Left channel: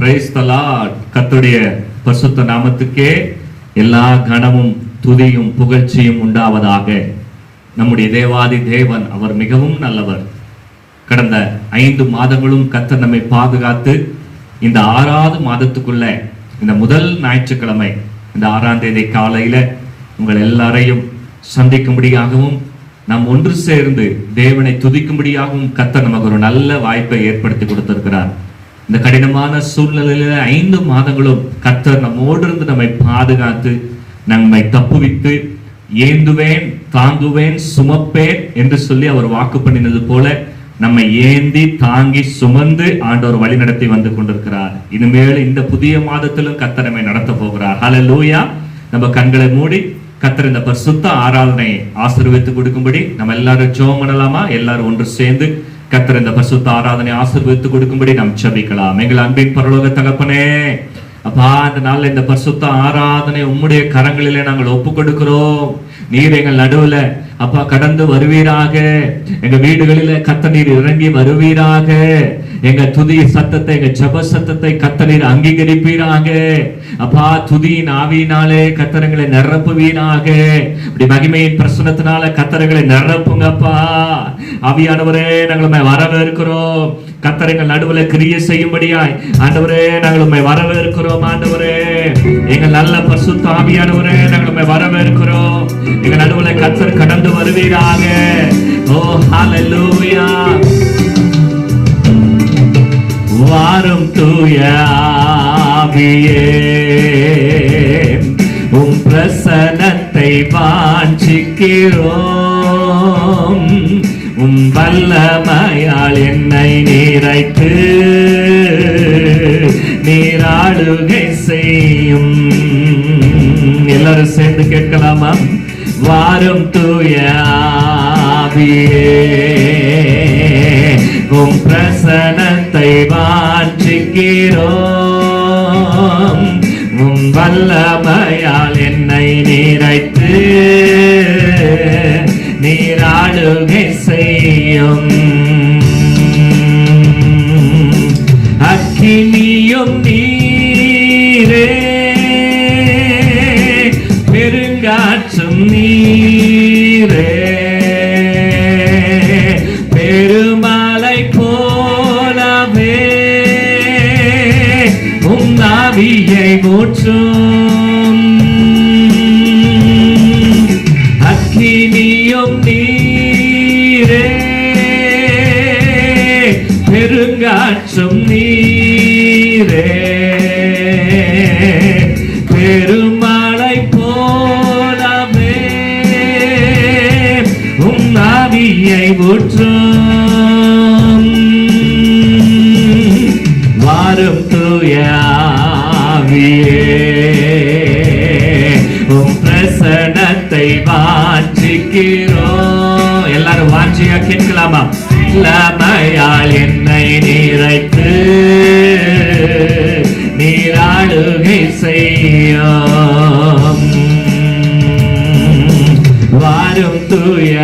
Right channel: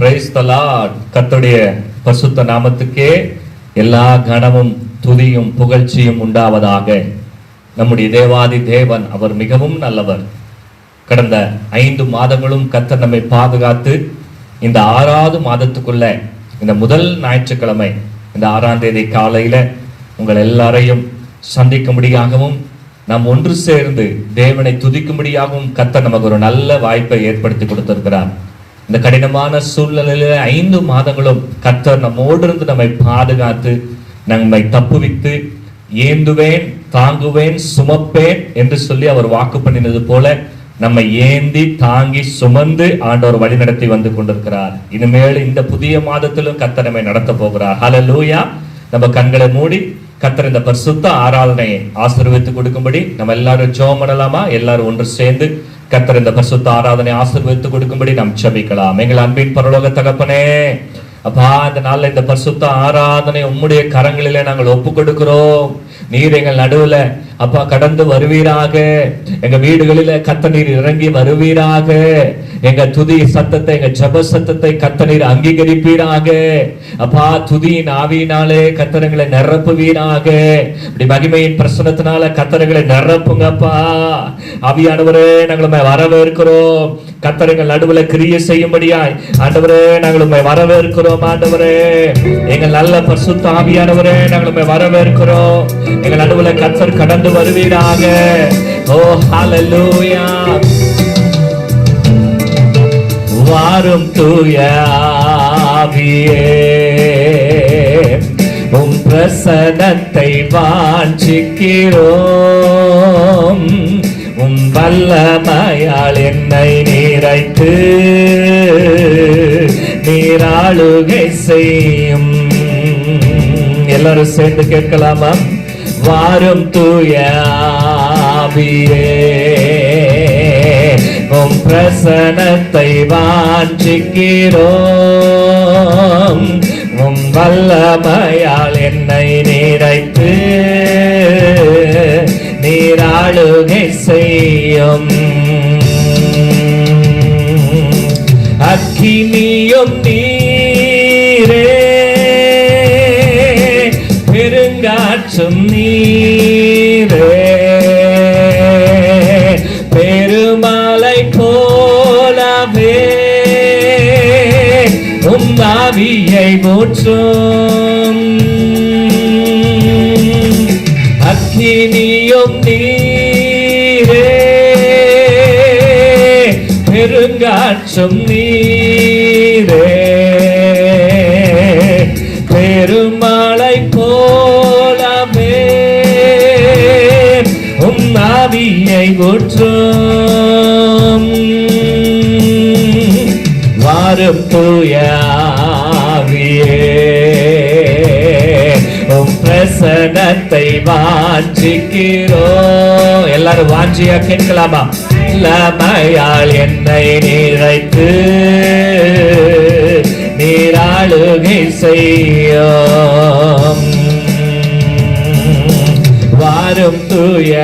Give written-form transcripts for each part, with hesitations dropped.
Praise the Lord. கர்த்தருடைய பரிசுத்த நாமத்துக்கே எல்லா கனமும் துதியும் புகழ்ச்சியும் உண்டாவதாக. நம்முடைய தேவாதி தேவன் அவர் மிகவும் நல்லவர். கடந்த 5 மாதங்களும் கர்த்தர் நம்மை பாதுகாத்து இந்த 6வது மாதத்துக்குள்ள இந்த முதல் ஞாயிற்றுக்கிழமை இந்த 6ஆம் தேதி காலையில உங்கள் எல்லாரையும் சந்திக்கும்படியாகவும் நாம் ஒன்று சேர்ந்து தேவனை துதிக்கும்படியாகவும் கர்த்தர் நமக்கு ஒரு நல்ல வாய்ப்பை ஏற்படுத்தி கொடுத்திருக்கிறார். இந்த கடினமான சூழ்நிலையில 5 மாதங்களும் கர்த்தர் நம்மோடு இருந்து நம்மை பாதுகாத்து நம்மை தப்புவித்து ஏந்துவேன் தாங்குவேன் சுமப்பேன் என்று சொல்லி அவர் வாக்கு பண்ணினது போல நம்மை ஏந்தி தாங்கி சுமந்து ஆண்டவர் வழி நடத்தி வந்து கொண்டிருக்கிறார். இனிமேல் இந்த புதிய மாதத்திலும் கர்த்தர் நம்மை நடத்த போகிறார். ஹல்லேலூயா. நம்ம கண்களை மூடி கர்த்தர் இந்த பரிசுத்த ஆராதனையை ஆசீர்வதித்து கொடுக்கும்படி நம்ம எல்லாரும் ஜெபம் பண்ணலாமா? எல்லாரும் ஒன்று சேர்ந்து கர்த்தர் இந்த பரிசுத்த ஆராதனை ஆசீர்வதித்து கொடுக்கும்படி நாம் ஜெபிக்கலாம். எங்கள் அன்பின் பரலோக தகப்பனே, அப்பா, இந்த நாள்ல இந்த பரிசுத்த ஆராதனை உம்முடைய கரங்களிலே நாங்கள் ஒப்பு கொடுக்கிறோம். நீர் எங்கள் நடுவுல அப்பா கடந்து வருவீராக. எங்க வீடுகளில கர்த்தர் நீர் இறங்கி வருவீராக. எங்க துதி சத்தத்தை, எங்க ஜெப சத்தத்தை கர்த்தர் நீர் அங்கீகரிப்பீராக. அப்பா, துதியின் ஆவியினாலே கர்த்தரங்களை நிரப்புவீராக. இப்படி மகிமையின் பிரசன்னத்தினால கர்த்தரங்களை நிரப்புங்கப்பா. ஆவியானவரே, நாங்கள் வரவேற்கிறோம். கர்த்தரங்கள் நடுவுல கிரியை செய்யும்படியாய் ஆண்டவரே நாங்கள் வரவேற்கிறோம். ஆண்டவரே, எங்கள் நல்ல பரிசுத்த ஆவியானவரே, நாங்கள் வரவேற்கிறோம். எங்கள் நடுவுல கர்த்தர் கடந்து வருவீராக. ஓ ஹல்லேலூயா. வாரும் தூய ஆவியே, உம் பிரசன்னத்தை வாஞ்சிக்கிறோம். உம் வல்லமையால் என்னை நிறைத்து நீராளுகை செய்யும். எல்லாரும் சேர்ந்து கேட்கலாமா? வாரும் தூய ஆவியே, உம் பிரசன்னத்தை வாஞ்சிக்கிறோம். உம் வல்லமையால் என்னை நிறைத்து நீராளுகை செய்யும். அக்கினியும் நீரே, பெருங்காற்றும் நீரே, பெருமலை போலவே உம் ஆவியை ஊற்றும். அக்கினியும் நீரே, பெருங்காற்றும் நீரே, பெருமழை போலவே உம் ஆவியை ஊற்றும். வாரும் தூய ஆவியே, உம் பிரசன்னத்தை வாஞ்சிக்கிறோம். எல்லாரும் வாஞ்சியா கேட்கலாமா? வல்லமையால் என்னை நிறைத்து நீராளுகை செய்யும். வாரும் தூய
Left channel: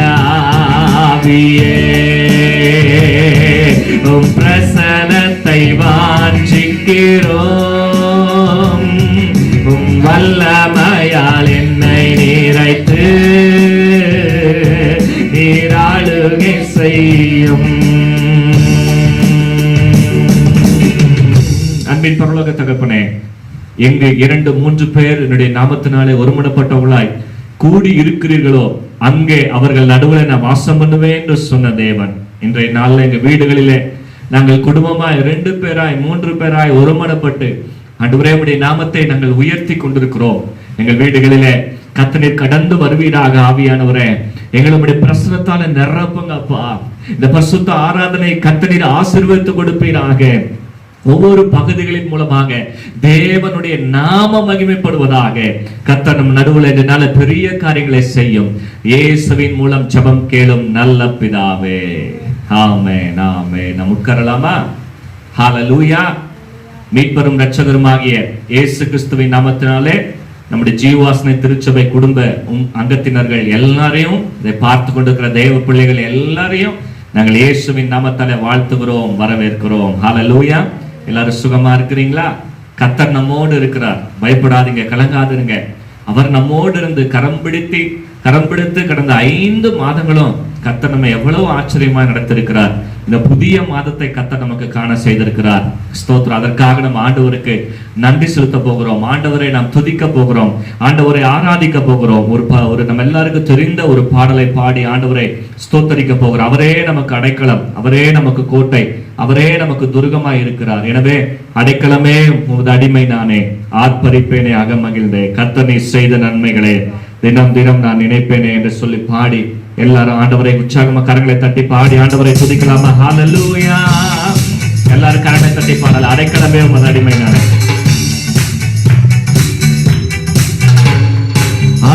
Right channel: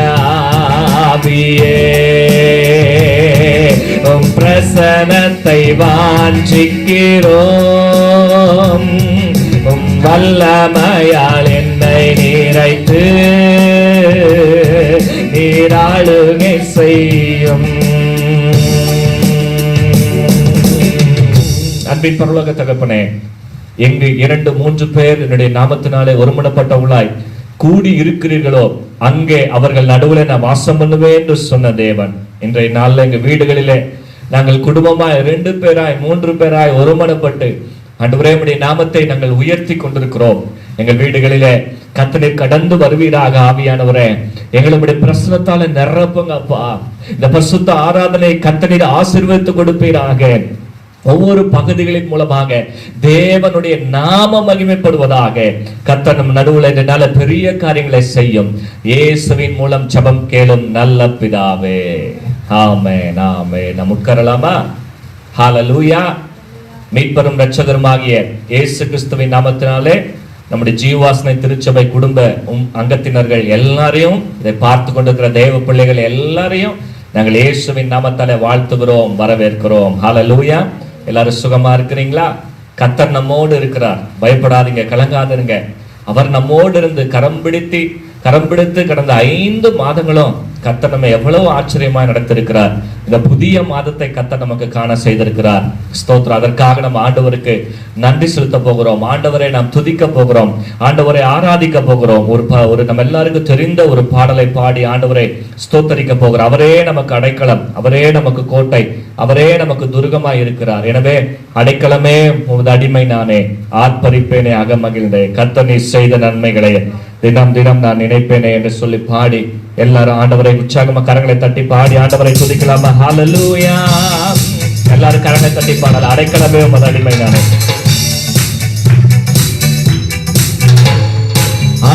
ஆவியே, உம் பிரசன்னத்தை வாஞ்சிக்கிறோம். உம் வல்லமையால் என்னை நிறைத்து நீராளுகை செய்யும். அன்பின் பரலோக தகப்பனே, எங்கு 2-3 பேர் என்னுடைய நாமத்தினாலே ஒருமனப்பட்டவர்களாய் கூடி இருக்கிறீர்களோ அங்கே அவர்கள் நடுவில் நான் வாசம் பண்ணுவேன் என்று சொன்ன தேவன், இன்றைய நாளில் எங்க வீடுகளிலே நாங்கள் குடும்பமாய் 2 பேராய் 3 பேராய் ஒருமனப்பட்டு ஆண்டவரே நாமத்தை நாங்கள் உயர்த்தி கொண்டிருக்கிறோம். எங்கள் வீடுகளிலே கர்த்தர் கடந்து வருவீராக. ஆவியானவரே, எங்களுடைய பிரசன்னத்தால நிரப்புங்கப்பா. இந்த பரிசுத்த ஆராதனை கர்த்தர் ஆசீர்வதித்து கொடுப்பீராக. ஒவ்வொரு பகுதிகளின் மூலமாக தேவனுடைய நாம மகிமைப்படுவதாக. கர்த்தர் நம் நடுவுல இதனால பெரிய காரியங்களை செய்யும். இயேசுவின் மூலம் ஜெபம் கேளும் நல்ல பிதாவே. ஆமென், ஆமென். நாம் உட்காரலாமா? ஹல்லேலூயா. மீட்பரும் இரட்சகருமாகிய இயேசு கிறிஸ்துவின் நாமத்தினாலே நம்முடைய ஜீவாசனை திருச்சபை குடும்ப அங்கத்தினர்கள் எல்லாரையும், இதை பார்த்து கொண்டிருக்கிற தேவ பிள்ளைகள் எல்லாரையும் நாங்கள் இயேசுவின் நாமத்தாலே வாழ்த்துகிறோம், வரவேற்கிறோம். ஹல்லேலூயா. எல்லாரும் சுகமா இருக்கிறீங்களா? கர்த்தர் நம்மோடு இருக்கிறார். பயப்படாதீங்க, கலங்காதீங்க. அவர் நம்மோடு இருந்து கரம் பிடித்து கடந்த 5 மாதங்களும் கர்த்தர் நம்ம எவ்வளவு ஆச்சரியமா நடத்திருக்கிறார். இந்த புதிய மாதத்தை கர்த்தர் நமக்கு காண செய்திருக்கிறார். ஸ்தோத்திரம். அதற்காக நம்ம ஆண்டவருக்கு நன்றி செலுத்த போகிறோம். ஆண்டவரை நாம் துதிக்க போகிறோம். ஆண்டவரை ஆராதிக்க போகிறோம். ஒரு நம்ம எல்லாருக்கும் தெரிந்த ஒரு பாடலை பாடி ஆண்டவரை ஸ்தோத்தரிக்க போகிறோம். அவரே நமக்கு அடைக்கலம், அவரே நமக்கு கோட்டை, அவரே நமக்கு துர்கமாய் இருக்கிறார். எனவே அடைக்கலமே உமது அடிமை நானே, ஆர்ப்பரிப்பேனே அகமகிழ்ந்தே, கர்த்தர் நீர் செய்த நன்மைகளை தினம் தினம் நான் நினைப்பேனே என்று சொல்லி பாடி எல்லாரும் ஆண்டவரை உற்சாகமா கரங்களை தட்டி பாடி ஆண்டவரை துதிக்கலாமா? ஹல்லேலூயா. எல்லாரும் கரங்களை தட்டி பாடலாம். அடைக்கலமே உமது அடிமை நானே.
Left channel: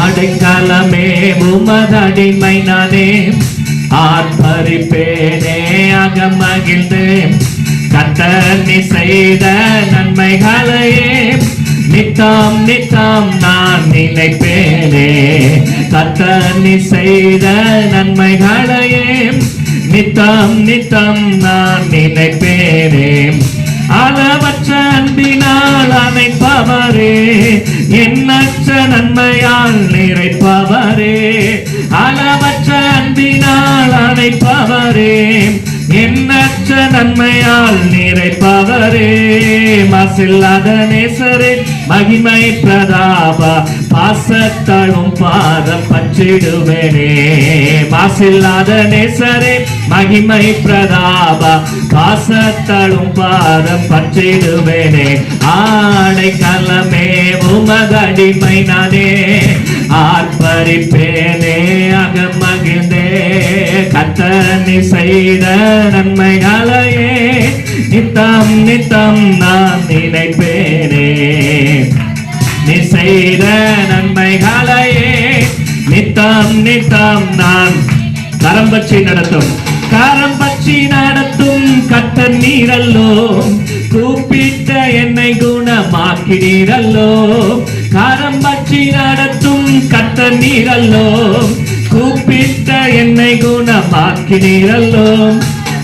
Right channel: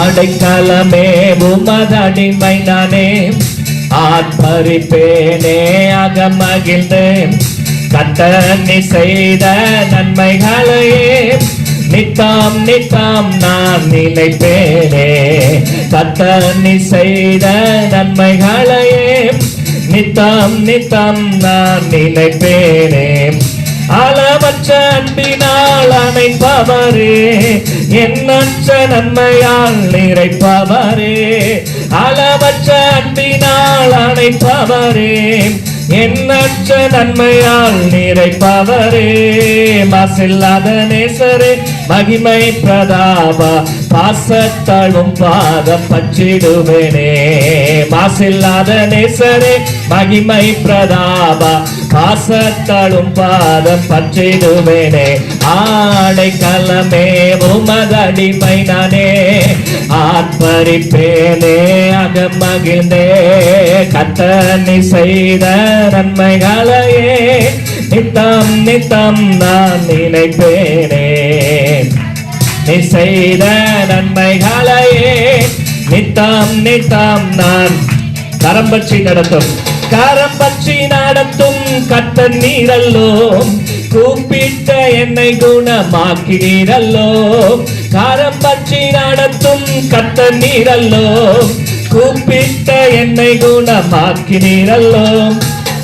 அடைக்கலமே உமது அடிமை நானே, ஆர்ப்பரிப்பேனே அகமகிழ்ந்தே, கர்த்தர் நீர் செய்த நன்மைகளையே நித்தம் நித்தம் நான் நினைப்பேனே. கர்த்தர் நீர் செய்த நன்மைகளையே நித்தம் நித்தம் நான் நினைப்பேனே. அளவற்ற அன்பினால் அணைப்பவரே, எண்ணற்ற நன்மையால் நிறைப்பவரே. அளவற்ற அன்பினால் அணைப்பவரே, எண்ணற்ற நன்மையால் நிறைப்பவரே. மாசில்லாத நேசரே, மகிமை பிரதாப பாசத்தழும் பாதம் பற்றிடுவேனே. மாசில்லாத நேசரே, மகிமை பிரதாப பாசத்தழும் பாதம் பற்றிடுவேனே. ஆடைக்கலமே உமது அடிமை நானே, ஆர்ப்பரிப்பேனே அகமகிழ்ந்தே, கர்த்தர் நீர் செய்த நன்மைகளையே நித்தம் நித்தம் நான் நினைப்பேனே. நீர் செய்த நன்மைகளையே நித்தம் நித்தம் நான் கரம் பற்றி நடத்தும் கர்த்தர் நீரல்லோ, கூப்பிட்ட என்னை குணமாக்கினீரல்லோ. கரம் பற்றி நடத்தும் கர்த்தர் நீரல்லோ, கூப்பிட்ட என்னை குணமாக்கினீரல்லோ.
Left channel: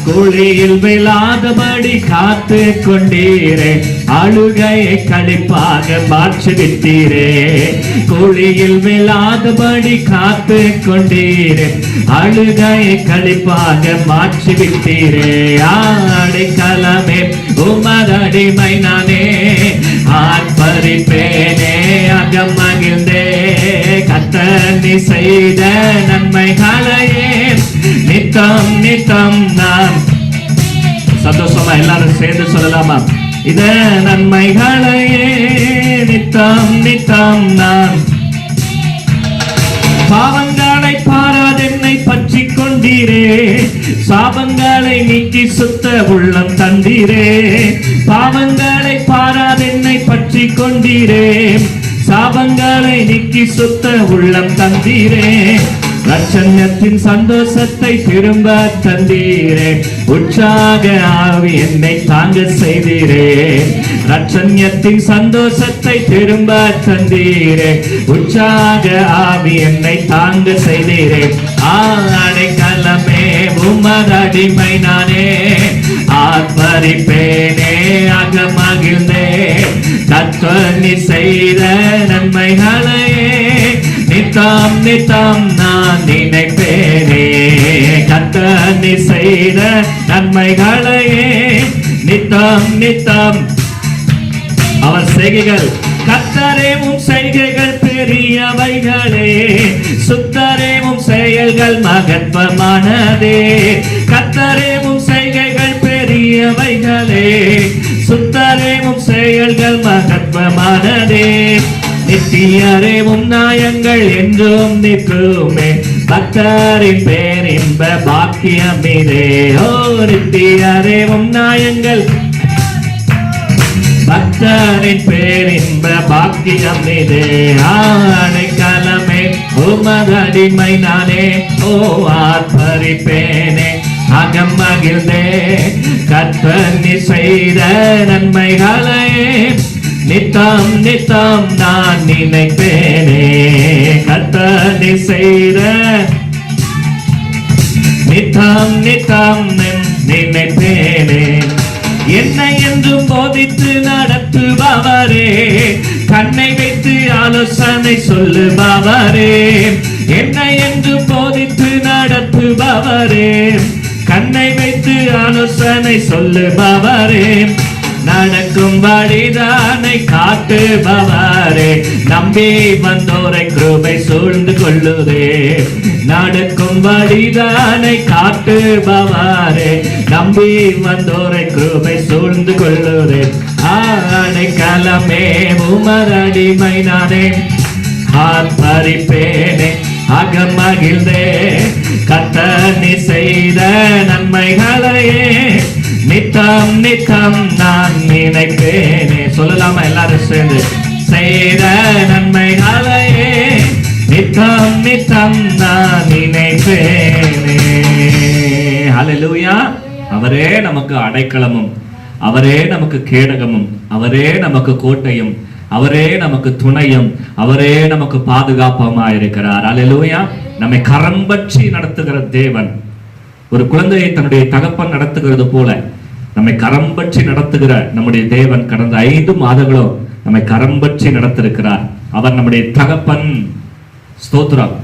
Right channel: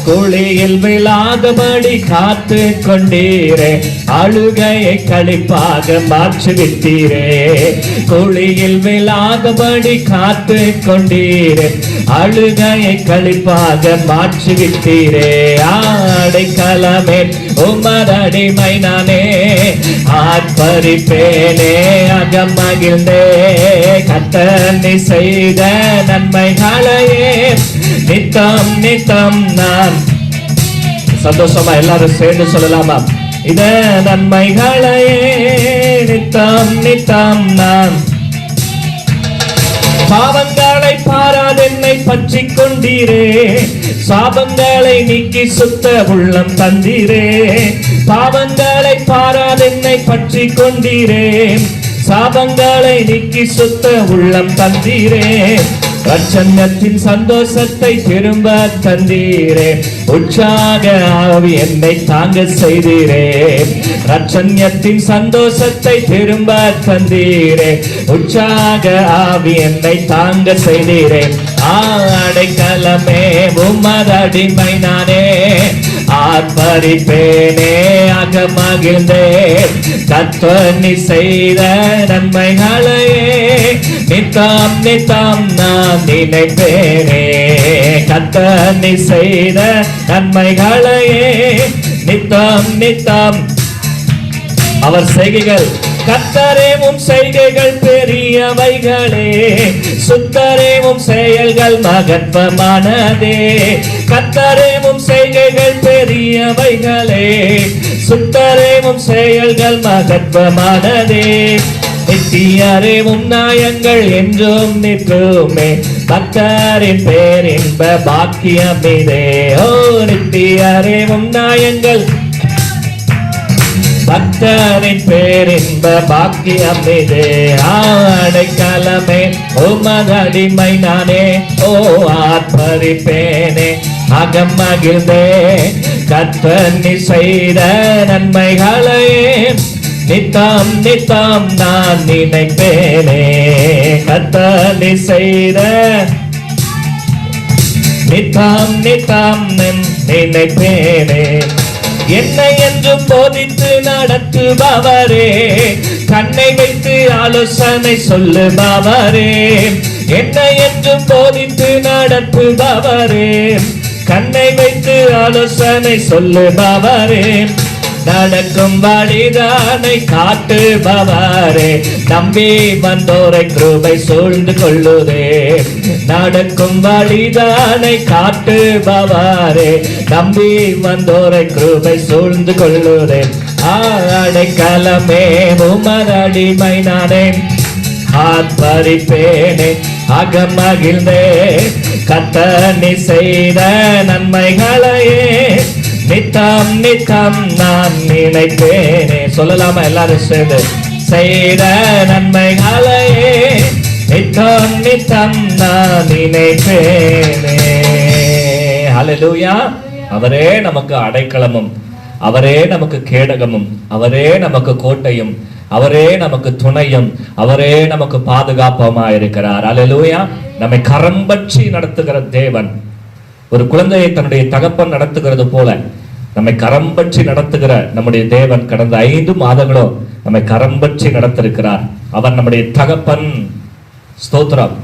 குழியில் விழாதபடி காத்து கொண்டீரே, அழுகையை களிப்பாக மாற்றிவிட்டீரே. குழியில் விழாதபடி காத்து கொண்டீரே, அழுகையை களிப்பாக மாற்றிவிட்டீரே. அடைக்கலமே உமது அடிமை நானே, ஆர்ப்பரிப்பேனே அகமகிழ்ந்தே, கர்த்தர் நீர் செய்த நன்மைகளையே நித்தம் நித்தம் நான். சந்தோஷமா எல்லாரும் சேர்ந்து சொல்லலாமா? இத நன்மைகளையே நித்தம் நித்தம் நான். பாவங்களை பாராதென்னை பற்றி கொண்டீரே, சாபங்களை நீக்கி சுத்த உள்ளம் தந்தீரே. பாவங்களை பாராதென்னை பற்றி கொண்டீரே, சாபங்களை நீக்கி சுத்த உள்ளம் தந்தீரே. ரட்சண்யத்தின் சந்தோஷத்தை திரும்ப தந்தீரே, உற்சாக ஆவி என்னை தாங்க செய்தீரே. ரட்சண்யத்தின் சந்தோஷத்தை திரும்ப தந்தீரே, உற்சாக ஆவி என்னை தாங்க செய்தீரே. அடைக்கலமே உமது அடிமை நானே, ஆர்ப்பரிப்பேனே அகமகிழ்ந்தே, கர்த்தர் நீர் செய்த நன்மைகளையே நித்தம் நித்தம் நான் நினைப்பேனே. கர்த்தர் நீர் செய்த நன்மைகளையே நித்தம் நித்தம். அவர் செய்கைகள் கர்த்தரே உம் செய்கைகள் பெரியவைகளே, சுத்தரே உம் செயல்கள் மகத்துவமானதே. கர்த்தரே உம் செய்கைகள் பெரியவைகளே, சுத்தரே உம் செயல்கள் மகத்துவமானதே. நித்தியரே உம் நாயங்கள் என்றும் நிற்குமே, கர்த்தரின் பேர் இன்ப பாக்கியம் இதே. ஓ நித்தியரே உம் நாயங்கள், கர்த்தரின் பேர் இன்ப பாக்கியம் இதே. அடைக்கலமே உமது அடிமை நானே, ஓ ஆர்ப்பரிப்பேனே அகமகிழ்ந்தே, கர்த்தர் நீர் செய்த நன்மைகளையே நித்தம் நித்தம் நான் நினைப்பேனே. கர்த்தர் நீர் செய்த நித்தம் நித்தம் நினைப்பேனே. என்ன என்று போதித்து நடத்துபவரே, கண்ணை வைத்து ஆலோசனை சொல்லுபவரே. என்ன என்று போதித்து நடத்துபவரே, கண்ணை வைத்து ஆலோசனை சொல்லுபவரே. நடக்கும் வழிதானை காட்டுபவரே, நம்பி வந்தோரை கிருபை சூழ்ந்து கொள்ளுதே. நடக்கும் வழிதானை காட்டுபவரே, நம்பி வந்தோரை கிருபை சூழ்ந்து கொள்ளுதே. அடைக்கலமே உமரடிமை நானே, ஆர்ப்பரிப்பேனே அகமகிழ்ந்தே. கர்த்தர் செய்த நன்மைகளையே நித்தம் நித்தம் நான் நினைப்பேனே. சொல்லலாமா எல்லாரும் சேர்ந்து? செய்த நன்மைகளையே நித்தம் நித்தம் நான் நினைப்பேனே. ஹல்லேலூயா. அவரே நமக்கு அடைக்கலமும், அவரே நமக்கு கேடகமும், அவரே நமக்கு கோட்டையும், அவரே நமக்கு துணையும், அவரே நமக்கு பாதுகாப்பமா இருக்கிறார். ஹல்லேலூயா. நம்மை கரம் பற்றி நடத்துகிற தேவன், ஒரு குழந்தையை தன்னுடைய தகப்பன் நடத்துகிறது போல நம்மை கரம் பற்றி நடத்துகிற நம்முடைய தேவன் கடந்த 5 மாதங்களும் நம்மை கரம் பற்றி நடத்திருக்கிறார். அவர் நம்முடைய தகப்பன். ஸ்தோத்திரம்.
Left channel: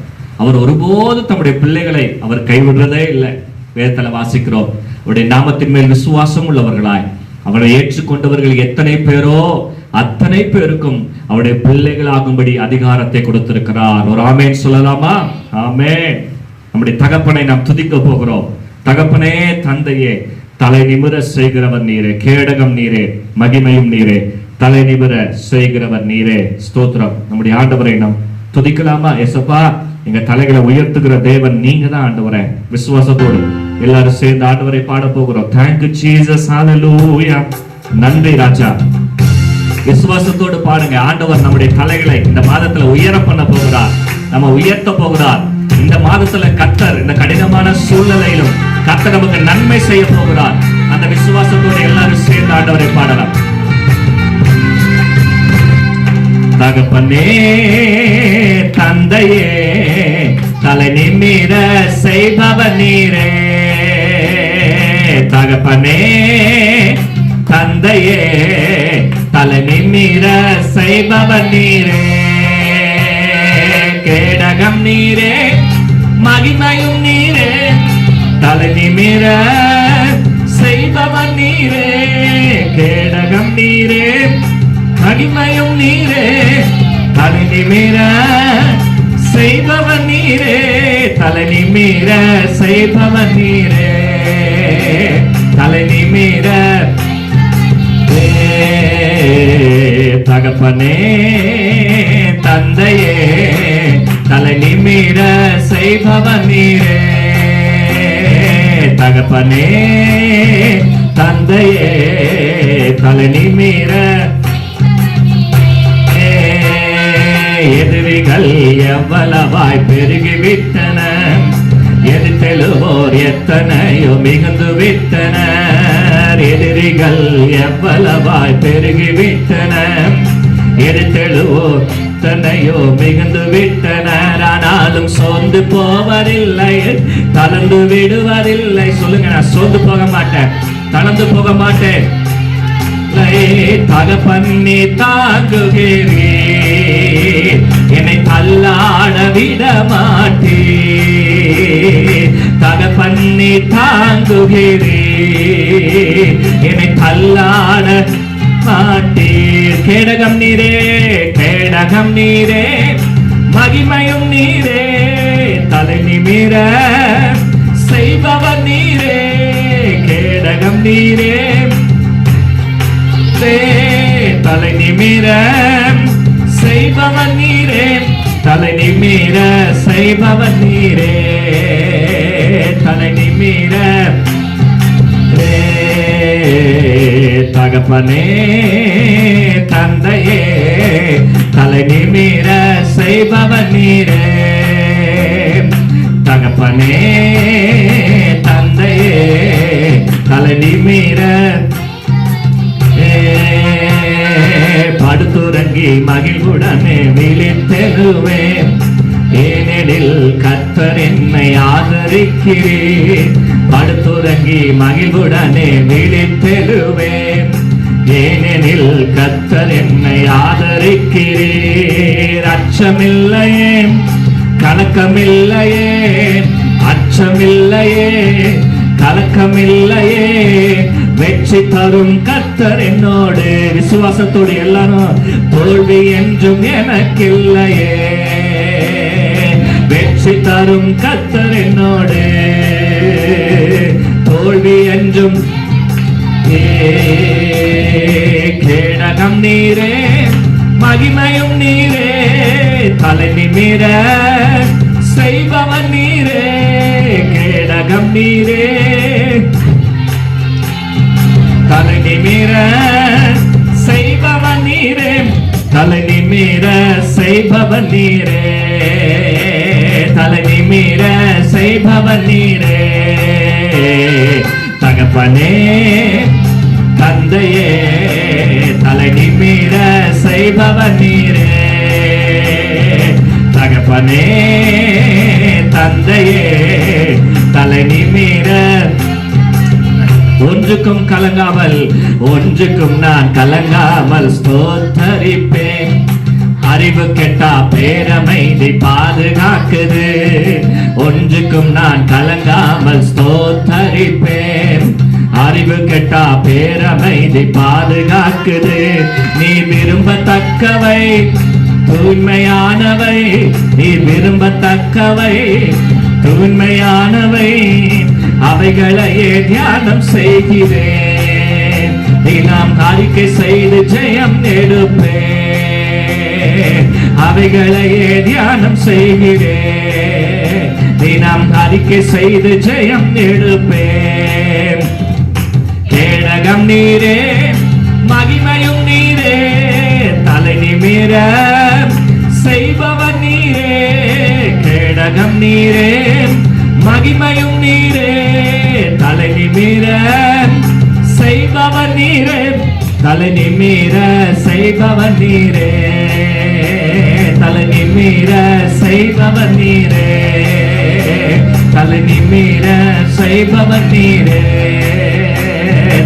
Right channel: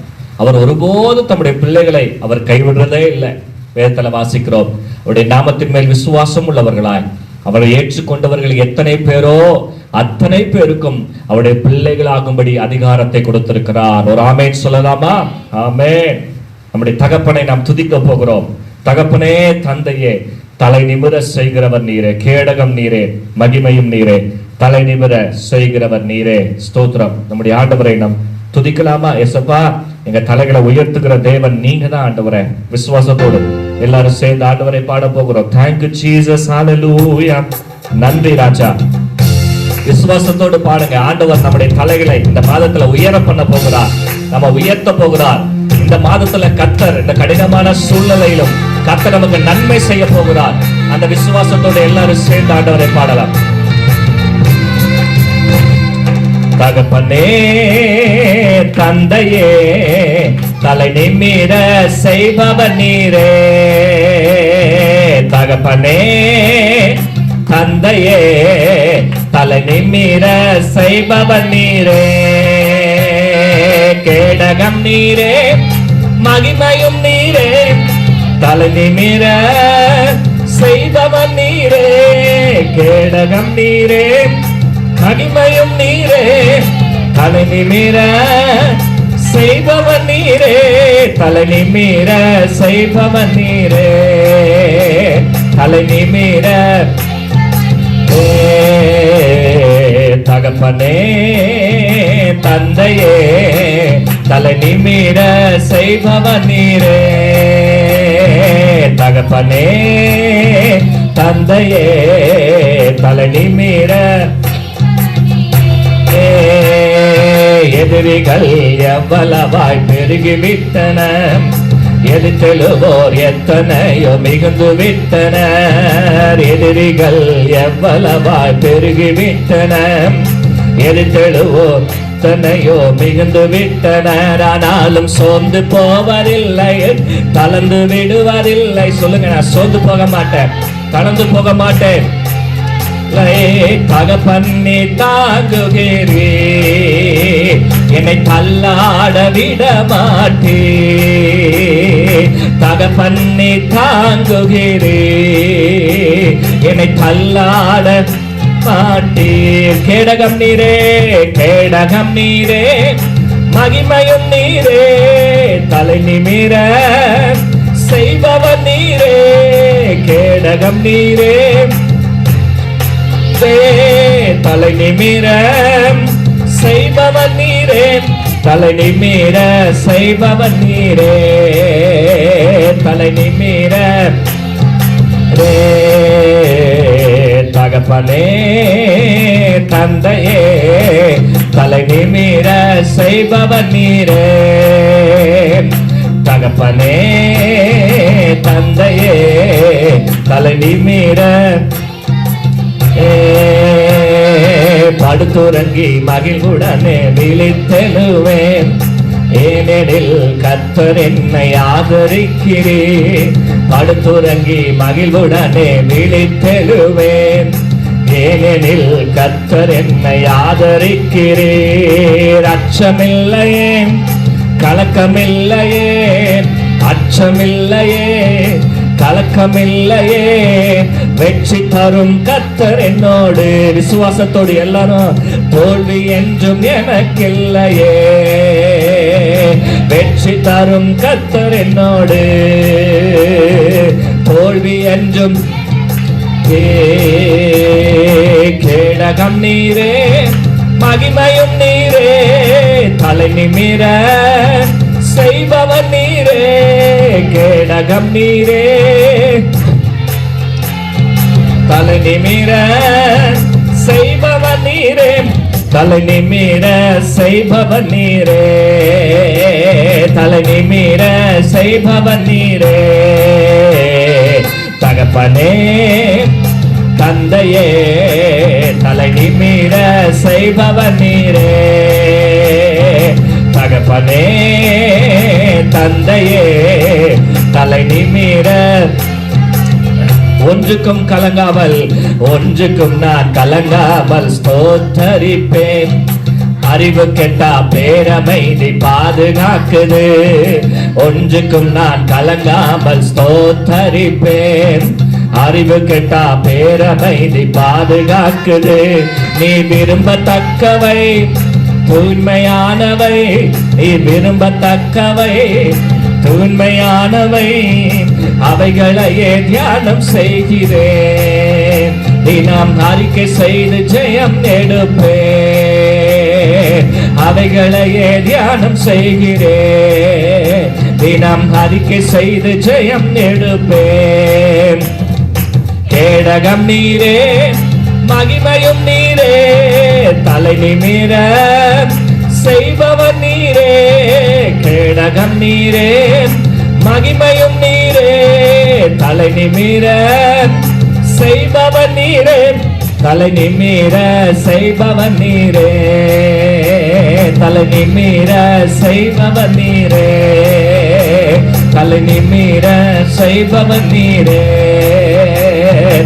அவர் ஒருபோது தம்முடைய பிள்ளைகளை அவர் கைவிடுறதே இல்லை. வேதத்துல வாசிக்கிறோம், அவருடைய நாமத்தின் மேல் விசுவாசம் உள்ளவர்களாய் அவரை ஏற்றுக்கொண்டவர்கள் எத்தனை பேரோ அத்தனை பேருக்கும் அவருடைய பிள்ளைகளாகும்படி அதிகாரத்தை கொடுத்திருக்கிறார். ஒரு ஆமேன் சொல்லலாமா? ஆமேன். நம்முடைய தகப்பனை நாம் துதிக்க போகிறோம். தகப்பனே, தந்தையே, தலை நிமிர செய்கிறவர் நீரே, கேடகம் நீரே, மகிமையும் நீரே, தலை நிமிர செய்கிறவர் நீரே. ஸ்தோத்திரம். நம்முடைய ஆண்டவரை நாம் துதிக்கலாமா? எசப்பா, எங்க தலைகளை உயர்த்துகிற தேவன் நீங்க தான் ஆண்டவரே. விசுவாசத்தோடு எல்லாரும் சேர்ந்து ஆண்டவரை பாட போகிறோம். தேங்க்யூ ஜீசஸ். ஹல்லேலூயா. நன்றி ராஜா. விசுவாசத்தோடு பாடுங்க. ஆண்டவர் நம்முடைய தலைகளை இந்த மாதத்துல உயர பண்ண போகிறார், நம்ம உயர்த்த போகிறார். இந்த மாதத்துல கர்த்தர் இந்த கடினமான சூழ்நிலையிலும் கர்த்தர் நமக்கு நன்மை செய்ய போகிறார். அந்த விசுவாசத்தோடு எல்லாரும் சேர்ந்து ஆண்டவரை பாடலாம். தகப்பனே, தந்தையே, தலை நிமிர செய்பவர் நீரே. தகப்பனே, தந்தையே, தலை நிமிர செய்பவர் நீரே. கேடகம் நீரே, மகிமையும் நீரே, தலை நிமிர செய்பவர் நீரே. கேடகம் நீரே, மகிமையும் நீரே, தலை நிமிர செய்பவர் நீரே. தலை நிமிர செய்பவர் நீரே. தலை நிமிர. தகப்பனே, தந்தையே, தலை நிமிர செய்பவர் நீரே. தகப்பனே, தந்தையே, தலை நிமிர. எதிரிகள் எவ்வளவாய் பெருகிவிட்டன, எதிர்த்தெழுவோர் எத்தனையோ மிகுந்து விட்டனர். எதிரிகள் எவ்வளவாய் பெருகிவிட்டன, எதிர்த்தெழுவோர் எத்தனையோ மிகுந்து விட்டனர். ஆனாலும் சோர்ந்து போவதில்லை, தளர்ந்து விடுவதில்லை. சொல்லுங்க, நான் சோர்ந்து போக மாட்டேன், தளர்ந்து போக மாட்டேன். தகப்பன்னி தாங்குகிறே, என்னை தள்ளாட விட மாட்டே. தகப்பன்னி தாங்குகிறே, என்னை தள்ளாட மாட்டீர். கேடகம் நீரே, கேடகம் நீரே, மகிமையும் நீரே, தலை நிமிர செய்பவர் நீரே. கேடகம் நீரே, தலை நிமிர செய்பவர் நீரே. தலை நிமிர செய்பவர் நீரே. தலை நிமிர. தகப்பனே, தந்தையே, தலை நிமிர செய்பவர் நீரே. தகப்பனே, தந்தையே, தலை நிமிர. படுத்துறங்கி மகிழ்வுடனே விழித்தெழுவேன், ஏனெனில் கர்த்தர் என்னை ஆதரிக்கிறேன். படுத்துறங்கி மகிழ்வுடனே விழித்தெழுவேன், கர்த்தர் என்னை ஆதரிக்கிறீர். அச்சமில்லையே, கலக்கமில்லையே, அச்சமில்லையே, கலக்கமில்லையே, வெற்றி தரும் கர்த்தர் என்னோடு. விசுவாசத்தோடு எல்லாரும், தோல்வி என்றும் எனக்கில்லையே, வெற்றி தரும் கர்த்தர் என்னோடு, தோல்வி என்றும். கேடகம் நீரே, மகிமையும் நீரே, தலை நிமிர செய்பவர் நீரே. கேடகம் நீரே, தலை நிமிர செய்பவர் நீரே, தலை நிமிர செய்பவர் நீரே, தலை நிமிர செய்பவர் நீரே. தகப்பனே தந்தையே, தலை நிமிர செய்பவர் நீரே. தகப்பனே தந்தையே, தலை நிமிர. ஒன்றுக்கும் கலங்காமல், ஒன்றுக்கும் நான் கலங்காமல் ஸ்தோத்தரிப்பேன். அறிவு கெட்டா பேரமைதி பாதுகாக்குது. ஒன்றுக்கும் நான் கலங்காமல் ஸ்தோத்தரிப்பேன். அறிவு கெட்டா பேரமைதி பாதுகாக்குது. நீ விரும்பத்தக்கவை தூய்மையானவை, நீ விரும்பத்தக்கவை தூய்மையானவை, அவைகளையே தியானம் செய்கிறேன். தினம் அறிக்கை செய்து ஜெயம் எடுப்பேன். அவைகளையே தியானம் செய்கிறேன். தினம் அறிக்கை செய்து ஜெயம் எடுப்பேன். கேடகம் நீரே, மகிமையும் நீரே, தலை நிமிர செய்பவர் நீரே. கேடகம் நீரே, மகிமையும் நீரே, தலை நிமிர செய்பவர் நீரே, தலை நிமிர செய்பவர் நீரே, தலை நிமிர செய்பவர் நீரே, தலை நிமிர செய்பவர் நீரே,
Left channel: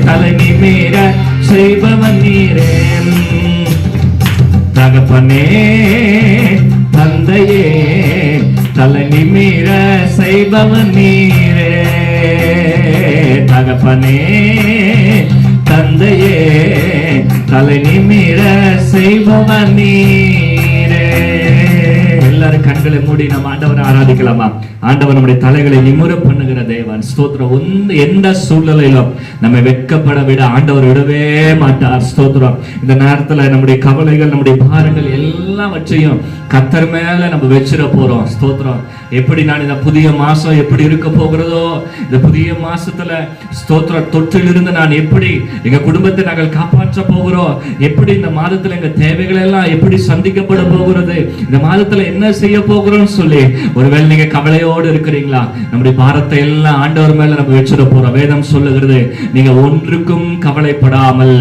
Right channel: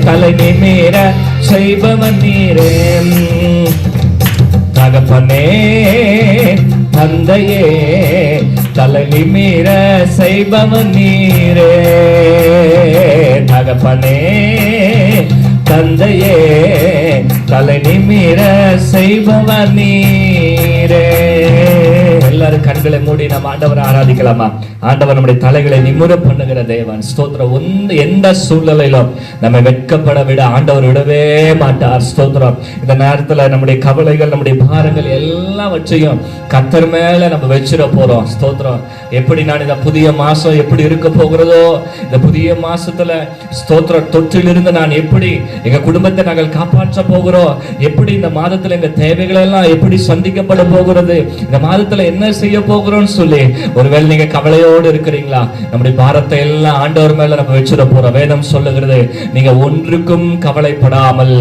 தலை நிமிர செய்பவர் நீரே. தகப்பனே தந்தையே, தலை நிமிர செய்பவர் நீரே. தகப்பனே தந்தையே, தலை நிமிர செய்பவர் நீரே. எல்லாரும் கண்களை மூடி நம்ம ஆண்டவரை ஆராதிக்கலாமா? ஆண்டவர் நம்முடைய தலைகளை நிமிர பண்ணுகிற தேவன். ஸ்தோத்திரம். எந்த சூழ்நிலையிலும் நம்ம வெட்கப்பட விட ஆண்டவர் விடவே மாட்டார். ஸ்தோத்திரம். இந்த நேரத்துல நம்முடைய கவலைகள், நம்முடைய பாரங்கள் எல்லாவற்றையும் கர்த்தர் மேல நம்ம வச்சிட போறோம். ஸ்தோத்திரம். எப்படி நான் இந்த புதிய மாசம் எப்படி இருக்க போகிறதோ, இந்த புதிய மாசத்துல ஸ்தோத்திரம் தொற்றிலிருந்து நான் எப்படி எங்க குடும்பத்தை நாங்கள் காப்பாற்ற போகிறோம், எப்படி இந்த மாதத்துல எங்க தேவைகள் எல்லாம் எப்படி சந்திக்கப்பட போகிறது, இந்த மாதத்துல என்ன செய்ய போகிறோம்னு சொல்லி ஒருவேளை நீங்க கவலையோடு இருக்கிறீங்களா? நம்முடைய பாரத்தை எல்லாம் ஆண்டவர் மேல நம்ம வச்சிட போறோம். வேதம் சொல்லுகிறது, நீங்க ஒன்றுக்கும் கவலைப்படாமல்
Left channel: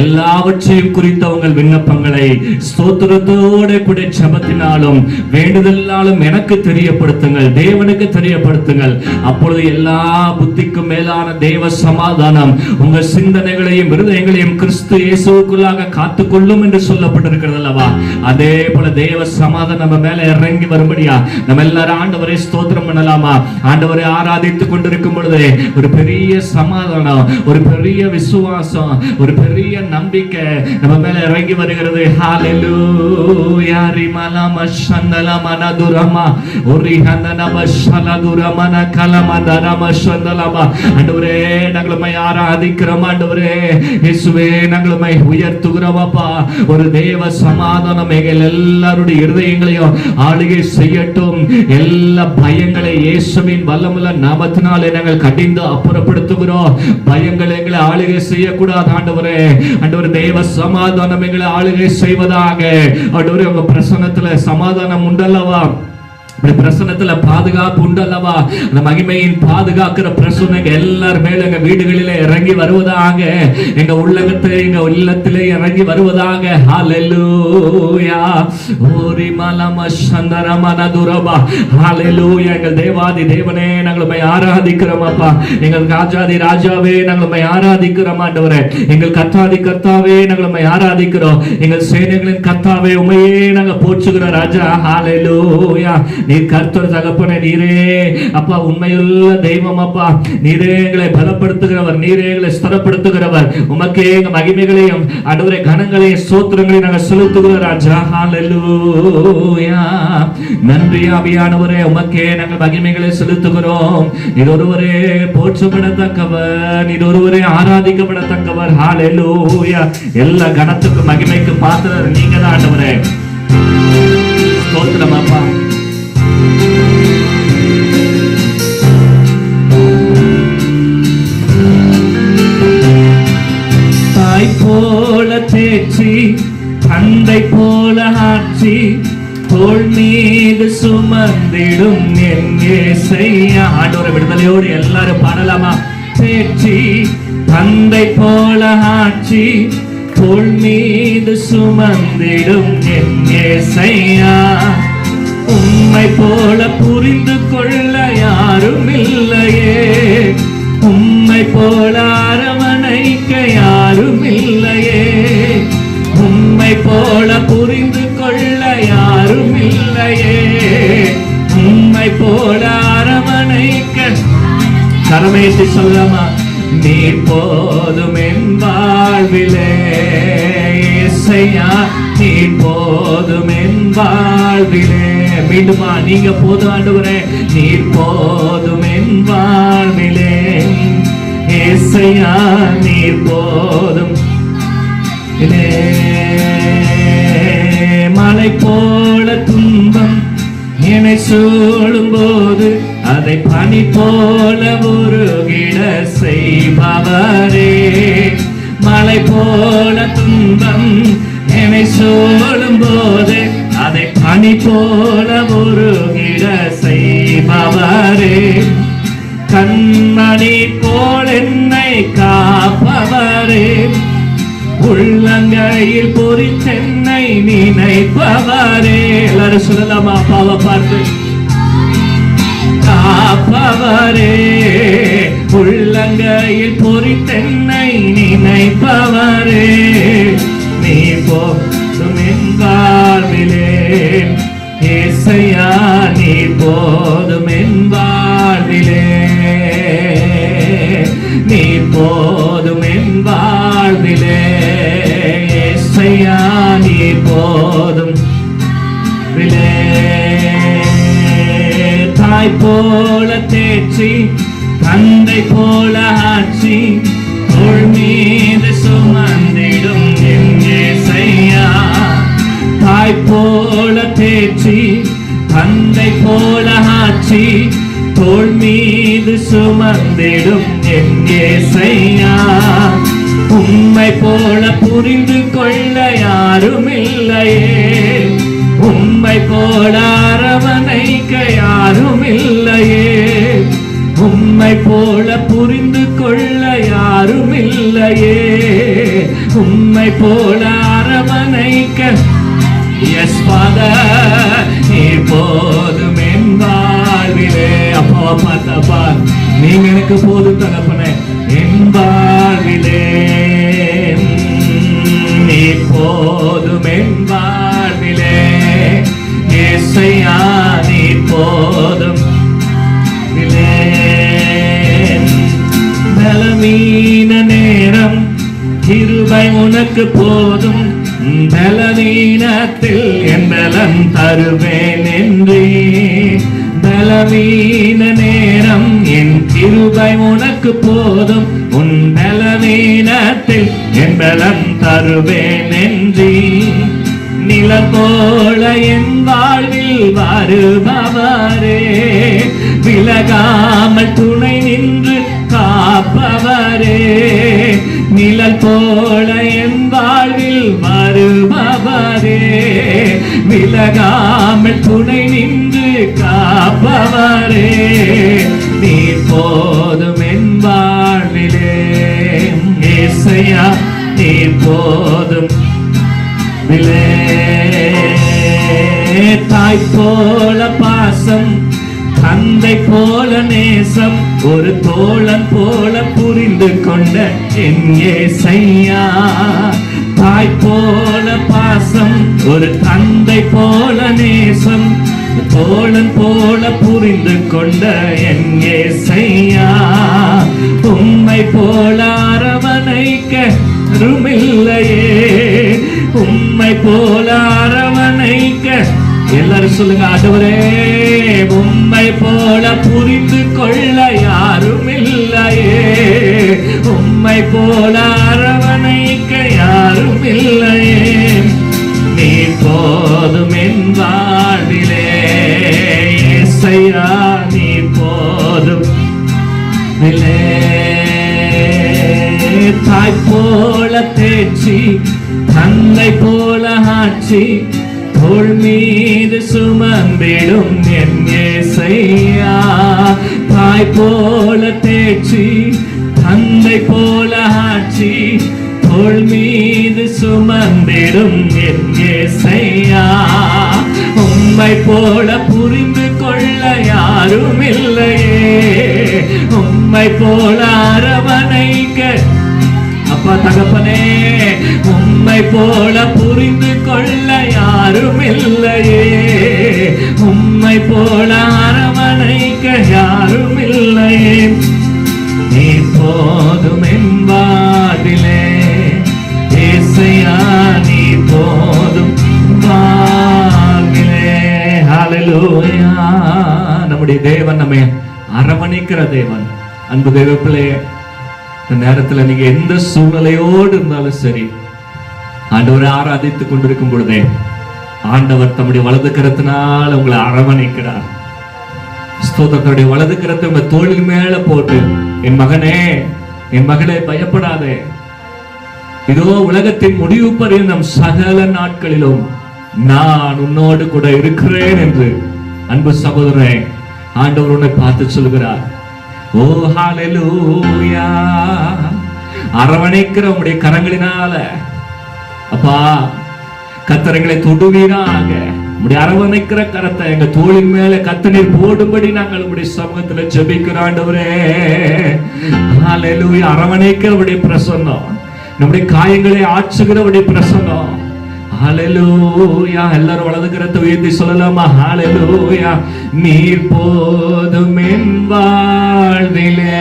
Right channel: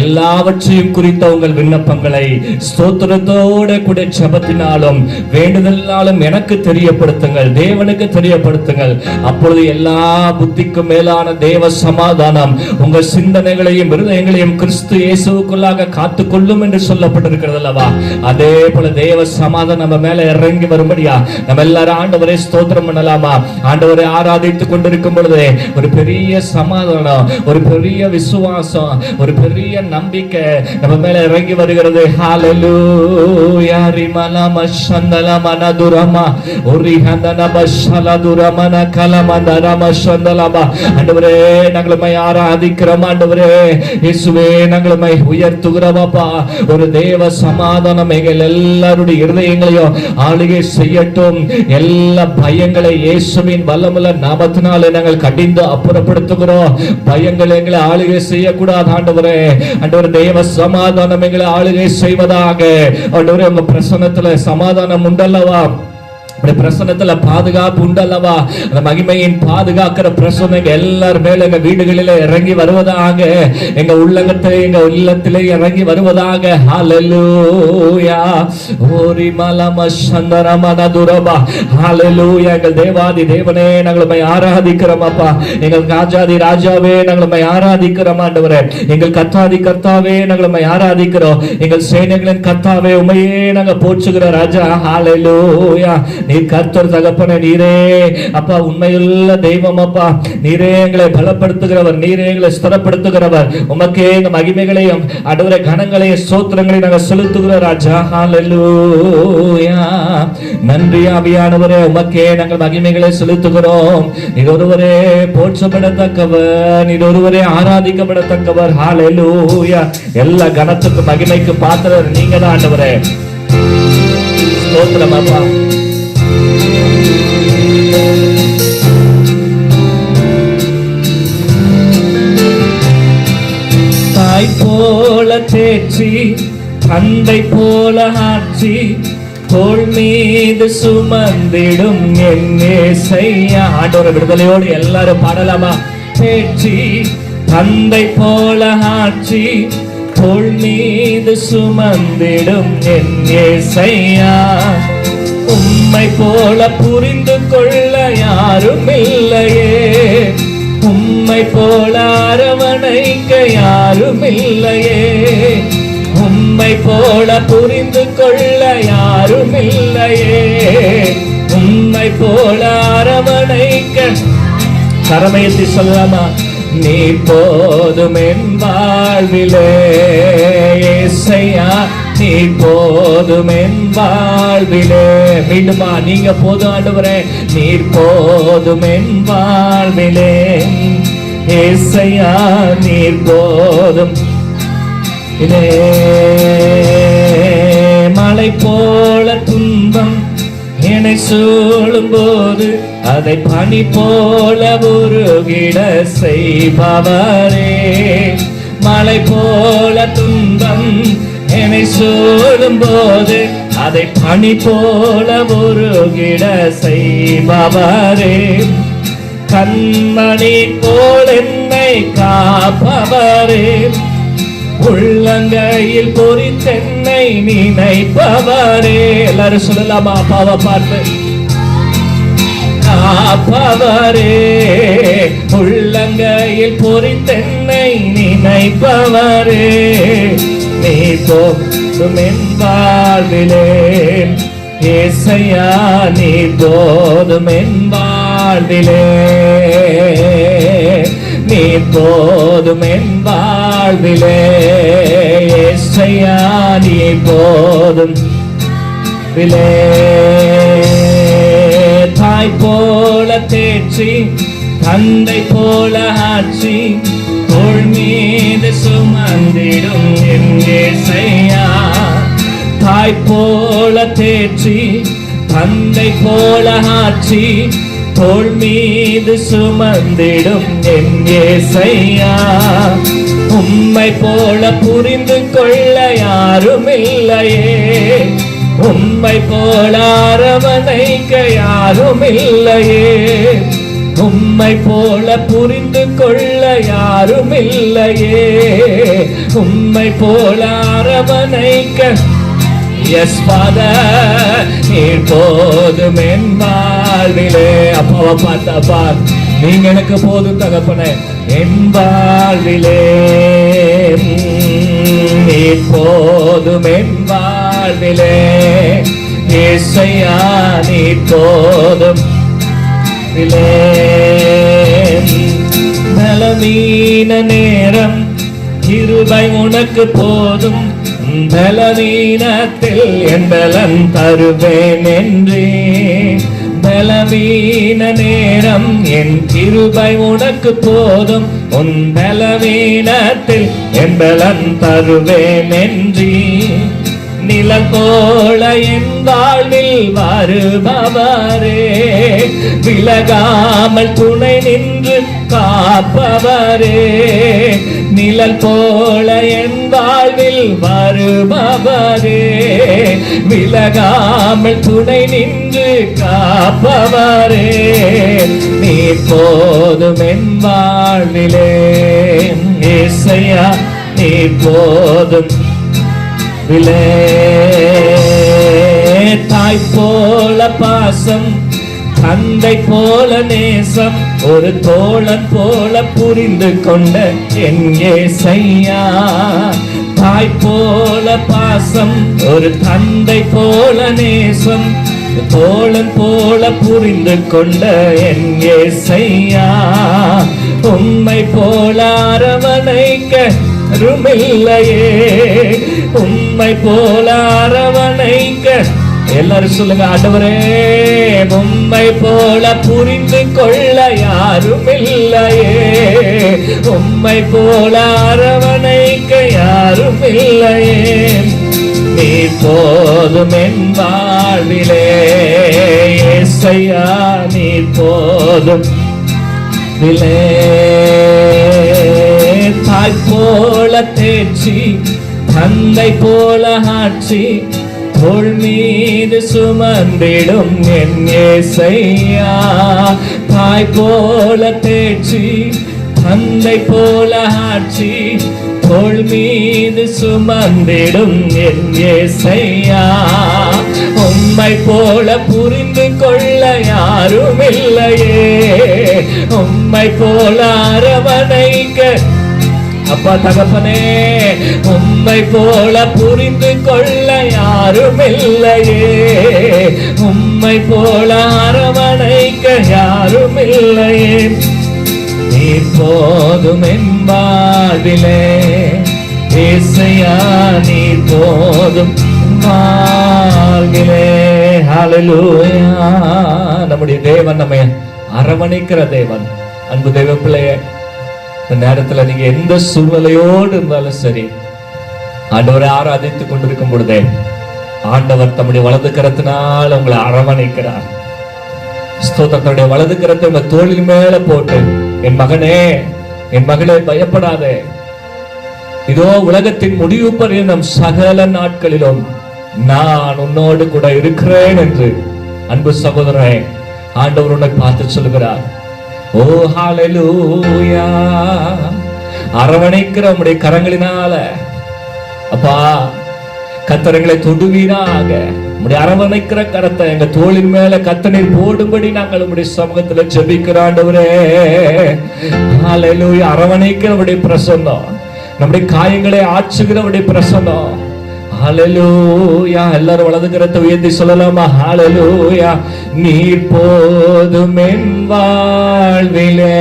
எல்லாவற்றையும் குறித்த உங்கள் விண்ணப்பங்களை ஸ்தோத்திரத்தோட கூட ஜெபத்தினாலும் வேண்டுதலாலும் எனக்கு தெரியப்படுத்துங்கள், தேவனுக்கு தெரியப்படுத்துங்கள். அப்பொழுது எல்லா புத்திக்கும் மேலான தேவ சமாதானம் உங்கள் சிந்தனைகளையும் இருதயங்களையும் கிறிஸ்து இயேசுவுக்குள்ளாக காத்துக்கொள்ளும் என்று சொல்லப்பட்டிருக்கிறது அல்லவா? அதே போல தேவ சமாதானம் நம்ம மேல இறங்கி வரும்படியா நம்ம எல்லாரும் ஆண்டவரை ஸ்தோத்திரம் பண்ணலாமா? ஆண்டவரை ஆராதித்துக் கொண்டிருக்கும் பொழுது ஒரு பெரிய சமாதானம், ஒரு பெரிய விசுவாசம், ஒரு பெரிய நம்பிக்கை நம்ம மேல இறங்கி வருகிறது. ஹalleluya ரிமலம சந்தலமன துரமா ஒரிஹந்தன பஷலதுரமன கலமந்தரம சந்தலமா. ஆண்டவரே நாங்களை ஆராதிக்கிறோம். ஆண்டவரே இயேசுவே நாங்களை உயர்த்துகிறோம் அப்பா. ஒரு தேவ சமாதானம் எங்கள் எல்லாருடைய இருதயங்களையும் ஆளுகை செய்யட்டும். எல்லா பயங்களை இயேசுவின் வல்லமுள்ள நாமத்தினாலே நாங்கள் கடிந்து அப்புறப்படுத்துகிறோம். பயங்கள் எங்களை ஆளுகை செய்யக்கூடாது ஆண்டவரே. ஆண்டவரே தேவ சமாதானம் எங்களை ஆளுகை செய்வதாக. ஆண்டவரே உங்க பிரசன்னத்துல சமாதானம் உண்டல்லவா? பிரசன்னத்துல பாதுகாப்பு உண்டு அல்லவா? அந்த மகிமையின் பாதுகாக்கிற பிரசன்னம் எல்லார் மேல எங்க வீடுகளில இறங்கி வருவதாக, எங்க உள்ளகத்திலே எங்க இல்லத்திலே இறங்கி வருவதாக. ஹalleluya. ஓரி மலம சந்தரமனதுரபா. ஹalleluya. எங்கள் தேவாதி தேவனே, நாங்கள் ஆராதிக்கிறோம் அப்பா. எங்கள் ராஜாதி ராஜாவே, நாங்கள் ஆராதிக்கிறோம் ஆண்டவரே. எங்கள் கர்த்தாதி கர்த்தாவே, நாங்கள் ஆராதிக்கிறோம். எங்கள் சேனைகளின் கர்த்தாவே, உமையே நாங்கள் போற்றுகிறோம் ராஜா. ஹalleluya. நீர் கர்த்தர் தகப்பனே, நீரே அப்பா உண்மையுள்ள தெய்வம் அப்பா. நீரே எங்களை பலப்படுத்துகிறவர், நீரே எங்களை ஸ்திரப்படுத்துகிறவர். உமக்கே இந்த மகிமைகளையும் ஆண்டவரே கனங்களையும் ஸ்தோத்திரங்களையும் நாங்கள் செலுத்துகிறோம் ராஜா. ஹalleluya. நன்றி ஆவியானவரே, உமக்கே நாங்கள் மகிமைகளை செலுத்துகிறோம். நீர் ஒருவரே போற்றப்படத்தக்கவர், நீர் ஒருவரே ஆராதிக்கப்படத்தக்கவர். ஹalleluya. எல்லா கனத்துக்கு மகிமைக்கு பாத்திரர் நீங்க தான் ஆண்டவரே. ஸ்தோத்திரம் அப்பா. தாய் போல தேற்றி, தந்தை போல ஆட்சி, தோள் மீது சுமந்திடும் என் இயேசையா. ஆண்டவரே விடுதலையோடு எல்லாரும் பாடலாமா? தேற்றி, தந்தை போல ஆட்சி, தோள் மீது சுமந்திடும் என் இயேசையா. உம்மை போல புரிந்து கொள்ள யாரும் இல்லையே, உம்மை போல அரவணைக்க யாரும் இல்லையே, உம்மை போல புரிந்து கொள்ள யாரும் இல்லையே, உம்மை போல அரவணைக்க. கரமையத்தை சொல்லலாமா? நீ போதும் என் வாழ்விலே இயேசையா, நீ போதும் என் வாழ்விலே. மீண்டுமா? நீங்க போதும் ஆண்டவரே, நீ போதும் என் வாழ்விலே இயேசையா, நீ போதும். மலை போல துன்பம் என்னை சூழும் போது அதை பனி போல உருகிட செய்பவரே. மலை போல துன்பம் என்னை சூழும் போது அதை பனி போல உருகிட செய்பவரே. கண்மணி போல் என்னை காப்பவரே, உள்ளங்கையில் பொறித்தென்னை நினைப்பவரே. எல்லாரும் சொல்லலாமா? பாவ பாட்டு. காப்பவரே, உள்ளங்கையில் பொறித்தென்னை நினைப்பவரே. நீ போதும் என் வாழ்விலே இயேசையா, நீ போதும் என் வாழ்விலே, நீ போதும் என் வாழ்விலே இயேசையா, நீ போதும். தாய் போல தேற்றி, தந்தை போல ஆட்சி, தோள் மீது சுமந்திடும் என் இயேசையா. தாய் போல தேற்றி, தந்தை போல ஆட்சி, தோள் மீது சுமந்திடும் என் இயேசையா. உம்மை போல புரிந்து கொள்ள யாரும் இல்லையே, உம்மை போல அரவணைக்க யாரும் இல்லையே, உம்மை போல புரிந்து கொள்ள யாரும் இல்லையே, உம்மை போல அரவணைக்க. எஸ் ஃபாதர், நீ போதும் என் வாழ்விலே. அப்பாவை பார்த்தப்பா, நீங்க எனக்கு போதும் தகப்பனே என் வாழ்விலே. நீ போதும் என் வாழ்விலே இயேசையா, நீ போதும். பலவீன நேரம் கிருபை உனக்கு போதும், பலவீனத்தில் என் பலன் தருவேன் என்று. பலவீன நேரம் என் கிருபை உனக்கு போதும், உன் பலவீனத்தில் என் பலன் தருவேன் என்று. நிலத்தோள என் வாழ்வில் வருபவரே, விலகாமல் துணை நின்று காப்பவரே. நிழல் போல என் வாழ்வில் வருபவரே, விலகாமல் துணை நின்று புரிந்து கொண்ட என் ஏசையா. தாய் போல பாசம், ஒரு தந்தை போல நேசம், தோழன் போல புரிந்து கொண்ட என் ஏசையா. உம்மை போல அரவணைக்க யாருமில்லையே, உம்மை போல அரவணைக்க. எல்லாரும் சொல்லுங்க, ஆண்டவரே உம்மை போல புரிந்து கொள்ள யாரும் இல்லையே, உம்மை போல அரவணைக்க யாரும் இல்லையே. நீ போதும் என் வாழ்விலே ஏசையா, நீ போதும். தாய் போல தேர்ச்சி, தன்னை போல ஆட்சி, தோள் மீது சுமந்திடும் என் ஏசையா. தாய் போல தேர்ச்சி, தந்தை போல ஆட்சி, தோள் மீது சுமந்திடும் என் ஏசையா. உம்மை போல புரிந்து கொள்ள யாரும் இல்லையே, உம்மை போல அரவணைக்க. அப்பா தகப்பனே, உம்மை போல புரிந்து கொள்ள யாரும் இல்லையே, உம்மை போல அரவணைக்க யாரும் இல்லையே. நீ போதும் என் வாழ்விலே ஏசையா, நீ போதும் வாழ்விலே. ஹல்லேலூயா. நம்முடைய தேவன் நம்மை அரவணைக்கிற தேவன். அன்பு தேவ பிள்ளையே, இந்த நேரத்துல நீங்க எந்த சூழ்நிலையோடு இருந்தாலும் சரி, ஆண்டவரை ஆராதித்துக் கொண்டிருக்கும் பொழுதே ஆண்டவர் தம்முடைய வலது கரத்தினால் உங்களை அரவணைக்கிறார். ஸ்தோத்திரத்துடைய வலது கரத்தை உங்க தோளின் மேல போட்டு, என் மகனே என் மகளே பயப்படாதே, இதோ உலகத்தின் முடிவு பரியந்தம் சகல நாட்களிலும் நான் உன்னோடு கூட இருக்கிறேன் என்று அன்பு சகோதரனே ஆண்டவர் உன்னை பார்த்து சொல்கிறார். ஓ ஹல்லேலூயா. அரவணைக்கிற உம்முடைய கரங்களினால அப்பா கர்த்தர்களை தொடுவீராக. உம்முடைய அரவணைக்கிற கரத்தை எங்க தோளின் மேல கர்த்தர் போடும்படி நாங்கள் உம்முடைய சமூகத்துல ஜெபிக்கிறோம் ஆண்டவரே. ஹல்லேலூயா. அரவணைக்கிற உம்முடைய பிரசன்னம், நம்முடைய காயங்களை ஆற்றுகிறவருடைய பிரசன்னம். ஹல்லேலூயா. எல்லாரும் வலது கரத்தை உயர்த்தி சொல்லலாமா? ஹல்லேலூயா. நீர் போதும் என் வாழ்விலே,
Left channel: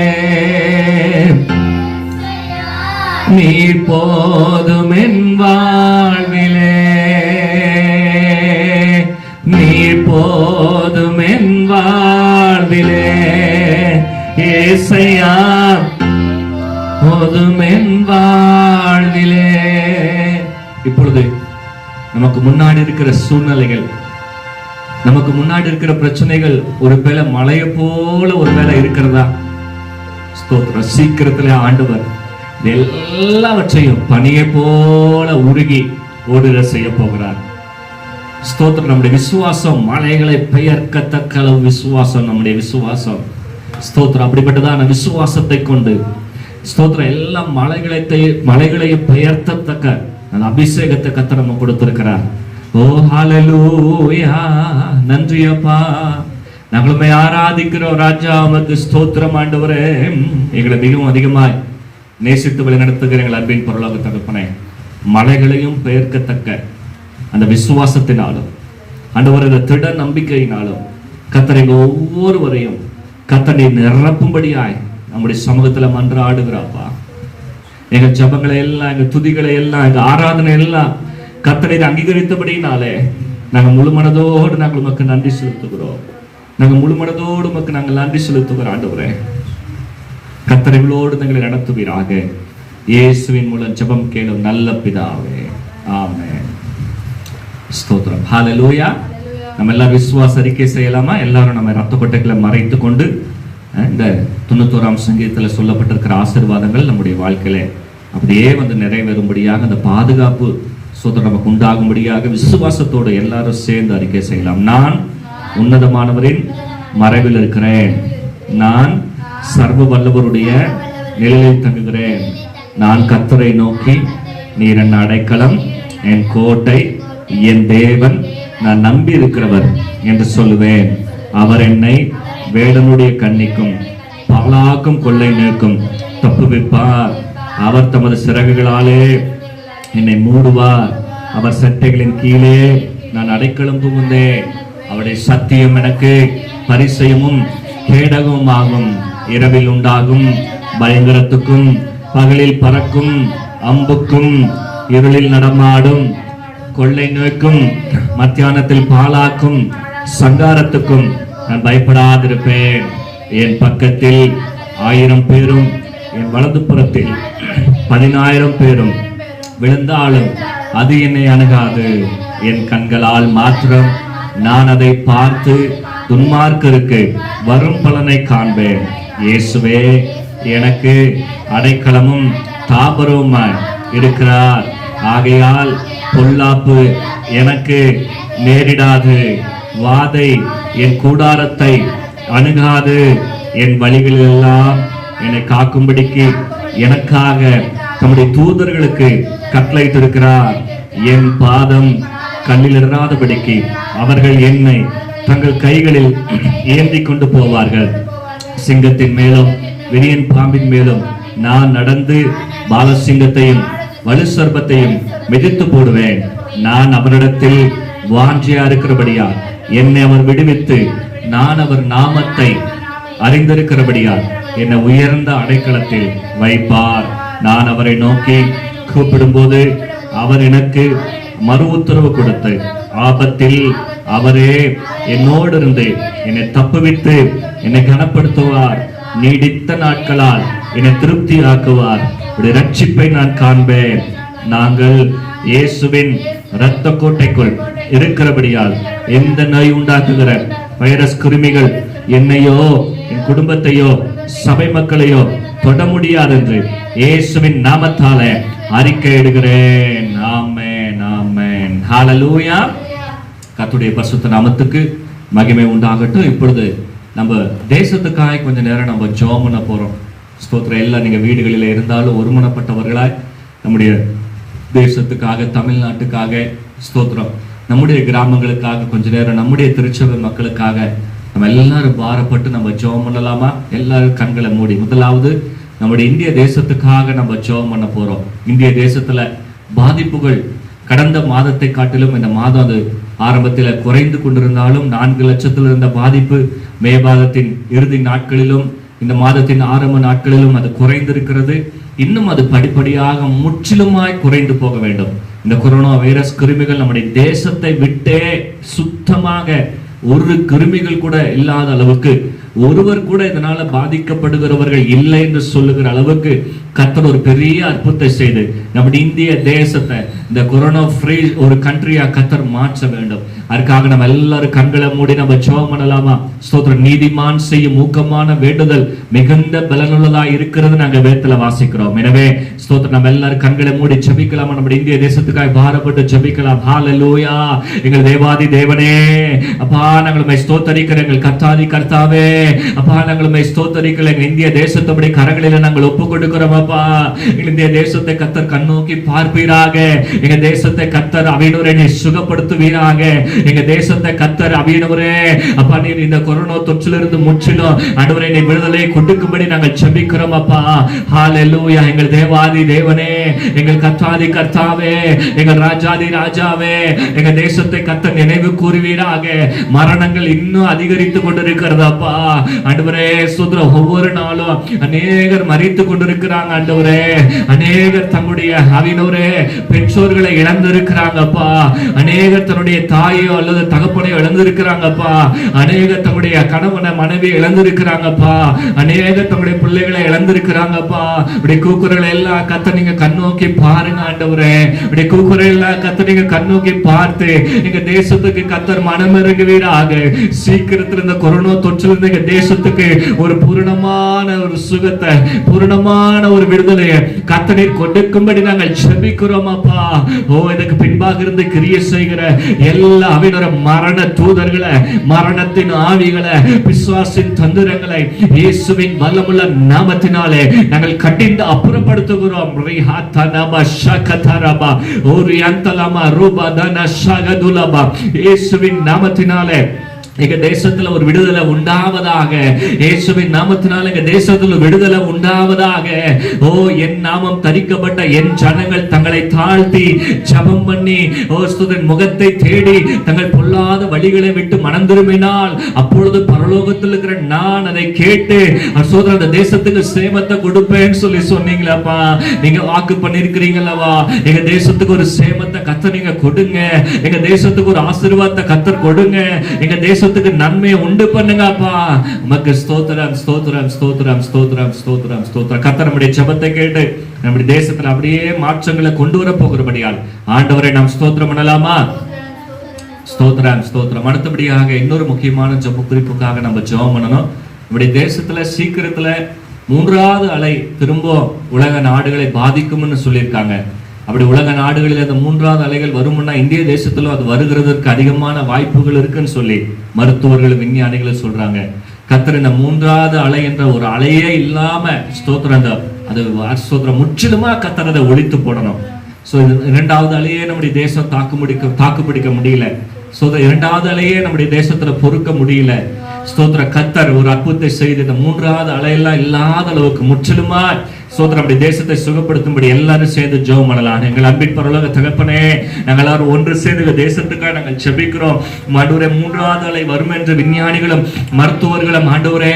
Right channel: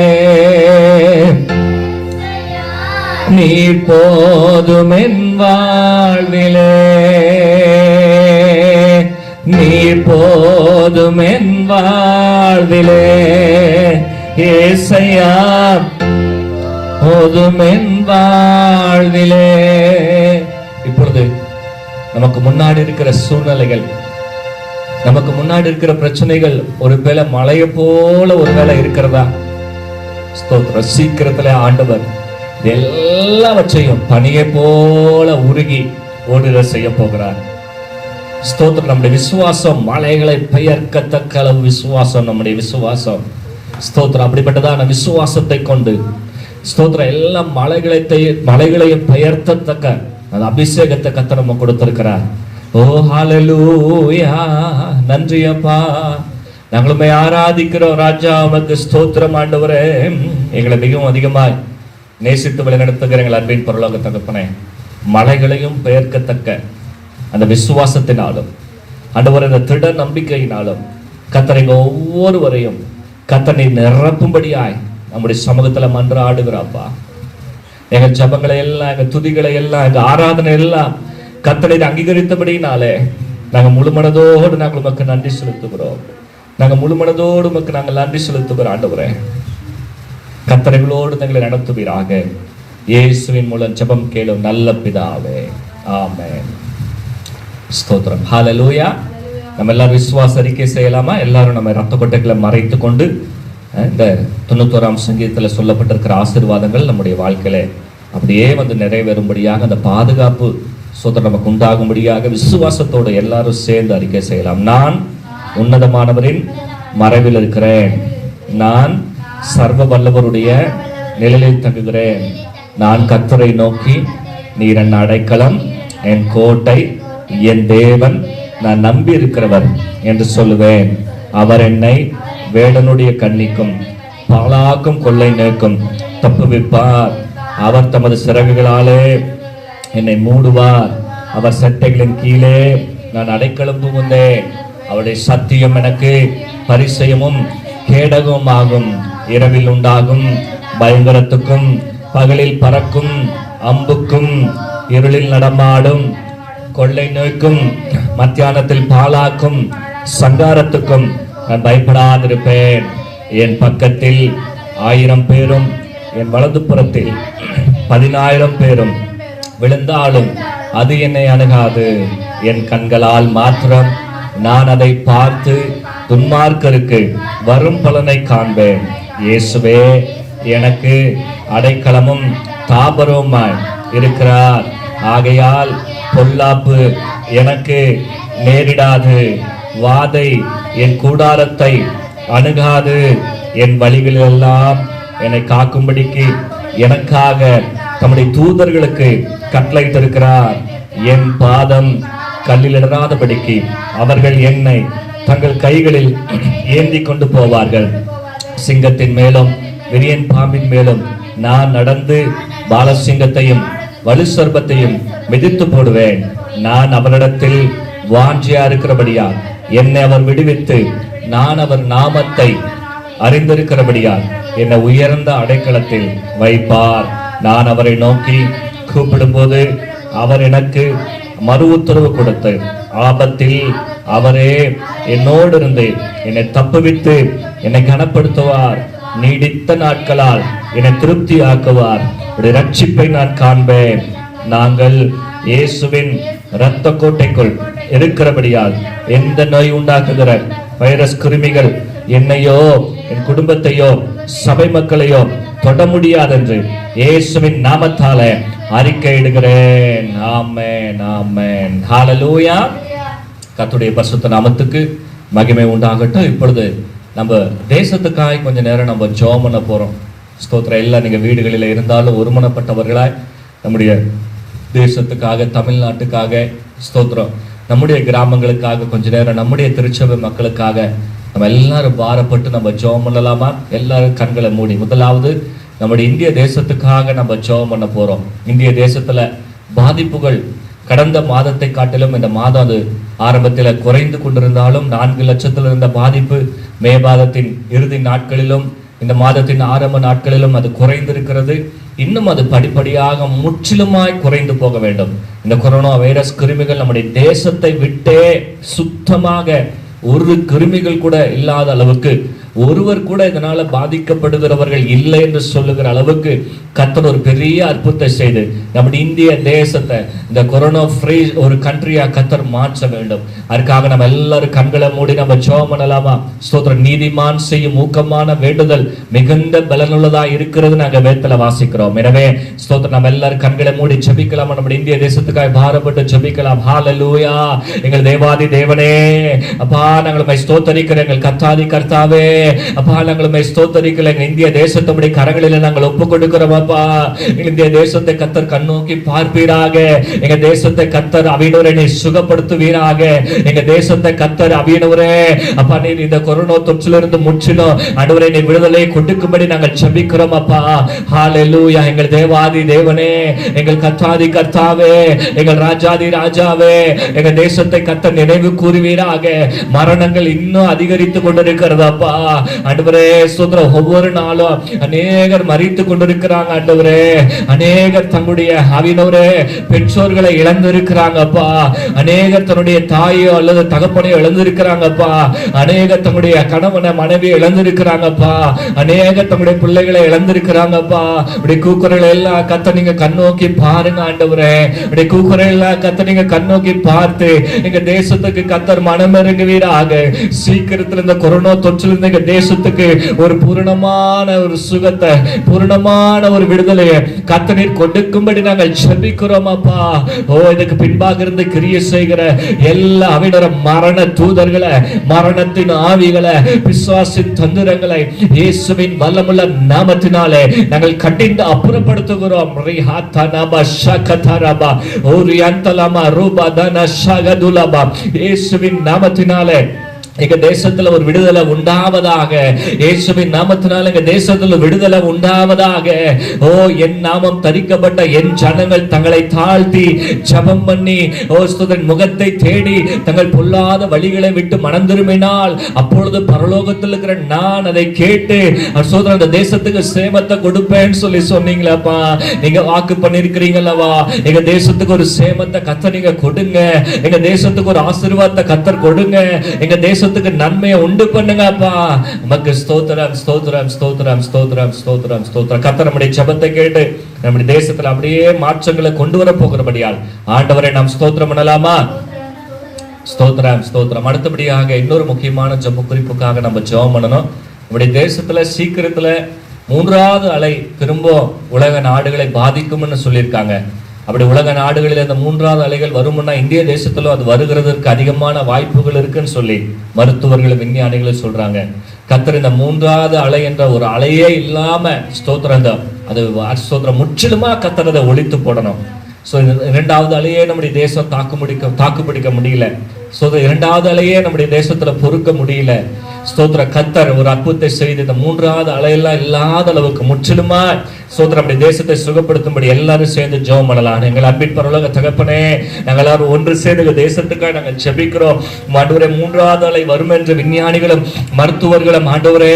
நீர் போதும் என் வாழ்விலே, நீர் போதும் என் வாழ்விலே ஏசையா, போதும் என் வாழ்விலே. இப்பொழுது நமக்கு முன்னாடி இருக்கிற சூழ்நிலைகள், நமக்கு முன்னாடி இருக்கிற பிரச்சனைகள் ஒருவேளை மலையை போல ஒருவேளை இருக்கிறதா? ஸ்தோத்திரம். சீக்கிரத்துல ஆண்டவர் எல்லாவற்றையும் பனியை போல உருகி ஓடுற செய்ய போகிறார். ஸ்தோத்திரம். நம்முடைய விசுவாசம் மலைகளை பெயர்க்கத்தக்க அளவு விசுவாசம் நம்முடைய விசுவாசம். ஸ்தோத்திரம். அப்படிப்பட்டதான விசுவாசத்தை கொண்டு ஸ்தோத்திரம் எல்லா மலைகளையும் பெயர்த்தத்தக்க அந்த அபிஷேகத்தை கர்த்தர் நம்ம கொடுத்திருக்கிறார். ஓ ஹல்லேலூயா. நன்றி அப்பா. நாங்களுமே ஆராதிக்கிறோம் ராஜா. உமக்கு ஸ்தோத்திரம் ஆண்டவரே. எங்களை மிகவும் அதிகமாய் நேசித்து வழி நடத்துகிற எங்கள் அன்பின் பரலோக தகப்பனே, மலைகளையும் பெயர்க்கத்தக்க அந்த விசுவாசத்தினாலும் ஆண்டவர் இந்த திட நம்பிக்கையினாலும் கர்த்தரை ஒவ்வொருவரையும் கர்த்தரை நிரப்பும்படியாய் நம்முடைய சமூகத்துல மன்றாடுகிறாப்பா. எங்கள் ஜபங்களை எல்லாம், எங்கள் துதிகளை எல்லாம், எங்கள் ஆராதனை எல்லாம் கர்த்தரை அங்கீகரித்தபடினாலே நாங்கள் முழுமனதோடு நாங்கள் உமக்கு நன்றி செலுத்துகிறோம். நாங்கள் முழுமனதோடு உமக்கு நாங்கள் நன்றி செலுத்துகிறோம் ஆண்டவரே. கர்த்தரைகளோடு தங்களை நடத்துவீராக. இயேசுவின் மூலம் ஜெபம் கேளும் நல்ல பிதாவே, ஆமென். ஸ்தோத்திரம். ஹல்லேலூயா. நம்ம எல்லாரும் விசுவாச அறிக்கை செய்யலாமா? எல்லாரும் நம்ம ரத்த கொட்டைகளை மறைத்து கொண்டு இந்த 91ஆம் சங்கீதத்தில் சொல்லப்பட்டிருக்கிற ஆசீர்வாதங்கள் நம்முடைய வாழ்க்கையில அப்படியே வந்து நிறைவேறும்படியாக, அந்த பாதுகாப்பு ஸ்தோத்திரம் நமக்கு உண்டாகும்படியாக விசுவாசத்தோடு எல்லாரும் சேர்ந்து அறிக்கை செய்யலாம். நான் உன்னதமானவரின் மறைவில் இருக்கிறேன், நான் சர்வ வல்லவருடைய நிழலில் தங்குகிறேன், நான் கர்த்தரை நோக்கி நீர் என் அடைக்கலம், என் கோட்டை, என் தேவன், நான் நம்பி இருக்கிறவர் என்று சொல்லுவேன். அவர் என்னை வேடனுடைய கண்ணிக்கும் பாலாக்கும் கொள்ளை நோக்கும் தப்புவிப்பார். அவர் தமது சிறகுகளாலே என்னை மூடுவார். அவர் சட்டைகளின் கீழே நான் அடைக்கலம் புகுந்தேன். அவருடைய சத்தியம் எனக்கு பரிசயமும் கேடகமும் ஆகும். இரவில் உண்டாகும் பயங்கரத்துக்கும் பகலில் பறக்கும் அம்புக்கும் இருளில் நடமாடும் கொள்ளை நோய்க்கும் மத்தியானத்தில் பாலாக்கும் சங்காரத்துக்கும் நான் பயப்படாதிருப்பேன். என் பக்கத்தில் 1000 பேரும் என் வலது புறத்தில் 10,000 பேரும் விழுந்தாலும் அது என்னை அணுகாது. என் கண்களால் மாத்திரம் நான் அதை பார்த்து துன்மார்க்கருக்கு வரும் பலனை காண்பேன். இயேசுவே எனக்கு அடைக்கலமும் தாபரவுமாய் இருக்கிறார். ஆகையால் பொல்லாப்பு எனக்கு நேரிடாது. வாதை என் கூடாரத்தை அணுகாது. என் வழிகளெல்லாம் என்னை காக்கும்படிக்கு எனக்காக தம்முடைய தூதர்களுக்கு கட்டளையிட்டிருக்கிறார். என் பாதம் கல்லில் இடராதபடிக்கு அவர்கள் என்னை தங்கள் கைகளில் ஏந்தி கொண்டு போவார்கள். சிங்கத்தின் மேலும் விரியன் பாம்பின் மேலும் நான் நடந்து பாலசிங்கத்தையும் வலு சர்ப்பத்தையும் மிதித்து போடுவேன். நான் அவரிடத்தில் வாஞ்சியா இருக்கிறபடியா என்னை அவர் விடுவித்து நான் அவர் நாமத்தை அறிந்திருக்கிறபடியா என்னை உயர்ந்த அடைக்கலத்தில் வைப்பார். நான் அவரை நோக்கி கூப்பிடும்போது அவர் எனக்கு மறு உத்தரவு கொடுத்து ஆபத்தில் அவரே என்னோடு இருந்து என்னை தப்புவித்து என்னை கனப்படுத்துவார். நீடித்த நாட்களால் என்னை திருப்தி ஆக்குவார். ரட்சிப்பை நான் காண்பேன். நாங்கள் இயேசுவின் இரத்த கோட்டைக்குள் இருக்கிறபடியால் எந்த நோய் உண்டாக்குகிற வைரஸ் கிருமிகள் என்னையோ என் குடும்பத்தையோ சபை மக்களையோ தொட முடியாது என்று இயேசுவின் நாமத்தாலே அறிக்கையிடுகிறேன். ஆமென், ஆமென், ஹல்லேலூயா. கர்த்தருடைய பரிசுத்த நாமத்துக்கு மகிமை உண்டாகட்டும். இப்பொழுது நம்ம தேசத்துக்காக கொஞ்ச நேரம் நம்ம ஜெபம் பண்ண போறோம். ஸ்தோத்திரம். எல்லாம் நீங்க வீடுகளில் இருந்தாலும் ஒருமனப்பட்டவர்களாய் நம்முடைய தேசத்துக்காக, தமிழ்நாட்டுக்காக ஸ்தோத்திரம், நம்முடைய கிராமங்களுக்காக கொஞ்ச நேரம், நம்முடைய திருச்சபை மக்களுக்காக நம்ம எல்லாரும் பாரப்பட்டு நம்ம ஜெபம் பண்ணலாமா? எல்லாரும் கண்களை மூடி முதலாவது நம்முடைய இந்திய தேசத்துக்காக நம்ம ஜெபம் பண்ண போறோம். இந்திய தேசத்துல பாதிப்புகள் கடந்த மாதத்தை காட்டிலும் இந்த மாதம் அது ஆரம்பத்தில் குறைந்து கொண்டிருந்தாலும் 4 லட்சத்தில் இருந்த பாதிப்பு மே மாதத்தின் இறுதி நாட்களிலும் இந்த மாதத்தின் ஆரம்ப நாட்களிலும் அது குறைந்திருக்கிறது. இன்னும் அது படிப்படியாக முற்றிலுமாய் குறைந்து போக வேண்டும். இந்த கொரோனா வைரஸ் கிருமிகள் நம்முடைய தேசத்தை விட்டே சுத்தமாக ஒரு கிருமிகள் கூட இல்லாத அளவுக்கு, ஒருவர் கூட இதனால பாதிக்கப்படுகிறவர்கள் இல்லை என்று சொல்லுகிற அளவுக்கு கர்த்தர் ஒரு பெரிய அற்புதத்தை செய்து நம்முடைய இந்திய தேசத்தை இந்த கொரோனா ஃப்ரீ ஒரு கண்ட்ரியா கர்த்தர் மாற்ற வேண்டும். அதுக்காக நம்ம எல்லாரும் கண்களை மூடி நம்ம ஜெபம் பண்ணலாமா? ஸ்தோத்திரம். நீதிமான் செய்யும் ஊக்கமான வேண்டுதல் மிகுந்த பலனுள்ளதா இருக்கிறது நாங்க வேதத்துல வாசிக்கிறோம். எனவே ஸ்தோத்திரம், நம்ம எல்லாரும் கண்களை மூடி ஜெபிக்கலாமா? நம்முடைய இந்திய தேசத்துக்காக பாரப்பட்டு ஜெபிக்கலாம். ஹல்லேலூயா. எங்கள் தேவாதி தேவனே, அப்பா நாங்கள் ஸ்தோத்தரிக்கிறோம். எங்கள் கர்த்தாதி கர்த்தாவே, அப்பா நாங்கள் ஸ்தோத்தரிக்கிறோம். எங்கள் இந்திய தேசத்துடைய கரங்களில் நாங்கள் ஒப்பு கொடுக்கிறோம். அப்பா இந்திய தேசத்தை கர்த்தர் கண்ணோக்கி பார்ப்பீராக. எங்க தேசத்தை கர்த்தர் அவியனவரே சுகப்படுத்துவீராக. எங்க தேசத்தை கர்த்தர் அவியனவரே, அப்பா நீர் இந்த கொரோனா தொற்றிலிருந்து முற்றிலும் ஆண்டவரே நீ விடுதலை கொடுக்கும்படி நாங்கள் ஜெபிக்கிறோம். அப்பா ஹல்லேலூயா. எங்கள் தேவாதி தேவனே, எங்கள் கர்த்தாதி கர்த்தாவே, எங்கள் ராஜாதி ராஜாவே, எங்க தேசத்தை கர்த்தர் நினைவு கூறுவீராக. மரணங்கள் இன்னும் அதிகரித்து கொண்டிருக்கிறது அப்பா. ஆண்டவரே ஸ்தோத்திரம். ஒவ்வொரு நாளும் அநேகர் மரித்து கொண்டிருக்கிறாங்க ஆண்டவரே. அநேகர் தம்முடைய ஆவியினவரே பெற்றோர்களை இழந்திருக்கிறாங்க அப்பா. அநேகர் தன்னுடைய தாயோ அல்லது தகப்பனையோ இழந்திருக்கிறாங்கப்பா. அநேகர் தம்முடைய கணவனை மனைவியை இழந்திருக்கிறாங்கப்பா. அநேகர் தம்முடைய பிள்ளைகளை இழந்திருக்கிறாங்கப்பா. இப்படி கூக்குறலை எல்லாம் கர்த்தர் நீங்க கண்ணோக்கி பாருங்க ஆண்டவரே. இப்படி கூக்குறலை எல்லாம் கர்த்தர் நீங்க கண்ணோக்கி பார்த்து எங்க தேசத்துக்கு கர்த்தர் மனம் இறங்குவீராக. சீக்கிரத்தில் இந்த கொரோனா தொற்றிலிருந்து எங்க தேசத்துக்கு ஒரு பூரணமான ஒரு சுகத்தை, பூரணமான ஒரு விடுதலையை கர்த்தர் கொடுக்கும்படி நாங்கள் ஜெபிக்கிறோம் அப்பா. ஓ இதுக்கு பின்பாக இருந்து கிரியை செய்கிற எல்லா அவிடர மரண தூதர்களை, மரணத்தின் ஆவிகளை, பிசாசின் தந்திரங்களை இயேசுவின் வல்லமுள்ள நாமத்தினாலே நாங்கள் கட்டிந்து அப்புறப்படுத்துகிறோம். இயேசுவின் நாமத்தினாலே எங்க தேசத்துல ஒரு விடுதலை உண்டாவதாக. இயேசுவின் நாமத்தினால எங்க தேசத்துல விடுதலை உண்டாவதாக. ஓ, என் நாமம் தரிக்கப்பட்ட என் ஜனங்கள் தங்களை தாழ்த்தி ஜெபம் பண்ணி ஸ்தோத்திரம் முகத்தை தேடி தங்கள் பொல்லாத வழிகளை விட்டு மனம் திரும்பினால் அப்பொழுது பரலோகத்தில் இருக்கிற நான் அதை கேட்டு ஸ்தோத்திரம் அந்த தேசத்துக்கு சேமத்தை கொடுப்பேன்னு சொல்லி சொன்னீங்களப்பா. நீங்க வாக்கு பண்ணிருக்கிறீங்களவா? எங்க தேசத்துக்கு ஒரு சேமத்தை கர்த்தர் நீங்க கொடுங்க. எங்க தேசத்துக்கு ஒரு ஆசீர்வாதத்தை கர்த்தர் கொடுங்க. எங்க தேசத்துக்கு நன்மையை உண்டு பண்ணுங்கப்பா. நமக்கு ஸ்தோத்திரம் ஸ்தோத்திரம் ஸ்தோத்திரம் ஸ்தோத்திரம் ஸ்தோத்திரம் ஸ்தோத்திரம். கர்த்தர் நம்முடைய ஜெபத்தை கேட்டு நம்முடைய தேசத்துல அப்படியே மாற்றங்களை கொண்டு வர போகிறபடியால் ஆண்டவரை நாம் ஸ்தோத்திரம் பண்ணலாமா? ஸ்தோத்திரம் ஸ்தோத்திரம். அடுத்தபடியாக இன்னொரு முக்கியமான ஜெப குறிப்புக்காக நம்ம ஜெபம் பண்ணணும். நம்முடைய தேசத்துல சீக்கிரத்துல 3வது அலை திரும்ப உலக நாடுகளை பாதிக்கும்னு சொல்லியிருக்காங்க. அப்படி உலக நாடுகளில் அந்த 3வது அலைகள் வரும்னா இந்திய தேசத்துல அது வருகிறதற்கு அதிகமான வாய்ப்புகள் இருக்குன்னு சொல்லி மருத்துவர்கள் விஞ்ஞானிகள் சொல்றாங்க. கர்த்தர் இந்த 3வது அலை என்ற ஒரு அலையே இல்லாம ஸ்தோத்திரம் அது ஸ்தோத்திரம் முற்றிலுமா கர்த்தர் அதை ஒழித்து போடணும். ஸோ 2வது அலையே நம்முடைய தேசம் தாக்கு பிடிக்க முடியல. ஸோ 2வது அலையே நம்முடைய தேசத்துல பொறுக்க முடியல. ஸ்தோத்திர கர்த்தர் ஒரு அற்புதத்தை செய்து இந்த 3வது அலையெல்லாம் இல்லாத அளவுக்கு முற்றிலுமா ஸ்தோத்திரம் நம்முடைய தேசத்தை சுகப்படுத்தும்படி எல்லாரும் சேர்ந்து ஜெபம் பண்ணலாம். எங்கள் அன்பின் பரலோக தகப்பனே, நாங்கள் எல்லாரும் ஒன்று சேர்ந்து தேசத்துக்காக நாங்கள் ஜெபிக்கிறோம். ஆண்டவரே, 3வது அலை வரும் என்று விஞ்ஞானிகளும் மருத்துவர்களும் ஆண்டவரே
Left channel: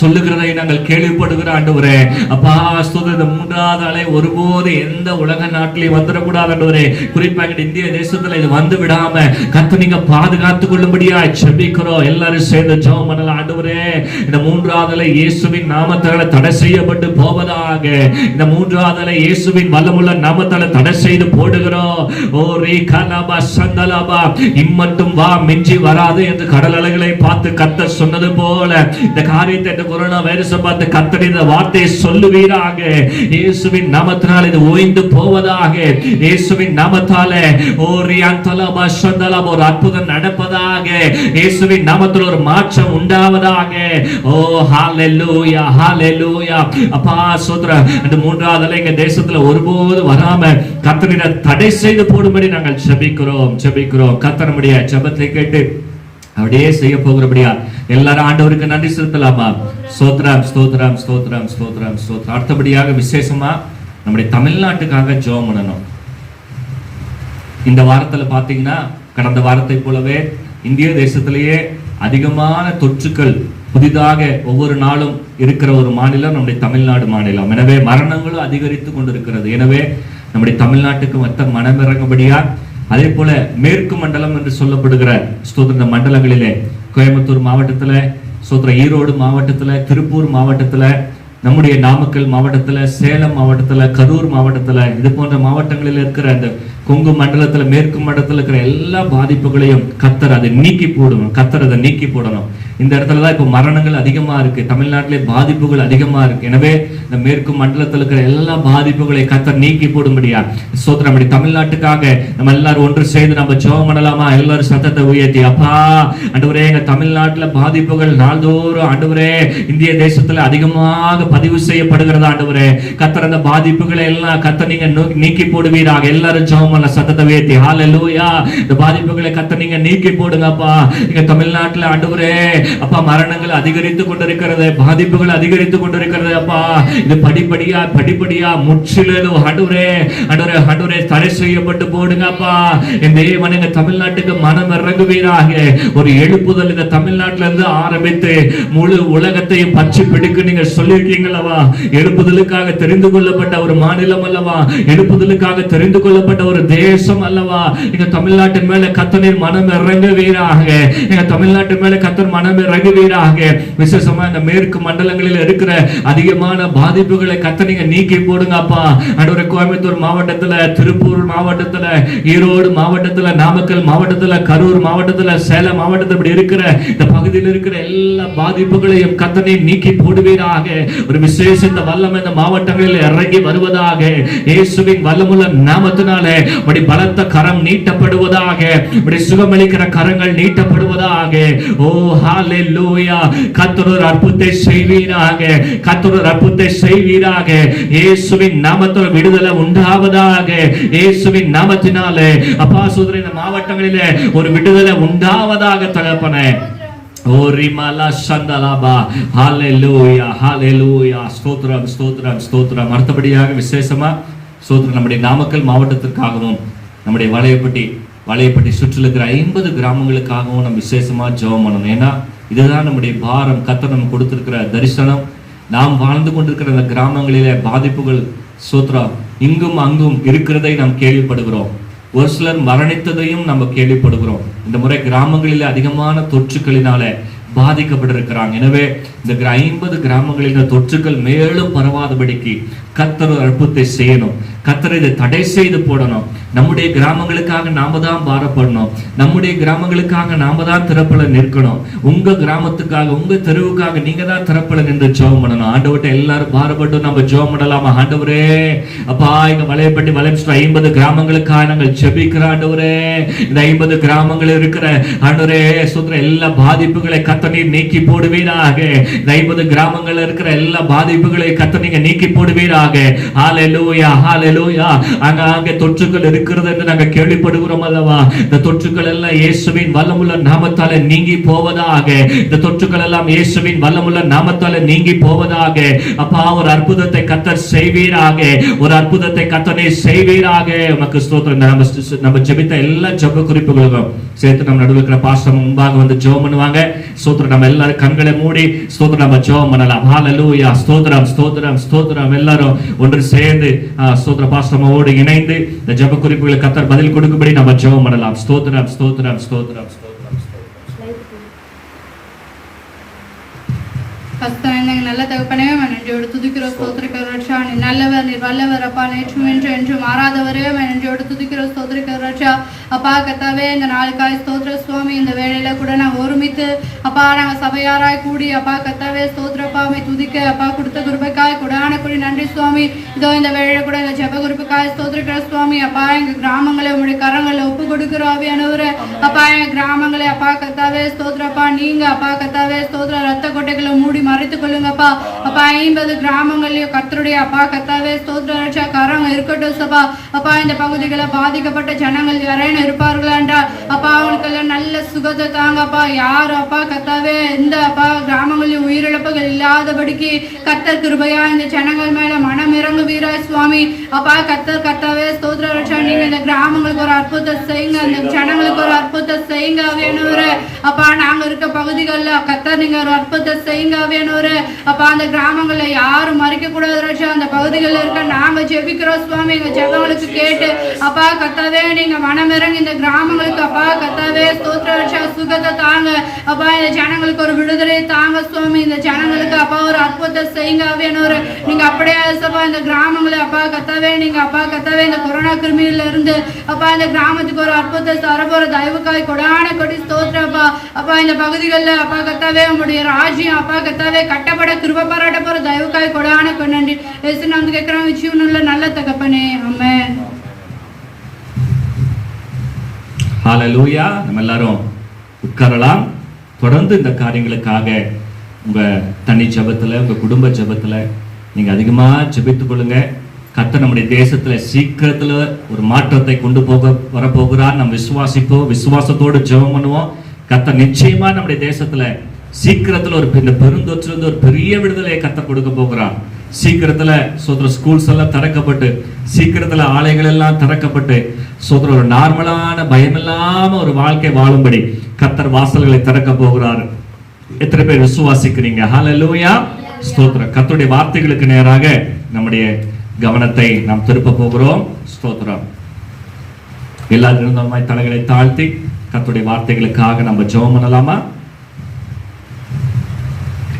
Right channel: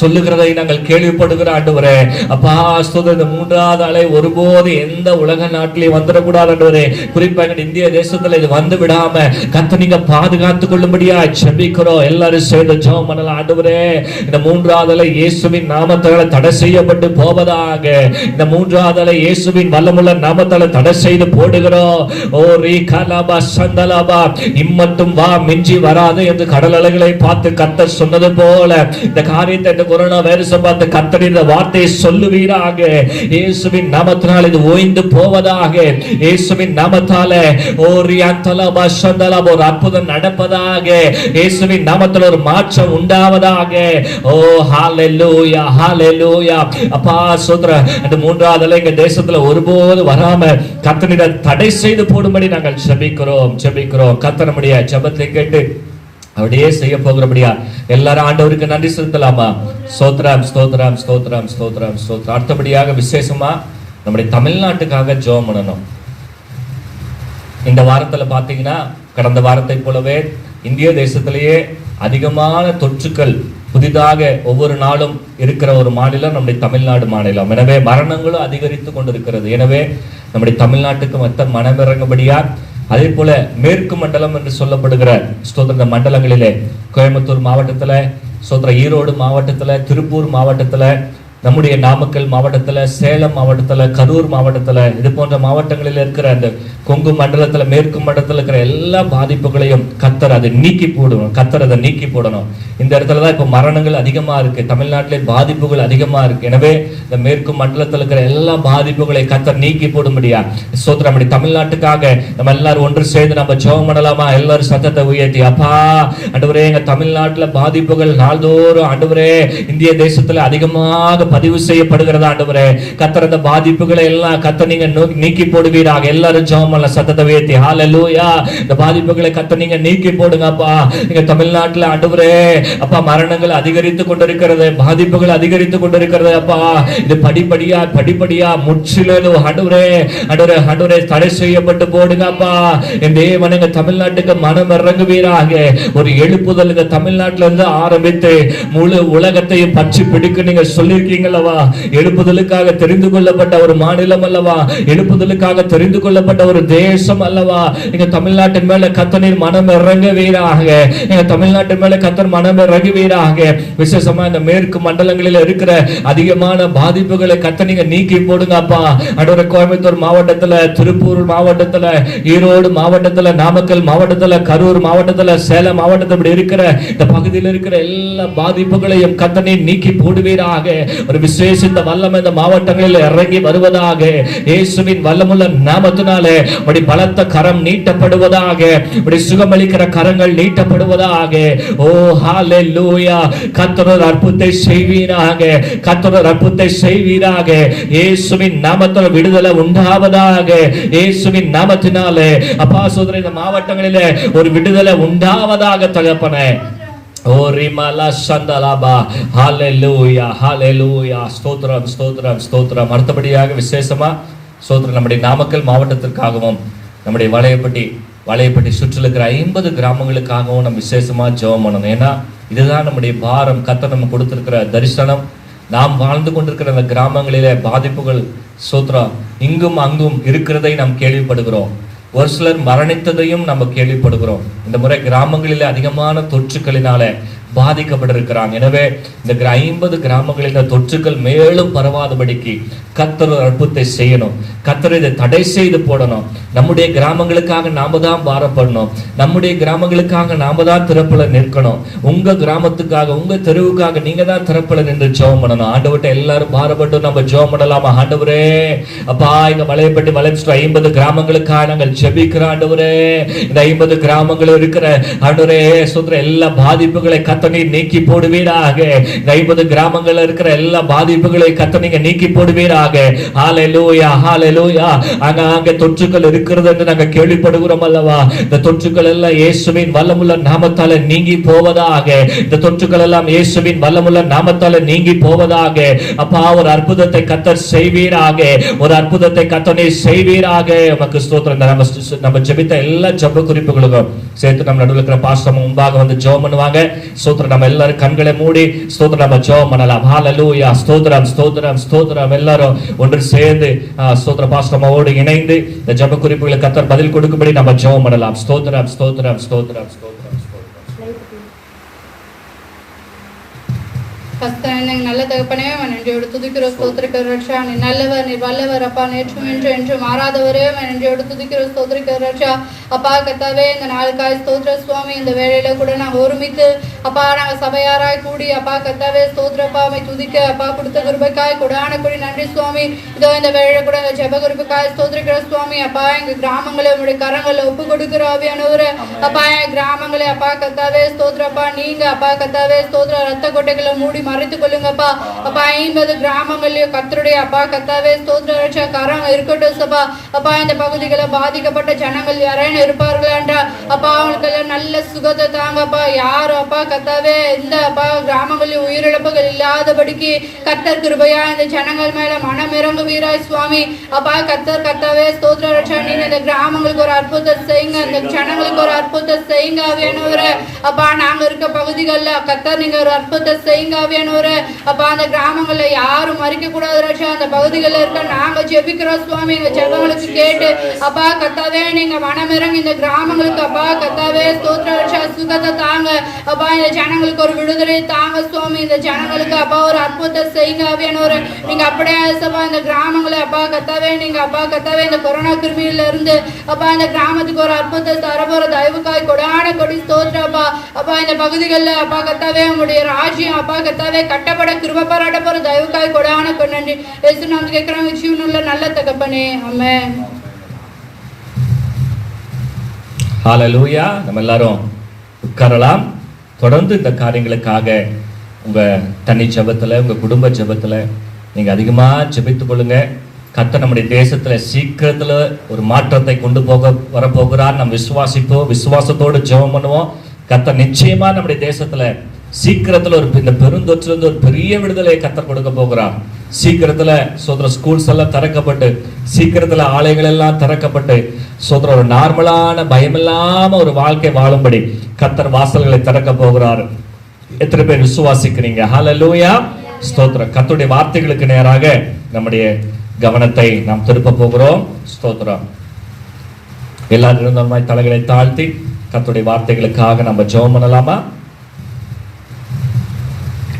சொல்லுகிறதை நாங்கள் கேள்விப்படுகிறோம். ஆண்டவரே அப்பா ஸ்தோத்திரம், இந்த 3வது அலை ஒருபோது எந்த உலக நாட்டிலையும் வந்துடக்கூடாது. ஆண்டவரே, குறிப்பாக இந்திய தேசத்துல இது வந்து விடாம கர்த்தர் நீங்க பாதுகாத்துக் கொள்ளும்படியா ஜெபிக்கிறோம். எல்லாரும் சேர்ந்து ஜெபம் பண்ணலாம். ஆண்டவரே, இந்த 3வது அலை இயேசுவின் நாமத்தால தடை செய்யப்பட்டு போவதாக. இந்த 3வது அலை இயேசுவின் வல்லமுள்ள நாமத்தால தடை செய்து போடுகிறோம். ஓ ரீகலபா சந்தலபா, இம்மட்டும் வா மிஞ்சி வராது என்று கடல் அலைகளை பார்த்து கர்த்தர் சொன்னது போல இந்த காரியத்தை, இந்த கொரோனா வைரஸை பார்த்து கர்த்தர் இந்த வார்த்தையை சொல்லுவீராக. இயேசுவின் நாமத்தினால் இது ஓய்ந்து போவதாக. இயேசுவின் நாமத்தால ஓ ரியாந்தலபா சந்தலபா ஒரு அற்புதம் நடப்பதாக. இயேசுவின் நாமத்தில் ஒரு மாற்றம் உண்டாவதாக. ஓ ஹalleluya ஹalleluya. அப்பா சோதர அந்த 3வது அலை எங்க தேசத்துல ஒருபோது வராம கர்த்தரிடம் தடை செய்து போடும்படி நாங்கள் ஜெபிக்கிறோம் ஜெபிக்கிறோம். கர்த்தர் நம்முடைய ஜெபத்தை கேட்டு அப்படியே செய்ய போகிறபடியா எல்லாரும் ஆண்டவருக்கு நன்றி செலுத்தலாமா? ஸ்தோத்திரம் ஸ்தோத்திரம் ஸ்தோத்திரம் ஸ்தோத்திரம் ஸ்தோத்திரம். அடுத்தபடியாக விசேஷமா நம்முடைய தமிழ்நாட்டுக்காக ஜெபம் பண்ணணும். இந்த வாரத்துல பாத்தீங்கன்னா கடந்த வாரத்தை போலவே இந்திய தேசத்திலேயே அதிகமான தொற்றுக்கள் புதிதாக ஒவ்வொரு நாளும் இருக்கிற ஒரு மாநிலம் நம்முடைய தமிழ்நாடு மாநிலம். எனவே மரணங்களும் அதிகரித்து கொண்டிருக்கிறது. எனவே நம்முடைய தமிழ்நாட்டுக்கு மொத்த மனமிறங்கும்படியா அதே போல மேற்கு மண்டலம் என்று சொல்லப்படுகிற ஸ்தோத்திர மண்டலங்களிலே கோயம்புத்தூர் மாவட்டத்துல, ஸ்தோத்திர ஈரோடு மாவட்டத்துல, திருப்பூர் மாவட்டத்துல, நம்முடைய நாமக்கல் மாவட்டத்துல, சேலம் மாவட்டத்துல, கரூர் மாவட்டத்துல, இது போன்ற மாவட்டங்களில் இருக்கிற அந்த கொங்கு மண்டலத்துல, மேற்கு மண்டலத்துல இருக்கிற எல்லா பாதிப்புகளையும் கர்த்தர் அதை நீக்கி போடணும். கர்த்தர் அதை நீக்கி போடணும். இந்த இடத்துலதான் இப்ப மரணங்கள் அதிகமா இருக்கு. தமிழ்நாட்டிலே பாதிப்புகள் அதிகமா இருக்கு. எனவே இந்த மேற்கு மண்டலத்தில் இருக்கிற எல்லா பாதிப்புகளை கர்த்தர் நீக்கி போடும்படியா ஸ்தோத்திரம். நம்முடைய தமிழ்நாட்டுக்காக நம்ம எல்லாரும் ஒன்று சேர்ந்து நம்ம ஜெபம் பண்ணலாமா? எல்லாரும் சத்தத்தை உயர்த்தி, அப்பா ஆண்டவரே, எங்க தமிழ்நாட்டுல பாதிப்புகள் நாள்தோறும் ஆண்டவரே இந்திய தேசத்துல அதிகமாக பதிவு செய்யப்படுகிறது. ஆண்டவரே கர்த்தர் அந்த பாதிப்புகளை எல்லாம் கர்த்தர் நீங்க நீக்கி போடுவீராக. எல்லாரும் ஜெபம் பண்ண சத்தத்தை உயர்த்தி ஹalleluya. இந்த பாதிப்புகளை கர்த்தர் நீங்க நீக்கி போடுங்கப்பா. எங்க தமிழ்நாட்டுல ஆண்டவரே அப்பா மரணங்கள் அதிகரித்து கொண்டிருக்கிறது, பாதிப்புகள் அதிகரித்து கொண்டிருக்கிறது. அப்பா இது படிப்படியா முற்றிலும் ஆண்டவரே ஆண்டவரே ஆண்டவரே தடை செய்யப்பட்டு போடுங்கப்பா. இந்த தேவன் எங்க தமிழ்நாட்டுக்கு மனம் இறங்குவீராக. ஒரு எழுப்புதல் இந்த தமிழ்நாட்டில இருந்து ஆரம்பித்து முழு உலகத்தையும் பற்றி பிடிக்கும் நீங்க சொல்லியிருக்கீங்களவா? எழுப்புதலுக்காக தெரிந்து கொள்ளப்பட்ட ஒரு மாநிலம் அல்லவா? எழுப்புதலுக்காக தெரிந்து கொள்ளப்பட்ட ஒரு தேசம் அல்லவா? எங்க தமிழ்நாட்டின் மேல கர்த்தர் மனம் இறங்குவீராக. எங்க தமிழ்நாட்டின் மேல கர்த்தர் மனம் இறங்குவீராக. விசேஷமா இந்த மேற்கு மண்டலங்களில் இருக்கிற அதிகமான பாதிப்புகளை கர்த்தர் நீங்க நீக்கி போடுங்க அப்பா. ஆண்டவரே கோயம்புத்தூர் மாவட்டத்துல, திருப்பூர் மாவட்டத்துல, ஈரோடு மாவட்டத்துல, நாமக்கல் மாவட்டத்துல, கரூர் மாவட்டத்துல, சேலம் மாவட்டத்தில் இப்படி இருக்கிற இந்த பகுதியில் இருக்கிற எல்லா பாதிப்புகளையும் கர்த்தர் நீக்கி போடுவீராக. ஒரு விசேஷித்த வல்லமை இந்த மாவட்டங்களில் இறங்கி வருவதாக. இயேசுவின் வல்லமுள்ள நாமத்தினாலே அப்படி பலத்த கரம் நீட்டப்படுவதாக. அப்படி சுகமளிக்கிற கரங்கள் நீட்டப்படுவதாக. ஓ ஹalleluya. கர்த்தர் ஒரு அற்புதத்தை செய்வீராக. கர்த்தர் ஒரு அற்புதத்தை செய்வீராக. இயேசுவின் நாமத்தில் விடுதலை உண்டாவதாக. இயேசுவின் நாமத்தினாலே அப்பா சோதரே இந்த மாவட்டங்களிலே ஒரு விடுதலை உண்டாவதாக தகப்பனே. ஓ ரிமலா சந்தலாபா. ஹalleluya ஹalleluya. ஸ்தோத்திரம் ஸ்தோத்திரம் ஸ்தோத்திரம். அடுத்தபடியாக விசேஷமா ஸ்தோத்திரம் நம்முடைய நாமக்கல் மாவட்டத்திற்காகவும் நம்முடைய வளையப்பட்டி சுற்றில் இருக்கிற 50 கிராமங்களுக்காகவும் நம்ம விசேஷமா ஜெபம் பண்ணணும். ஏன்னா இதுதான் நம்முடைய பாரம். கர்த்தர் நம்ம கொடுத்திருக்கிற தரிசனம். நாம் வாழ்ந்து கொண்டிருக்கிற அந்த கிராமங்களிலே பாதிப்புகள் ஸ்தோத்திரம் இங்கும் அங்கும் இருக்கிறதை நாம் கேள்விப்படுகிறோம். ஒரு சிலர் மரணித்ததையும் நம்ம கேள்விப்படுகிறோம். இந்த முறை கிராமங்களில் அதிகமான தொற்றுக்களினால பாதிக்கப்பட்டிருக்கிறாங்க. எனவே இந்த 50 கிராமங்களில் இந்த தொற்றுக்கள் மேலும் பரவாதபடிக்கு கர்த்தர் ஒரு அற்புதத்தை செய்யணும். கர்த்தர் இதை தடை செய்து போடணும். நம்முடைய கிராமங்களுக்காக நாம தான் பாரப்படணும். நம்முடைய கிராமங்களுக்காக நாம தான் திறப்பல நிற்கணும். உங்க கிராமத்துக்காக உங்க தெருவுக்காக நீங்க தான் திறப்பல நின்று ஜெபம் பண்ணணும். ஆண்டவர்கிட்ட எல்லாரும் பாரப்பட்டு நம்ம ஜெபம் பண்ணலாமா? ஆண்டவரே அப்பா, இங்க வளையப்பட்டி 50 கிராமங்களுக்காக நாங்கள் ஜெபிக்கிறோம். ஆண்டவரே இந்த 50 கிராமங்கள் இருக்கிற ஆண்டவரே சுத்திர எல்லா பாதிப்புகளை கர்த்தர் நீக்கி போடுவீராக. 50 கிராமங்கள்ல இருக்கிற எல்லா பாதிப்புகளை கர்த்தர் நீங்க நீக்கி போடுவீராக. ஹalleluya ஹalleluya. அங்க தொற்றுகள் இருக்கிறது என்று நாங்கள் கேள்விப்படுகிறோம் அல்லவா? இந்த தொற்றுகள் எல்லாம் இயேசுவின் வல்லமுள்ள நாமத்தால நீங்கி போவதாக. இந்த தொற்றுகள் எல்லாம் இயேசுவின் வல்லமுள்ள நாமத்தால நீங்கி போவதாக. அப்பா, ஒரு அற்புதத்தை கர்த்தர் செய்வீராக. ஒரு அற்புதத்தை கர்த்தரே செய்வீராக. நமக்கு ஸ்தோத்திரம். நம்ம ஜெபித்த எல்லா ஜெப குறிப்புகளுக்கும் சேர்த்து நம்ம நடுவில் இருக்கிற பாஸ்டர் முன்பாக வந்து ஜெபம் பண்ணுவாங்க. ஸ்தோத்திரம். நம்ம எல்லாரும் கண்களை மூடி ஸ்தோத்திரம் நம்ம ஜெபம் பண்ணலாம். ஹalleluya. ஸ்தோத்திரம் ஸ்தோத்திரம் ஸ்தோத்திரம். எல்லாரும் ஒன்று சேர்ந்து ஸ்தோத்திர பாஸ்டரோடு இணைந்து இந்த ஜெப குறிப்புகளுக்கு கர்த்தர் பதில் கொடுக்கும்படி நம்ம ஜெபம் பண்ணலாம். ஸ்தோத்திரம் ஸ்தோத்திரம் ஸ்தோத்திரம் ஸ்தோத்திரம். நல்ல தகப்பனே, நன்றியோடு துதிக்கிறோம், ஸ்தோத்திரிக்கிறோம். ரட்சா, நீ நல்லவர், நீ வல்லவர் அப்பா. நேற்றும் என்றும் மாறாதவரே, நன்றியோடு துதிக்கிறோம், ஸ்தோத்திரிக்கிறோம். ரட்சா அப்பா கர்த்தாவே, இந்த நாளுக்காய் ஸ்தோத்திர சுவாமி. இந்த வேளையில கூட நாங்கள் ஒருமித்து அப்பா நாங்கள் சபையாராய் கூடி அப்பா கர்த்தாவே ஸ்தோத்திரப்பாமை துதிக்க அப்பா கொடுத்த குருபைக்காய் கொடான கொடி நன்றி சுவாமி. இதோ இந்த வேளையில கூட இந்த ஜெப குருபைக்காய் ஸ்தோத்திரிக்கிற சுவாமி. அப்பா எங்க கிராமங்களை உங்களுடைய கரங்களை ஒப்பு கொடுக்கிறோம் ஆவியானவரே. அப்பா எங்க கிராமங்களை அப்பா கர்த்தாவே ஸ்தோத்திரப்பா நீங்க அப்பா கர்த்தாவே ஸ்தோத்திர ரத்த கொட்டைகளை மூடி மறைத்துக் கொள்ளுங்கப்பா. அப்பா 50 கிராமங்களையும் கர்த்தருடைய அப்பா கர்த்தாவே ஸ்தோத்திர ரட்சா கரம் இருக்கட்டும் சபா. அப்பா இந்த பகுதிகளில் பாதிக்கப்பட்ட ஜனங்கள் யாரேனும் இருப்பார்களாண்டா அப்பா அவங்களுக்கெல்லாம் நல்ல சுகத்தை தாங்கப்பா. யார் அப்பா கர்த்தாவே இந்த அப்பா கிராமங்களில் உயிரிழப்புகள் இல்லாதபடிக்கு கர்த்தர் கிருபையா இந்த ஜனங்கள் மேல மனம் இறங்கு வீராய் சுவாமி. அப்பா கர்த்தாவே ஸ்தோத்திர ரட்சா நீங்க இந்த கிராமங்களுக்கு ஒரு அற்புதத்தை செய்யுங்க. இந்த ஜனங்களுக்கு ஒரு அற்புதத்தை செய்யுங்க ஆவியானவரே. அப்பா நாங்க இருக்க பகுதிகளில் கர்த்தர் நீங்க ஒரு அற்புதத்தை செய்யுங்க ஆவியானவரே. அப்பா அந்த கிராமங்கள்ல யாரும் மறிக்க கூடாது ரட்சா. அந்த பகுதிகளில் இருக்க நாங்க ஜெபிக்கிறோம் சுவாமி. எங்க ஜெபங்களுக்கு கேட்டு அப்பா கர்த்தாவே நீங்க மனம் இறங்கி இந்த கிராமங்களுக்கு அப்பா கர்த்தாவே ஸ்தோத்திர ரட்சா சுகத்தை தாங்க. அப்பா இந்த ஜனங்களுக்கு ஒரு விடுதலை தாங்க சுவாமி. இந்த ஜனங்களுக்கு அப்பா ஒரு அற்புதத்தை செய்யுங்க ஆவியானவரே. நீங்க அப்படியே சபா இந்த கிராமங்களை அப்பா கர்த்தாவே நீங்க அப்பா கர்த்தாவே இந்த கொரோனா கிருமியில இருந்து அப்பா இந்த கிராமத்துக்கு ஒரு அற்புதத்தை தரப்போற தயவுக்காய் கொடான கொடி ஸ்தோத்திரப்பா. அப்பா இந்த பகுதிகளில் அப்பா கர்த்தாவே உங்களுடைய ராஜ்யம் அப்பா கர்த்தாவே கட்டப்பட கிருபை பாராட்ட போற தயவுக்காய் கொடான கொண்டு இயேசு நாமத்தில் கேட்கிறோம் ஜீவனுள்ள நல்ல தகப்பனே, ஆமென். ஹalleluya. நம்ம எல்லாரும் உட்காரலாம். தொடர்ந்து இந்த காரியங்களுக்காக உங்க தனி ஜெபத்துல உங்க குடும்ப ஜெபத்துல நீங்க அதிகமா ஜெபித்துக் கொள்ளுங்க. கர்த்தர் நம்முடைய தேசத்துல சீக்கிரத்துல ஒரு மாற்றத்தை கொண்டு வரப்போகிறார். நம்ம விசுவாசிப்போம், விசுவாசத்தோடு ஜெபம் பண்ணுவோம். கர்த்தர் நிச்சயமா நம்முடைய தேசத்துல சீக்கிரத்துல இந்த பெருந்தொற்றுல இருந்து ஒரு பெரிய விடுதலையை கர்த்தர் கொடுக்க போகிறார். சீக்கிரத்துல சோதர ஸ்கூல்ஸ் எல்லாம் திறக்கப்பட்டு, சீக்கிரத்துல ஆலைகள் எல்லாம் திறக்கப்பட்டு, சோதர ஒரு நார்மலான பயமில்லாம ஒரு வாழ்க்கை வாழும்படி கர்த்தர் வாசல்களை திறக்க போகிறார். எத்தனை பேர் விசுவாசிக்கிறீங்க? ஹalleluya. ஸ்தோத்திரம். கர்த்தருடைய வார்த்தைகளுக்கு நேராக நம்முடைய கவனத்தை நாம் திருப்ப போகிறோம். ஸ்தோத்திரம். எல்லாரும் தலைகளை தாழ்த்தி கர்த்தருடைய வார்த்தைகளுக்காக நம்ம ஜெபம் பண்ணலாமா?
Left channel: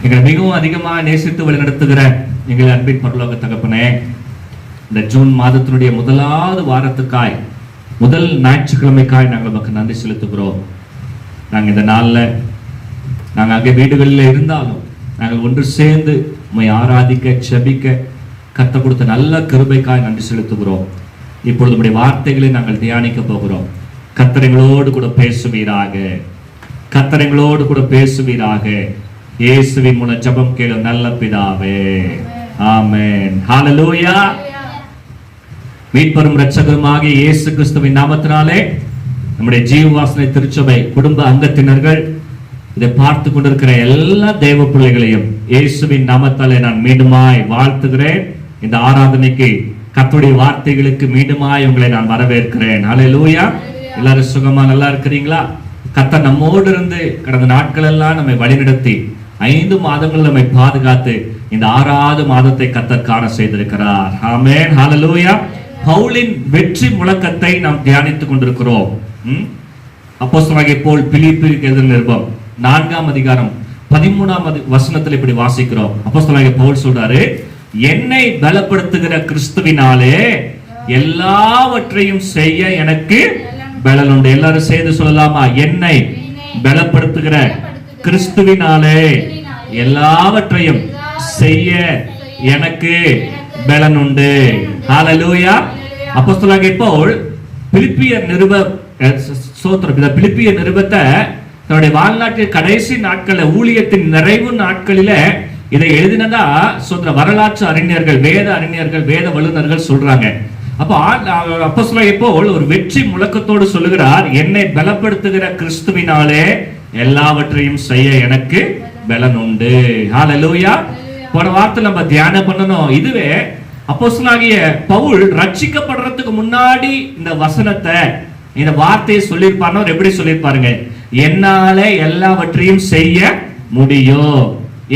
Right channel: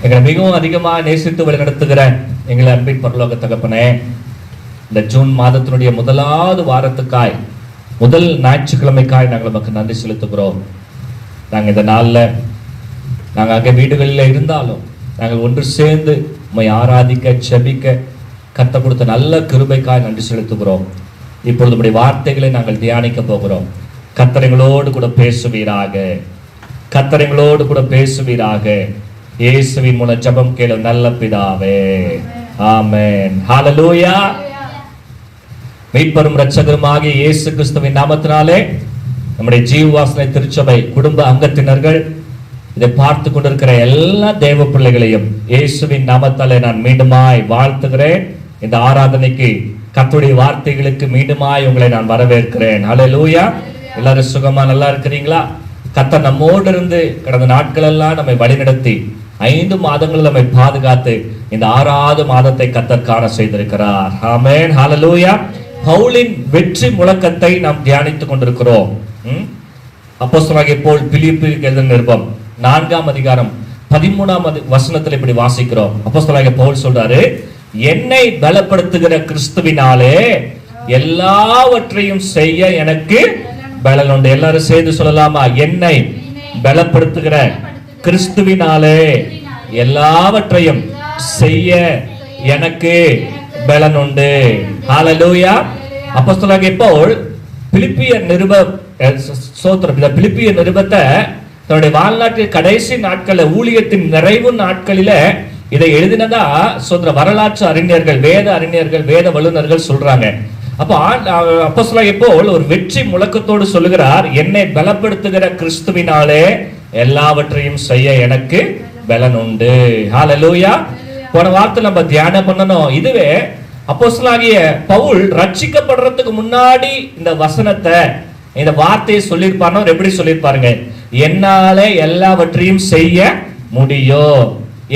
எங்களை மிகவும் அதிகமாக நேசித்து வழிநடத்துகிற எங்களை அன்பின் பரலோக தகப்பனே, இந்த ஜூன் மாதத்தினுடைய முதலாவது வாரத்துக்காய், முதல் ஞாயிற்றுக்கிழமைக்காய் நாங்கள் நமக்கு நன்றி செலுத்துகிறோம். நாங்கள் இந்த நாளில் நாங்கள் அங்கே வீடுகளில் இருந்தாலும் நாங்கள் ஒன்று சேர்ந்து உம்மை ஆராதிக்க செபிக்க கர்த்தர் கொடுத்த நல்ல கிருபைக்காய் நன்றி செலுத்துகிறோம். இப்பொழுது நம்முடைய வார்த்தைகளை நாங்கள் தியானிக்க போகிறோம். கர்த்தர் எங்களோடு கூட பேசுவீராக. கர்த்தர் எங்களோடு கூட பேசுவீராக. இயேசுவின் மூலம் ஜெபம் கேளு நல்ல பிதாவே, ஆமென். ஹalleluya. மீட்பரும் இரட்சகருமாகிய இயேசு கிறிஸ்துவின் நாமத்தினாலே நம்முடைய ஜீவவாசனை திருச்சபை குடும்ப அங்கத்தினர்கள் இதை பார்த்து கொண்டிருக்கிற எல்லா தேவ பிள்ளைகளையும் இயேசுவின் நாமத்தாலே நான் மீண்டுமாய் வாழ்த்துகிறேன். இந்த ஆராதனைக்கு கர்த்தருடைய வார்த்தைகளுக்கு மீண்டுமாய் உங்களை நான் வரவேற்கிறேன். ஹல்லேலூயா. எல்லாரும் சுகமா நல்லா இருக்கிறீங்களா? கர்த்தர் நம்மோடு இருந்து கடந்த நாட்கள் எல்லாம் நம்மை வழிநடத்தி 5 மாதங்கள் நம்மை பாதுகாத்து இந்த 6வது மாதத்தை கர்த்தர் காண செய்திருக்கிறார். ஆமென். ஹல்லேலூயா. பவுலின் வெற்றி முழக்கத்தை நாம் தியானித்துக் கொண்டிருக்கிறோம். அப்போஸ்தலனாகிய பவுல் பிலிப்பியருக்கு எழுதின நிருபம் 4ஆம் அதிகாரம் 13ஆம் வசனத்தில் இப்படி வாசிக்கிறோம். அப்போஸ்தலனாகிய பவுல் சொல்றாரு, என்னை பலப்படுத்துகிற கிறிஸ்துவினாலே எல்லாவற்றையும் செய்ய எனக்கு பலன் உண்டு. எல்லாரும் சேர்ந்து சொல்லலாமா? என்னை பலப்படுத்துகிற கிறிஸ்துவினாலே எல்லாவற்றையும் செய்ய எனக்கு பலன் உண்டு. ஹல்லேலூயா. அப்போஸ்தலனாகிய பவுல் பிலிப்பியர் நிருபத்தை தன்னுடைய வாழ்நாட்டில் கடைசி நாட்களில் ஊழியத்தின் நிறைவு நாட்களில இதை எழுதினதா வரலாற்று அறிஞர்கள், வேத அறிஞர்கள், வேத வல்லுநர்கள் சொல்றாங்க. அப்போ அப்போஸ்தலனாகிய பவுல் ஒரு வெற்றி முழக்கத்தோடு சொல்லுகிறார், என்னை பலப்படுத்துகிற கிறிஸ்துவினாலே எல்லாவற்றையும் செய்ய எனக்கு பலன் உண்டு. ஹல்லேலூயா. போன வார்த்தை நம்ம தியானம் பண்ணணும். இதுவே அப்போஸ்தலனாகிய பவுல் ரட்சிக்கப்படுறதுக்கு முன்னாடி இந்த வசனத்தை, இந்த வார்த்தையை சொல்லியிருப்பார். எப்படி சொல்லியிருப்பாருங்க? என்னால எல்லாவற்றையும் செய்ய முடியும்.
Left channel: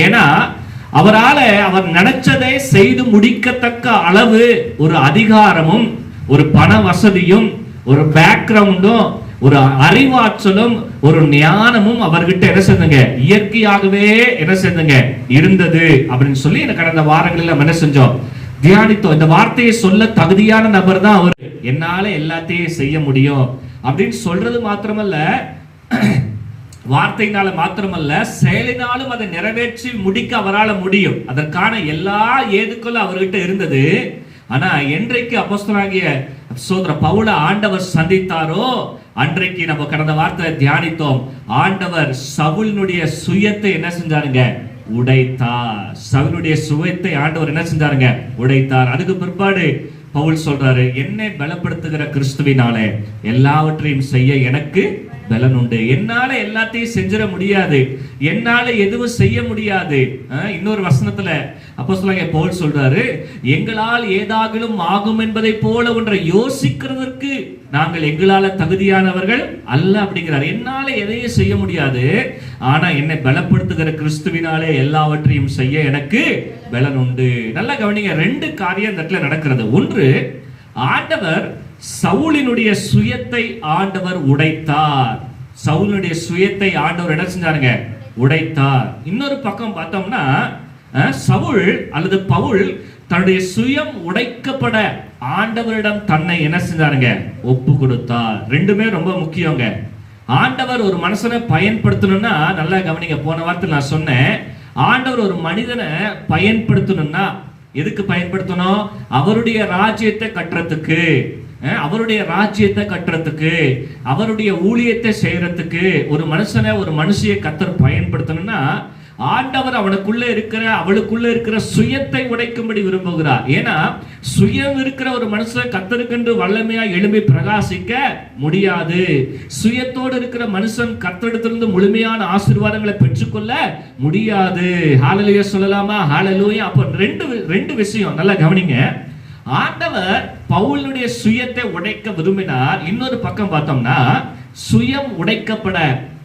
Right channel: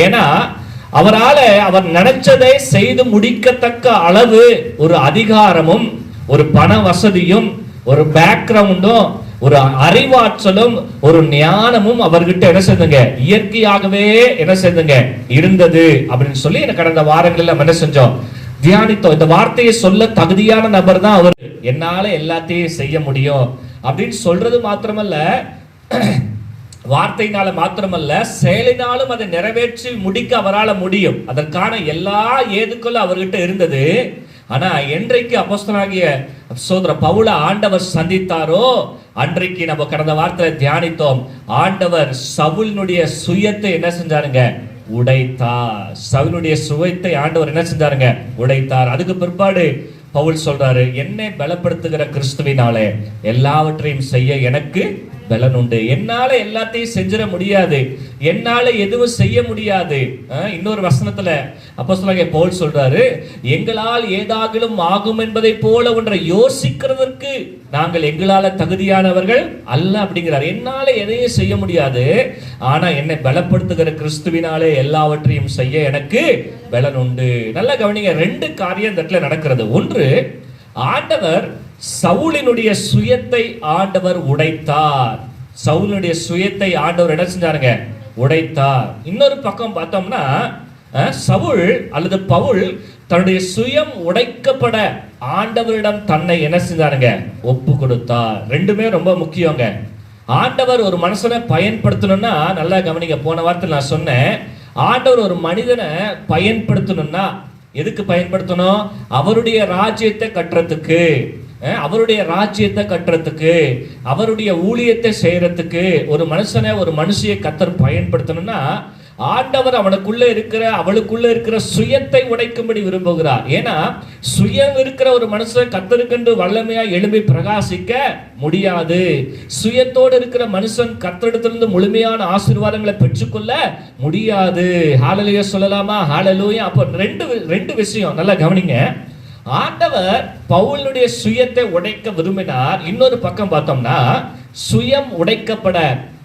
ஏன்னா அவர் நினைச்சதை செய்து முடிக்கத்தக்க அளவு ஒரு அதிகாரமும், ஒரு பண வசதியும், ஒரு பேக்ரவுண்டும், ஒரு அறிவாற்றலும், ஒரு ஞானமும் அவர்கிட்ட என்ன செய்துங்க? இயற்கையாகவே என்ன செய்துங்க? இருந்தது அப்படின்னு சொல்லி கடந்த வாரங்களில் நம்ம என்ன செஞ்சோம்? தியானித்தோம். இந்த வார்த்தையை சொல்ல தகுதியான நபர் தான் அவர். என்னால எல்லாத்தையும் செய்ய முடியும் அப்படின்னு சொல்றது மாத்திரமல்ல, வார்த்தையினால மாத்திரமல்ல, செயலினாலும் அதை நிறைவேற்றி முடிக்க அவரால் முடியும். அதற்கான எல்லா ஏதுக்களும் அவர்கிட்ட இருந்தது. ஆனா என்றைக்கு அப்போஸ்தலனாகிய சகோதர பவுலை ஆண்டவர் சந்தித்தாரோ அன்றைக்கு நம்ம கடந்த வார்த்தையில தியானித்தோம். ஆண்டவர் சவுலினுடைய சுயத்தை என்ன செஞ்சாருங்க? உடைத்தார். சவுலுடைய சுயத்தை ஆண்டவர் என்ன செஞ்சாருங்க? உடைத்தார். அதுக்கு பிற்பாடு பவுல் சொல்றாரு, என்னை பலப்படுத்துகிற கிறிஸ்துவினாலே எல்லாவற்றையும் செய்ய எனக்கு பலன் உண்டு. என்னால எல்லாத்தையும் செஞ்சிட முடியாது, என்னால எதுவும் செய்ய முடியாது. இன்னொரு வசனத்துல அப்போஸ்தலனாகிய பவுல் சொல்றாரு, எங்களால் ஏதாகிலும் ஆகும் என்பதை போல ஒன்றை யோசிக்கிறதற்கு நாங்கள் எங்களால தகுதியானவர்கள் அல்ல அப்படிங்கிறார். என்னால எதையும் செய்ய முடியாது, ஆனா என்னை பலப்படுத்துகிற கிறிஸ்துவினாலே எல்லாவற்றையும் செய்ய எனக்கு பலன் உண்டு. நல்லா கவனிங்க, 2 காரியம் இந்த இடத்துல நடக்கிறது. ஒன்று, ஆண்டவர் சவுலினுடைய சுயத்தை ஆண்டவர் உடைத்தார். சவுலுடைய சுயத்தை ஆண்டவர் என்ன செஞ்சாருங்க? உடைத்தார். இன்னொரு பக்கம் பார்த்தோம்னா சவுல் அல்லது பவுல் தன்னுடைய சுயம் உடைக்கப்பட ஆண்டவரிடம் தன்னை என்ன செஞ்சாருங்க? ஒப்பு கொடுத்தார். ரெண்டுமே ரொம்ப முக்கியங்க. ஆண்டவர் ஒரு மனுஷனை பயன்படுத்தணும்னா, நல்லா கவனிங்க, போன வாரத்தில் நான் சொன்னேன், ஆண்டவர் ஒரு மனிதனை பயன்படுத்தணும்னா எதுக்கு பயன்படுத்தணும்? அவருடைய ராஜ்யத்தை கட்டுறதுக்கு, அவருடைய ராஜ்யத்தை கட்டுறதுக்கு, அவருடைய ஊழியத்தை செய்யறதுக்கு ஒரு மனுஷனை, ஒரு மனுஷியை கர்த்தர் பயன்படுத்தணும்னா ஆண்டவர் அவனுக்குள்ள இருக்கிற, அவளுக்குள்ள இருக்கிற சுயத்தை உடைக்கும்படி விரும்புகிறார். ஏன்னா சுயம் இருக்கிற ஒரு மனுஷன் கர்த்தருக்கென்று வல்லமையா எழும்பி பிரகாசிக்க முடியாது. சுயத்தோடு இருக்கிற மனுஷன் கர்த்தரிடத்திலிருந்து முழுமையான ஆசீர்வாதங்களை பெற்றுக்கொள்ள முடியாது. ஹல்லேலூயா சொல்லலாமா? ஹல்லேலூயா. அப்போ ரெண்டு விஷயம் நல்லா கவனிங்க. ஆண்டவர் பவுலுடைய சுயத்தை உடைக்க விரும்பினார். இன்னொரு பக்கம் பார்த்தோம்னா சுயம் உடைக்கப்பட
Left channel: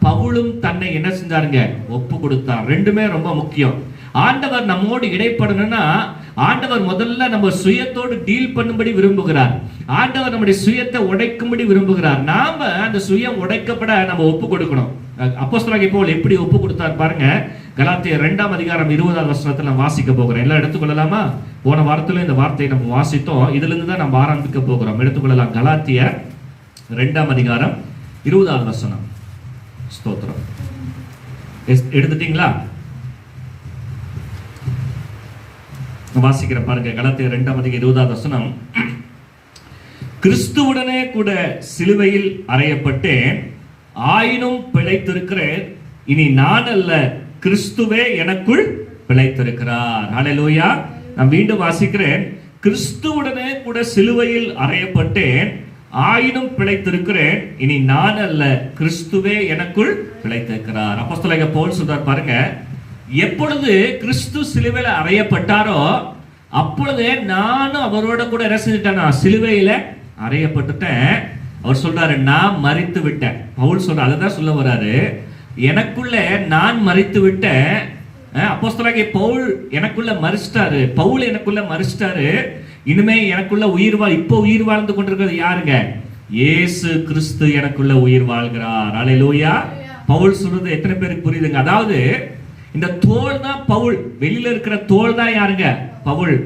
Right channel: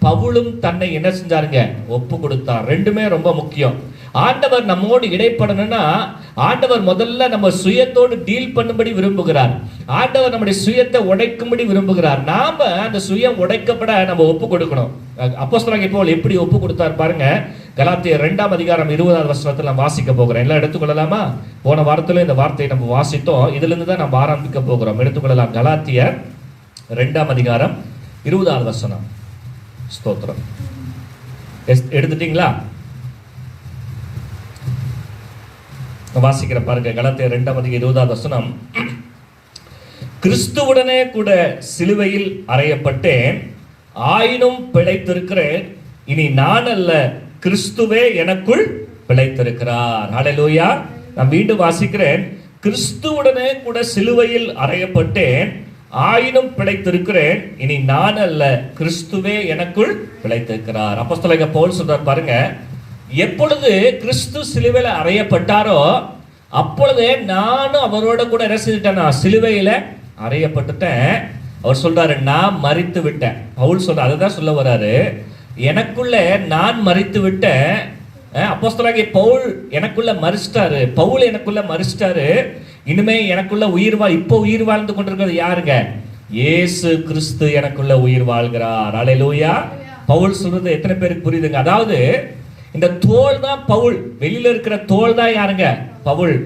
பவுலும் தன்னை என்ன செஞ்சாருங்க? ஒப்பு கொடுத்தார். ரெண்டுமே ரொம்ப முக்கியம். ஆண்டவர் நம்மோடு இடைப்படணும்னா ஆண்டவர் முதல்ல நம்ம சுயத்தோடு டீல் பண்ணும்படி விரும்புகிறார். ஆண்டவர் நம்முடைய சுயத்தை உடைக்கும்படி விரும்புகிறார். நாம அந்த சுயம் உடைக்கப்பட நம்ம ஒப்பு கொடுக்கணும். அப்போஸ்தலனாகிய பவுல் எப்படி ஒப்பு கொடுத்தார் பாருங்க. கலாத்தியர் 2ஆம் அதிகாரம் 20ஆவது வசனத்தில் நம்ம வாசிக்க போகிறோம். எல்லாம் எடுத்துக்கொள்ளலாமா? போன வாரத்துல இந்த வார்த்தையை நம்ம வாசித்தோம். இதுல இருந்து தான் நம்ம ஆரம்பிக்க போகிறோம். எடுத்துக்கொள்ளலாம். கலாத்தியர் 2ஆம் அதிகாரம் 20ஆவது வசனம். ஸ்தோத்திரம். எடுத்துட்டீங்களா? வாசிக்கிற பாருங்க. கலாத்தியர் 2ஆம் அதிகாரம் 20ஆவது வசனம். கிறிஸ்துவுடனே கூட சிலுவையில் அறையப்பட்டேன், ஆயினும் பிழைத்திருக்கிறேன். இனி நான் அல்ல, கிறிஸ்துவே எனக்குள் பிழைத்திருக்கிறார். ஹல்லேலூயா. நான் மீண்டும் வாசிக்கிறேன். கிறிஸ்துவுடனே கூட சிலுவையில் அறையப்பட்டேன், ஆயினும் பிழைத்திருக்கிறேன், இனி நான் அல்ல, கிறிஸ்துவே எனக்குள் பிழைத்திருக்கிறார். அப்போஸ்தலனாகிய பவுல் சொல்றார் பாருங்க, எப்பொழுது கிறிஸ்து சிலுவையில அறையப்பட்டாரோ அப்பொழுதே நானும் அவரோட கூட என்ன செஞ்சுட்டேன், சிலுவையில அறையப்பட்டுட்டேன். அவர் சொல்றாரு, நான் மரித்து விட்டேன். பவுல் சொல்ற அதுதான் சொல்ல வர்றாரு, எனக்குள்ள நான் மரித்து விட்டேன். அப்போஸ்தலனாகிய பவுல் எனக்குள்ள மரிச்சிட்டாரு, பவுல் எனக்குள்ள மரிச்சிட்டாரு. இனிமே எனக்குள்ள இப்போ உயிர் வாழ்ந்து கொண்டிருக்கிறது யாருங்க? இயேசு கிறிஸ்து எனக்குள்ள உயிர் வாழ்கிறார். அல்லேலூயா. பவுல் சொல்றது எத்தனை பேருக்கு புரியுதுங்க? அதாவது இந்த தோல் தான் பவுல், வெளியில இருக்கிற தோல் தான் யாருங்க? பவுல்.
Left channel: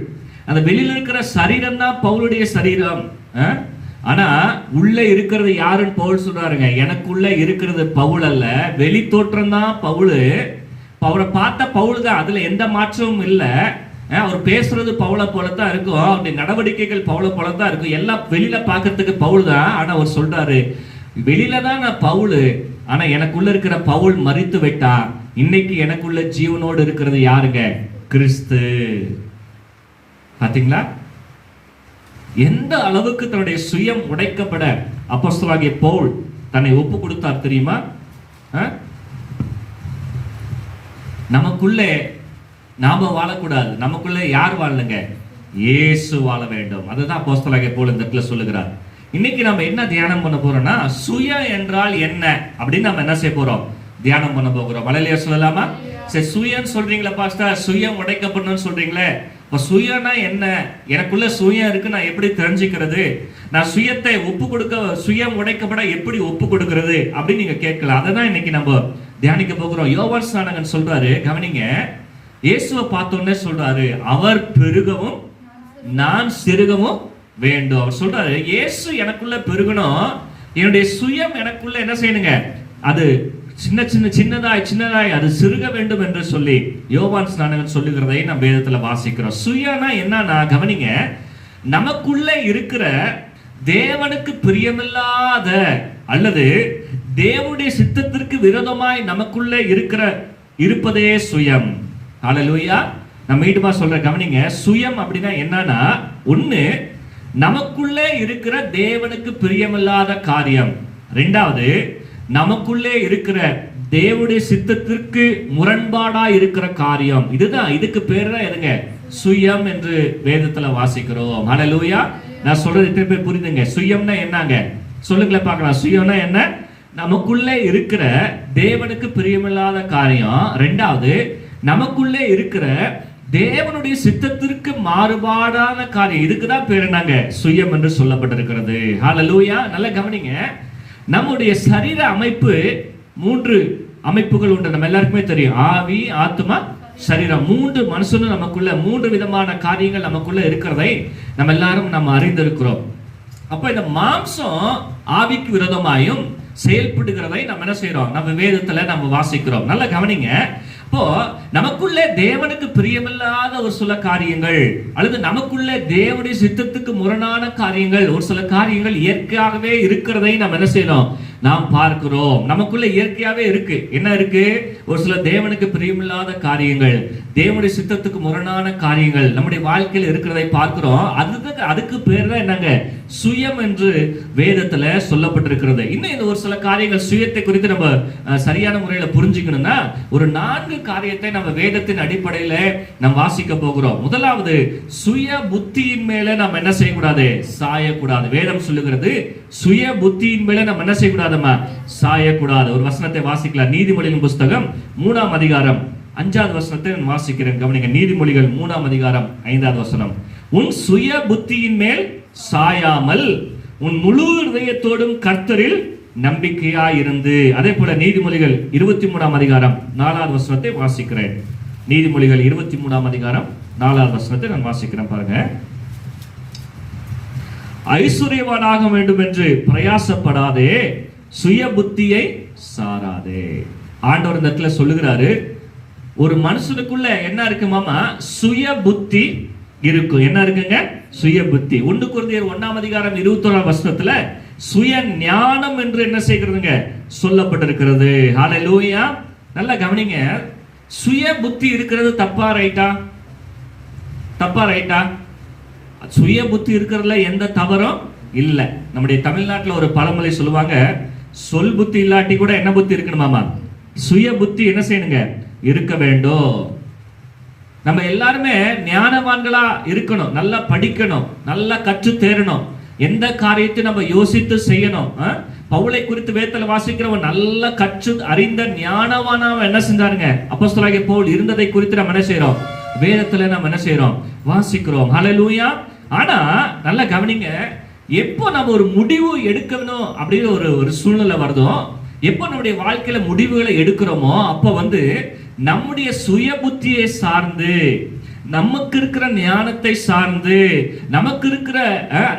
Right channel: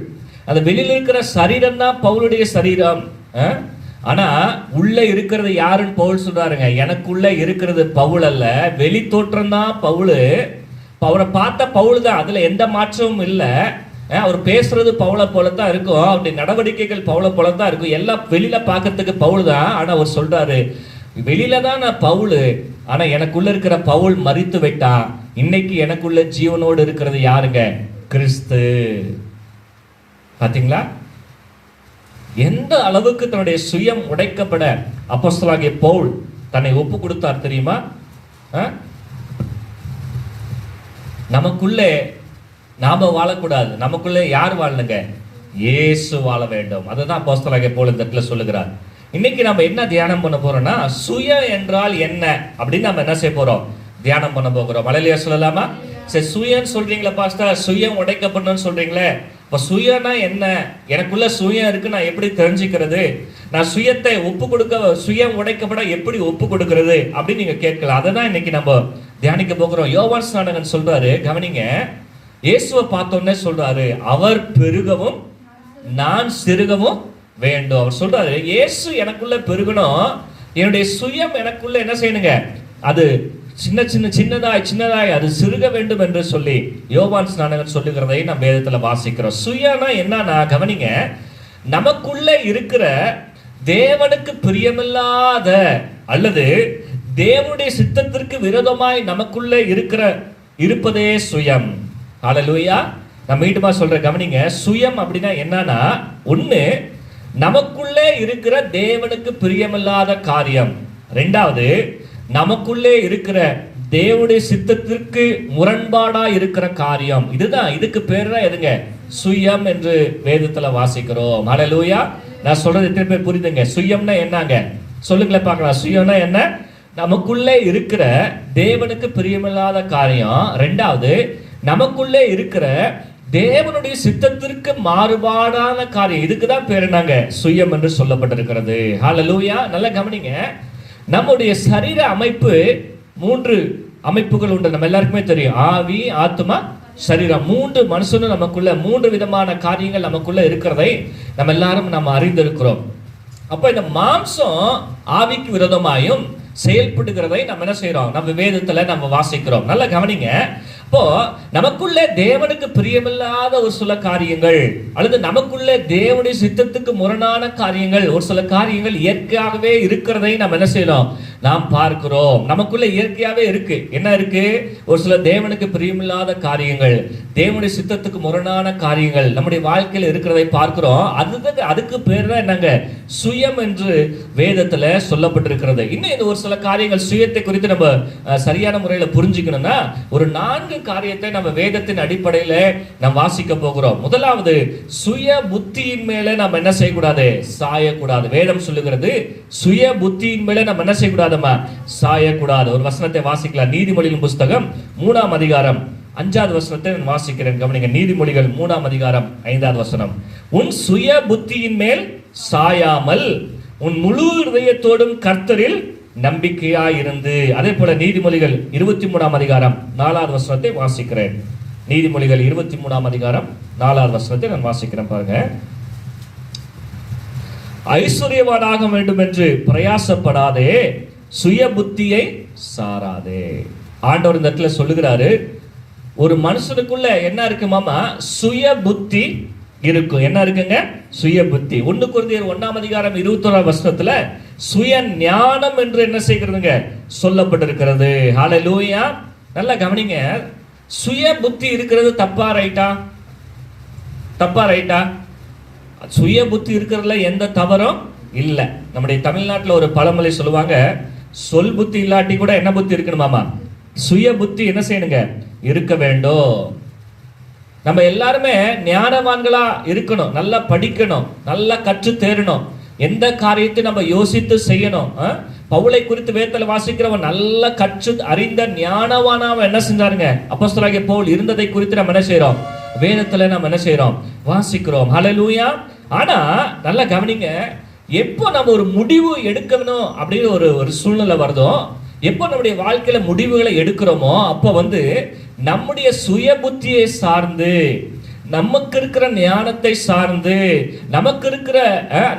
அந்த வெளியில இருக்கிற சரீரம் தான் பவுலுடைய சரீரம். ஆனா உள்ள இருக்கிறது யாருன்னு பவுல் சொல்றாருங்க, எனக்குள்ள இருக்கிறது பவுல் அல்ல, வெளி தோற்றம் தான் பவுல். அவரை பார்த்த பவுல் தான், அதுல எந்த மாற்றமும் இல்லை. அவர் பேசுறது பவுலை போலத்தான் இருக்கும், அவருடைய நடவடிக்கைகள் பவுலை போலத்தான் இருக்கும், எல்லாம் வெளியில பார்க்கறதுக்கு பவுல் தான். ஆனா அவர் சொல்றாரு, வெளியில தான் நான் பவுல், ஆனா எனக்குள்ள இருக்கிற பவுல் மரித்து விட்டான். இன்னைக்கு எனக்குள்ள ஜீவனோடு இருக்கிறது யாருங்க? கிறிஸ்து. பாத்தீங்களா எந்த அளவுக்கு தன்னுடைய சுயம் உடைக்கப்பட அப்போஸ்தலனாகிய பவுல் தன்னை ஒப்பு கொடுத்தார் தெரியுமா? நமக்குள்ளே நாம வாழக்கூடாது, நமக்குள்ளே யார் வாழணுங்க? இயேசு வாழ வேண்டும். அதுதான் அப்போஸ்தலனாகிய பவுல் இந்த இடத்துல சொல்லுகிறார். இன்னைக்கு நம்ம என்ன தியானம் பண்ண போறோம்னா, சுய என்றால் என்ன அப்படின்னு நம்ம என்ன செய்ய போறோம்? தியானம் பண்ண போகிறோம். மலையிலேயே சொல்லலாமா? சரி, சுயன்னு சொல்றீங்களா பாஸ்டர், சுயம் உடைக்கப்படணும்னு சொல்றீங்களே, இப்போ சுயம்னா என்ன? எனக்குள்ள சுயம் இருக்கு, நான் எப்படி தெரிஞ்சுக்கிறது? நான் சுயத்தை ஒப்பு கொடுக்க, சுயம் உடைக்கப்பட எப்படி ஒப்பு கொடுக்கிறது அப்படின்னு நீங்க கேட்கலாம். அதை தான் இன்னைக்கு நம்ம தியானிக்க போகிறோம். யோவான் ஸ்நானகன் சொல்றாரு, கவனிங்க, இயேசுவை பார்த்தோன்னே சொல்றாரு, அவர் பெருகவும் நான் சிறுகவும் வேண்டும். அவர் சொல்றாரு, இயேசு எனக்குள்ள பெருகணும், என்னுடைய சுயம் எனக்குள்ள என்ன செய்யணுங்க? அது சின்னதாய் அது சிறுக வேண்டும் என்று சொல்லி யோவான் ஸ்நானகன் சொல்லுகிறதை நம்ம வேதத்துல வாசிக்கிறோம். சுயனா என்னன்னா, கவனிங்க, நமக்குள்ள இருக்கிற தேவனுக்கு பிரியமில்லாத அல்லது தேவனுடைய சித்தத்திற்கு விரோதமாய் நமக்குள்ள இருப்பதே சுயம். ஹல்லேலூயா. நான் மீண்டுமா சொல்றேன், கவனிங்க, சுயம் அப்படின்னா என்னன்னா, ஒண்ணு நமக்குள்ளே இருக்கிற தேவனுக்கு பிரியமில்லாத காரியம், ரெண்டாவது நமக்குள்ளே இருக்கிற தேவனுடைய சித்தத்திற்கு முரண்பாடா இருக்கிற காரியம். இதுக்கு பேர் தான் எதுங்க? சுயம் என்று வேதத்துல வாசிக்கிறோம். ஹல்லேலூயா. நான் சொல்றது எத்தனை பேர் புரியுதுங்க? சுயம்னா என்னங்க? சொல்லுங்களேன் பார்க்கலாம். சுயம்னா என்ன? நமக்குள்ளே இருக்கிற தேவனுக்கு பிரியமில்லாத காரியம், ரெண்டாவது நமக்குள்ளே இருக்கிற தேவனுடைய சித்தத்திற்கு மாறுபாடான காரியம். இதுக்குதான் பேர் என்னங்க? சுயம் என்று சொல்லப்பட்டிருக்கிறது. ஹல்லேலூயா. நல்லா கவனிங்க, நம்முடைய சரீர அமைப்பு 3 அமைப்புகள் உண்டு. நம்ம எல்லாருக்குமே தெரியும், ஆவி, ஆத்மா, சரீரம். 3 மனுஷனும் நமக்குள்ள 3 விதமான காரியங்கள் நமக்குள்ள இருக்கிறதை நம்ம எல்லாரும் நம்ம அறிந்திருக்கிறோம். அப்ப இந்த மாம்சம் ஆவிக்கு விரோதமாயும் செயல்படுகிறதை நம்ம என்ன செய்யறோம்? நம்ம வேதத்துல நம்ம வாசிக்கிறோம். நல்லா கவனிங்க, இப்போ நமக்குள்ளே தேவனுக்கு பிரியமில்லாத ஒரு சில காரியங்கள் அல்லது நமக்குள்ளே தேவனுடைய சித்தத்துக்கு முரணான காரியங்கள், ஒரு சில காரியங்கள் இயற்கையாகவே இருக்கிறதை நம்ம என்ன செய்யறோம்? நாம் பார்க்கிறோம். நமக்குள்ள இயற்கையாவே இருக்கு. என்ன இருக்கு? ஒரு சில தேவனுக்கு பிரியமில்லாத காரியங்கள், தேவனுடைய சித்தத்துக்கு முரணான காரியங்கள் நம்முடைய வாழ்க்கையில் இருக்கிறதை பார்க்கிறோம். அதுக்கு பேர் தான் என்னங்க? சுயம் என்று வேதத்துல சொல்லப்பட்டிருக்கிறது. இன்னும் இந்த ஒரு சில காரியங்கள் சுயத்தை குறித்து நம்ம சரியான முறையில புரிஞ்சுக்கணும்னா, ஒரு 4 காரியத்தை நம்ம வேதத்தின் அடிப்படையில நாம் வாசிக்க போகிறோம். முதலாவது, சுய புத்தியின் மேல நம்ம என்ன செய்யக்கூடாது? சாயக்கூடாது. வேதம் சொல்லுகிறது, சுய புத்தியின் மேல நம்ம என்ன செய்யக்கூடாதுமா? சாயக்கூடாது. ஒரு வசனத்தை வாசிக்கலாம். நீதிமொழிகள் புஸ்தகம் 3ஆம் அதிகாரம் 5வது வசனத்தை நான் வாசிக்கிறேன். கவனிங்க, நீதிமொழிகள் 3ஆம் அதிகாரம் 5வது வசனம். உன் சுய புத்தியின் மேல் சாயாமல் உன் முழு இதயத்தோடும் கர்த்தரில் நம்பிக்கையாயிருந்து. அதே போல நீதிமொழிகள் 23ஆம் அதிகாரம் 4வது வசனத்தை வாசிக்கிறேன். நீதிமொழிகள் 23ஆம் அதிகாரம் 4வது வசனத்தை நான் வாசிக்கிறேன். பாருங்க, ஐஸ்வர்யவானாக வேண்டும் என்று பிரயாசப்படாதே, சுய புத்தியை சாராதே. ஆண்டவர் இந்த இடத்துல சொல்லுகிறாரு, ஒரு மனுஷனுக்குள்ள என்ன இருக்குமாமா? சுய புத்தி இருக்கும். என்ன இருக்குங்க? சுய புத்தி. 1 கொரிந்தியர் 1ஆம் அதிகாரம் 21ஆம் வசனத்துல சுய ஞானம் என்று என்ன செய்கிறதுங்க? சொல்லப்பட்டிருக்கிறது. ஹல்லேலூயா. நல்லா கவனிங்க, சுய புத்தி இருக்கிறது தப்பா ரைட்டா? தப்பா ரைட்டா? சுய புத்தி இருக்கிறதுல எந்த தவறும் இல்ல. நம்முடைய தமிழ்நாட்டுல ஒரு பழமொழி சொல்லுவாங்க, சொல் புத்தி இல்லாட்டி கூட என்ன புத்தி இருக்கணுமாமா, சுய புத்தி என்ன செய்யணுங்க, இருக்க வேண்டும். நம்ம எல்லாருமே ஞானவான்களா இருக்கணும், நல்லா படிக்கணும், நல்லா கற்று தேரணும், எந்த காரியத்தை நம்ம யோசித்து செய்யணும். பவுலை குறித்து வேதத்துல வாசிக்கிறவன் நல்ல கற்று அறிந்த ஞானவானா என்ன செஞ்சாருங்க, அப்போஸ்தலனாகிய பவுல் இருந்ததை குறித்து நம்ம என்ன செய்யறோம், வேதத்துல நம்ம என்ன செய்யறோம், வாசிக்கிறோம். ஹல்லேலூயா. ஆனா நல்லா கவனிங்க, எப்போ நம்ம ஒரு முடிவு எடுக்கணும் அப்படின்னு ஒரு சூழ்நிலை வருதோ, எப்போ நம்முடைய வாழ்க்கையில முடிவுகளை எடுக்கிறோமோ, அப்போ நம்முடைய சுய புத்தியை சார்ந்து, நமக்கு இருக்கிற ஞானத்தை சார்ந்து, நமக்கு இருக்கிற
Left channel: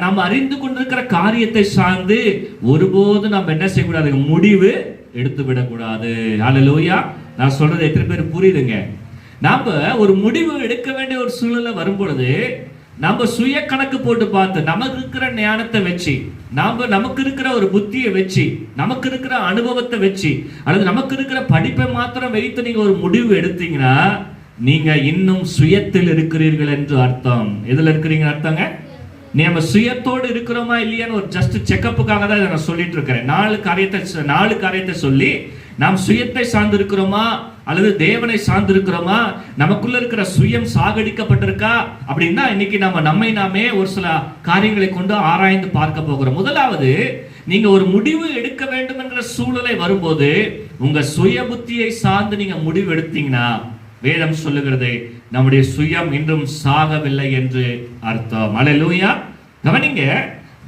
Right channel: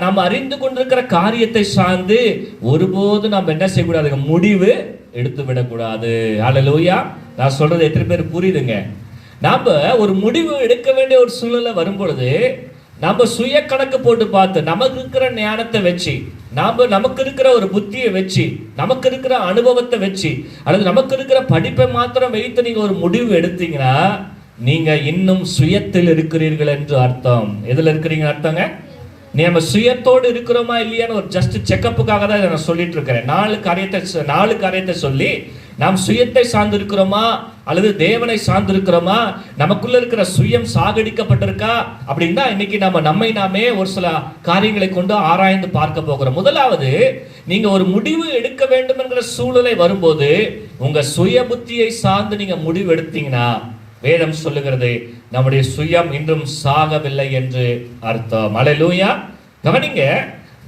நம்ம அறிந்து கொண்டிருக்கிற காரியத்தை சார்ந்து ஒருபோது நம்ம என்ன செய்யக்கூடாது, முடிவு எடுத்து விடக்கூடாது. ஹல்லேலூயா. நான் சொல்றது எத்தனை பேர் புரியுதுங்க? நாம ஒரு முடிவு எடுக்க வேண்டிய ஒரு சூழ்நிலை வரும் பொழுது நம்ம சுய கணக்கு போட்டு பார்த்து, நமக்கு இருக்கிற ஞானத்தை வச்சு, நமக்கு இருக்கிற ஒரு புத்தியை வச்சு, நமக்கு இருக்கிற அனுபவத்தை வச்சு, அல்லது நமக்கு இருக்கிற படிப்பை மாத்திரம் வைத்து நீங்க ஒரு முடிவு எடுத்தீங்கன்னா நீங்க இன்னும் சுயத்தில் இருக்கிறீர்கள் என்று அர்த்தம். எதுல இருக்கிறீங்க அர்த்தங்க? நம்ம சுயத்தோடு இருக்கிறோமா இல்லையான்னு ஒரு ஜஸ்ட் செக்கப்புக்காக தான் நான் சொல்லிட்டு இருக்கிறேன். நாலு காரியத்தை சொல்லி நாம் சுயத்தை சார்ந்து இருக்கிறோமா அல்லது தேவனை சார்ந்து இருக்கிறோமா, நமக்குள்ள இருக்கிற சுயம் சாகடிக்கப்பட்டிருக்கா அப்படின்னா இன்னைக்கு நம்மை நாமே ஒரு சில காரியங்களை கொண்டு ஆராய்ந்து பார்க்க போகிறோம். முதலாவது, நீங்க ஒரு முடிவு எடுக்க வேண்டும் என்கிற சூழ்நிலை வரும்போது உங்க சுய புத்தியை சார்ந்து நீங்க முடிவு எடுத்தீங்கன்னா வேதம் சொல்லுகிறது நம்முடைய சுயம் இன்னும் சாகவில்லை என்று அர்த்தம். அல்லேலூயா. கவனிங்க,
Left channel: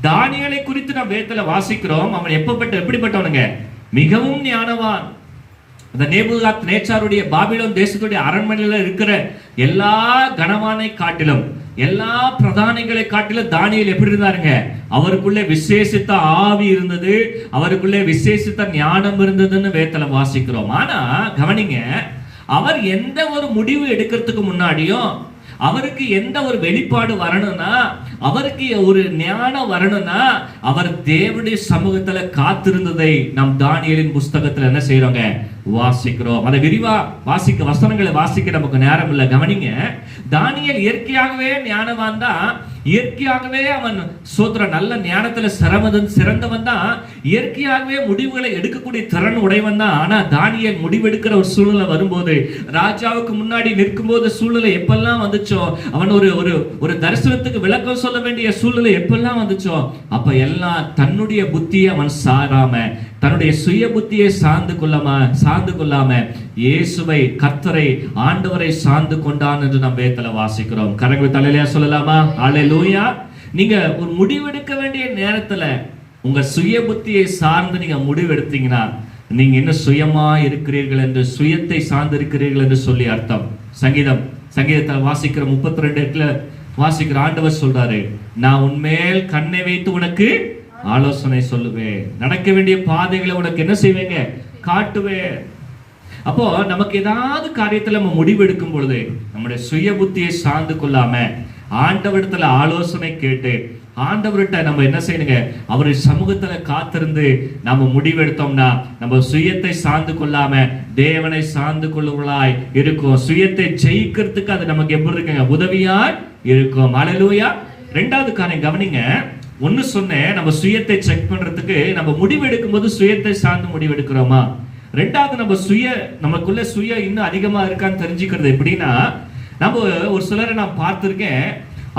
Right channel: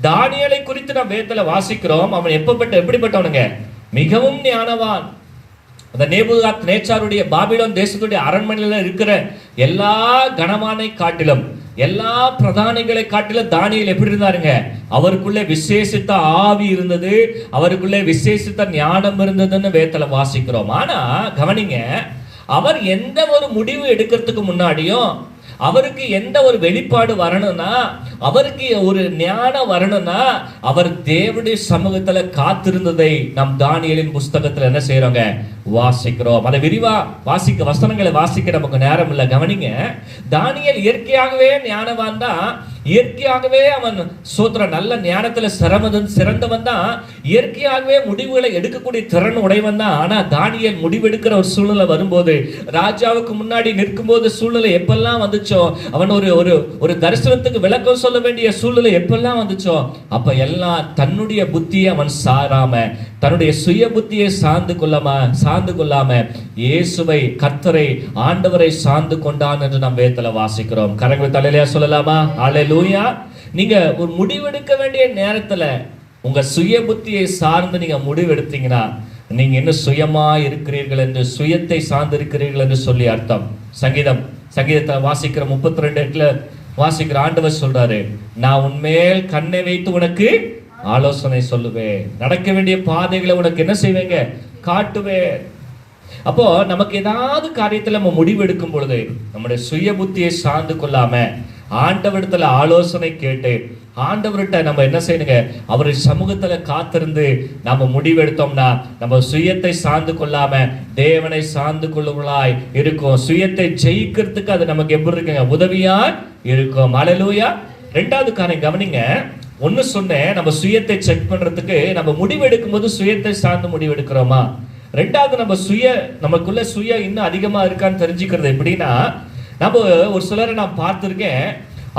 தானியேலை குறித்து நாம் வேதத்துல வாசிக்கிறோம். அவன் எப்படிப்பட்டவனுங்க? மிகவும் ஞானவான். அந்த நேபுகாத்நேச்சாருடைய பாபிலோன் தேசத்துடைய அரண்மனையில இருக்கிற எல்லா கணவானை காட்டிலும், எல்லா பிரதானிகளை காட்டிலும் தானியேல் எப்படி இருந்தாருங்க? அவருக்குள்ளே விசேஷித்த ஆவி இருந்தது, அவருக்குள்ளே விசேஷித்த ஞானம் இருந்ததுன்னு வேதத்துல வாசிக்கிறோம். ஆனா கவனிங்க, அவர் எந்த ஒரு முடிவு எடுக்கிறதுக்கு முன்னாடியும், அவருக்கு எந்த ஒரு வெளிப்பாடு வரணும்னா, அவருக்கு ஒரு ஞானம் வரணும்னா, அவர் தேவனுடைய சமூகத்துல காத்திருந்ததை நம் தானியேலின் புஸ்தகத்துல என்ன செய்யறோங்க, வாசிக்கிறோம். அதை விரிவா வசனங்களை வாசிக்க நமக்கு நேரம் இல்லை. கவனிங்க, தானியேல் இயற்கையாகவே ஞானவான் தான், இயற்கையாகவே அவன் நல்ல ஞானத்துல சிறந்தவன் தான், இயற்கையாகவே முடிவுகளை எடுக்கக்கூடிய திறன் உடையவன் தான். ஆனா தானியேல் முடிவெடுக்கிற ஒரு சூழ்நிலை வரும்போது, ராஜாவுக்கு முன்னாடி நிற்கும் போது சூழ்நிலை எப்பெல்லாம் வந்துச்சோ, அவன் ஒரு தரிசனத்துக்கு விளக்கம் சொல்ல வேண்டிய சூழ்நிலை எப்பெல்லாம் வந்துச்சோ, அப்ப எல்லாம் தன்னுடைய புத்தியை அவன் சாராம, தன்னுடைய சுய புத்தியை சார்ந்து கொள்ளாம இயேசுவை, கர்த்தரை, ஆண்டவரை சார்ந்து கொண்டான் என்று நாம் வேதத்துல வாசிக்கிறோம். கரங்களை தலையில சொல்லலாமா? அல்லேலூயா. நீங்க ஒரு முடிவெடுக்க வேண்டிய நேரத்துல உங்க சுய புத்தியை சார்ந்து நீங்க முடிவெடுத்தீங்கன்னா நீங்க என்ன சுயமா இருக்கிறீர்கள் என்று, சுயத்தை சார்ந்து இருக்கிறீர்கள் என்று சொல்லி அர்த்தம். சங்கீதத்தை வாசிக்கிற 32 வாசிக்கிற ஆண்டவர் சொல்றாரு, நான் உன்மேல் கண்ணை வைத்து உனக்கு ஆலோசனை சொல்லுவேன், நடக்க வேண்டிய பாதைகளை உனக்கு என்ன செய்வேங்க, காட்டுவேன். அப்போ நமக்கு ஏதாவது காரியத்துல நம்ம முடிவெடுக்கும் பொழுது நம்முடைய சுய புத்தியை சார்ந்து கொள்ளாம ஆண்டவரிடத்துல ஆலோசனை கேட்டு ஆண்டவர்கிட்ட நம்ம என்ன செய்யணுங்க, அவருடைய சமூகத்துல காத்திருந்து நம்ம முடிவெடுத்தோம்னா நம்ம சுயத்தை சார்ந்து கொள்ளாம தேவனை சார்ந்து கொள்ளுவர்களாய் இருக்கும். சுயத்தை ஜெயிக்கிறதுக்கு அது நமக்கு எப்படி இருக்குங்க, உதவியா இருக்கும். அல்லேலூயா. ரெண்டாவது காரியம் கவனிங்க, ஒன்னு சொன்னேன், நம்ம சுயத்தை செக் பண்றதுக்கு நம்ம முடிவெடுக்கும் போது சுயத்தை சார்ந்து முடிவெடுக்கிறோமா. ரெண்டாவது, நமக்குள்ள சுய இன்னும் அதிகமா இருக்கான்னு தெரிஞ்சுக்கிறது எப்படின்னா, நம்ம ஒரு சிலரை நான் பார்த்திருக்கேன்,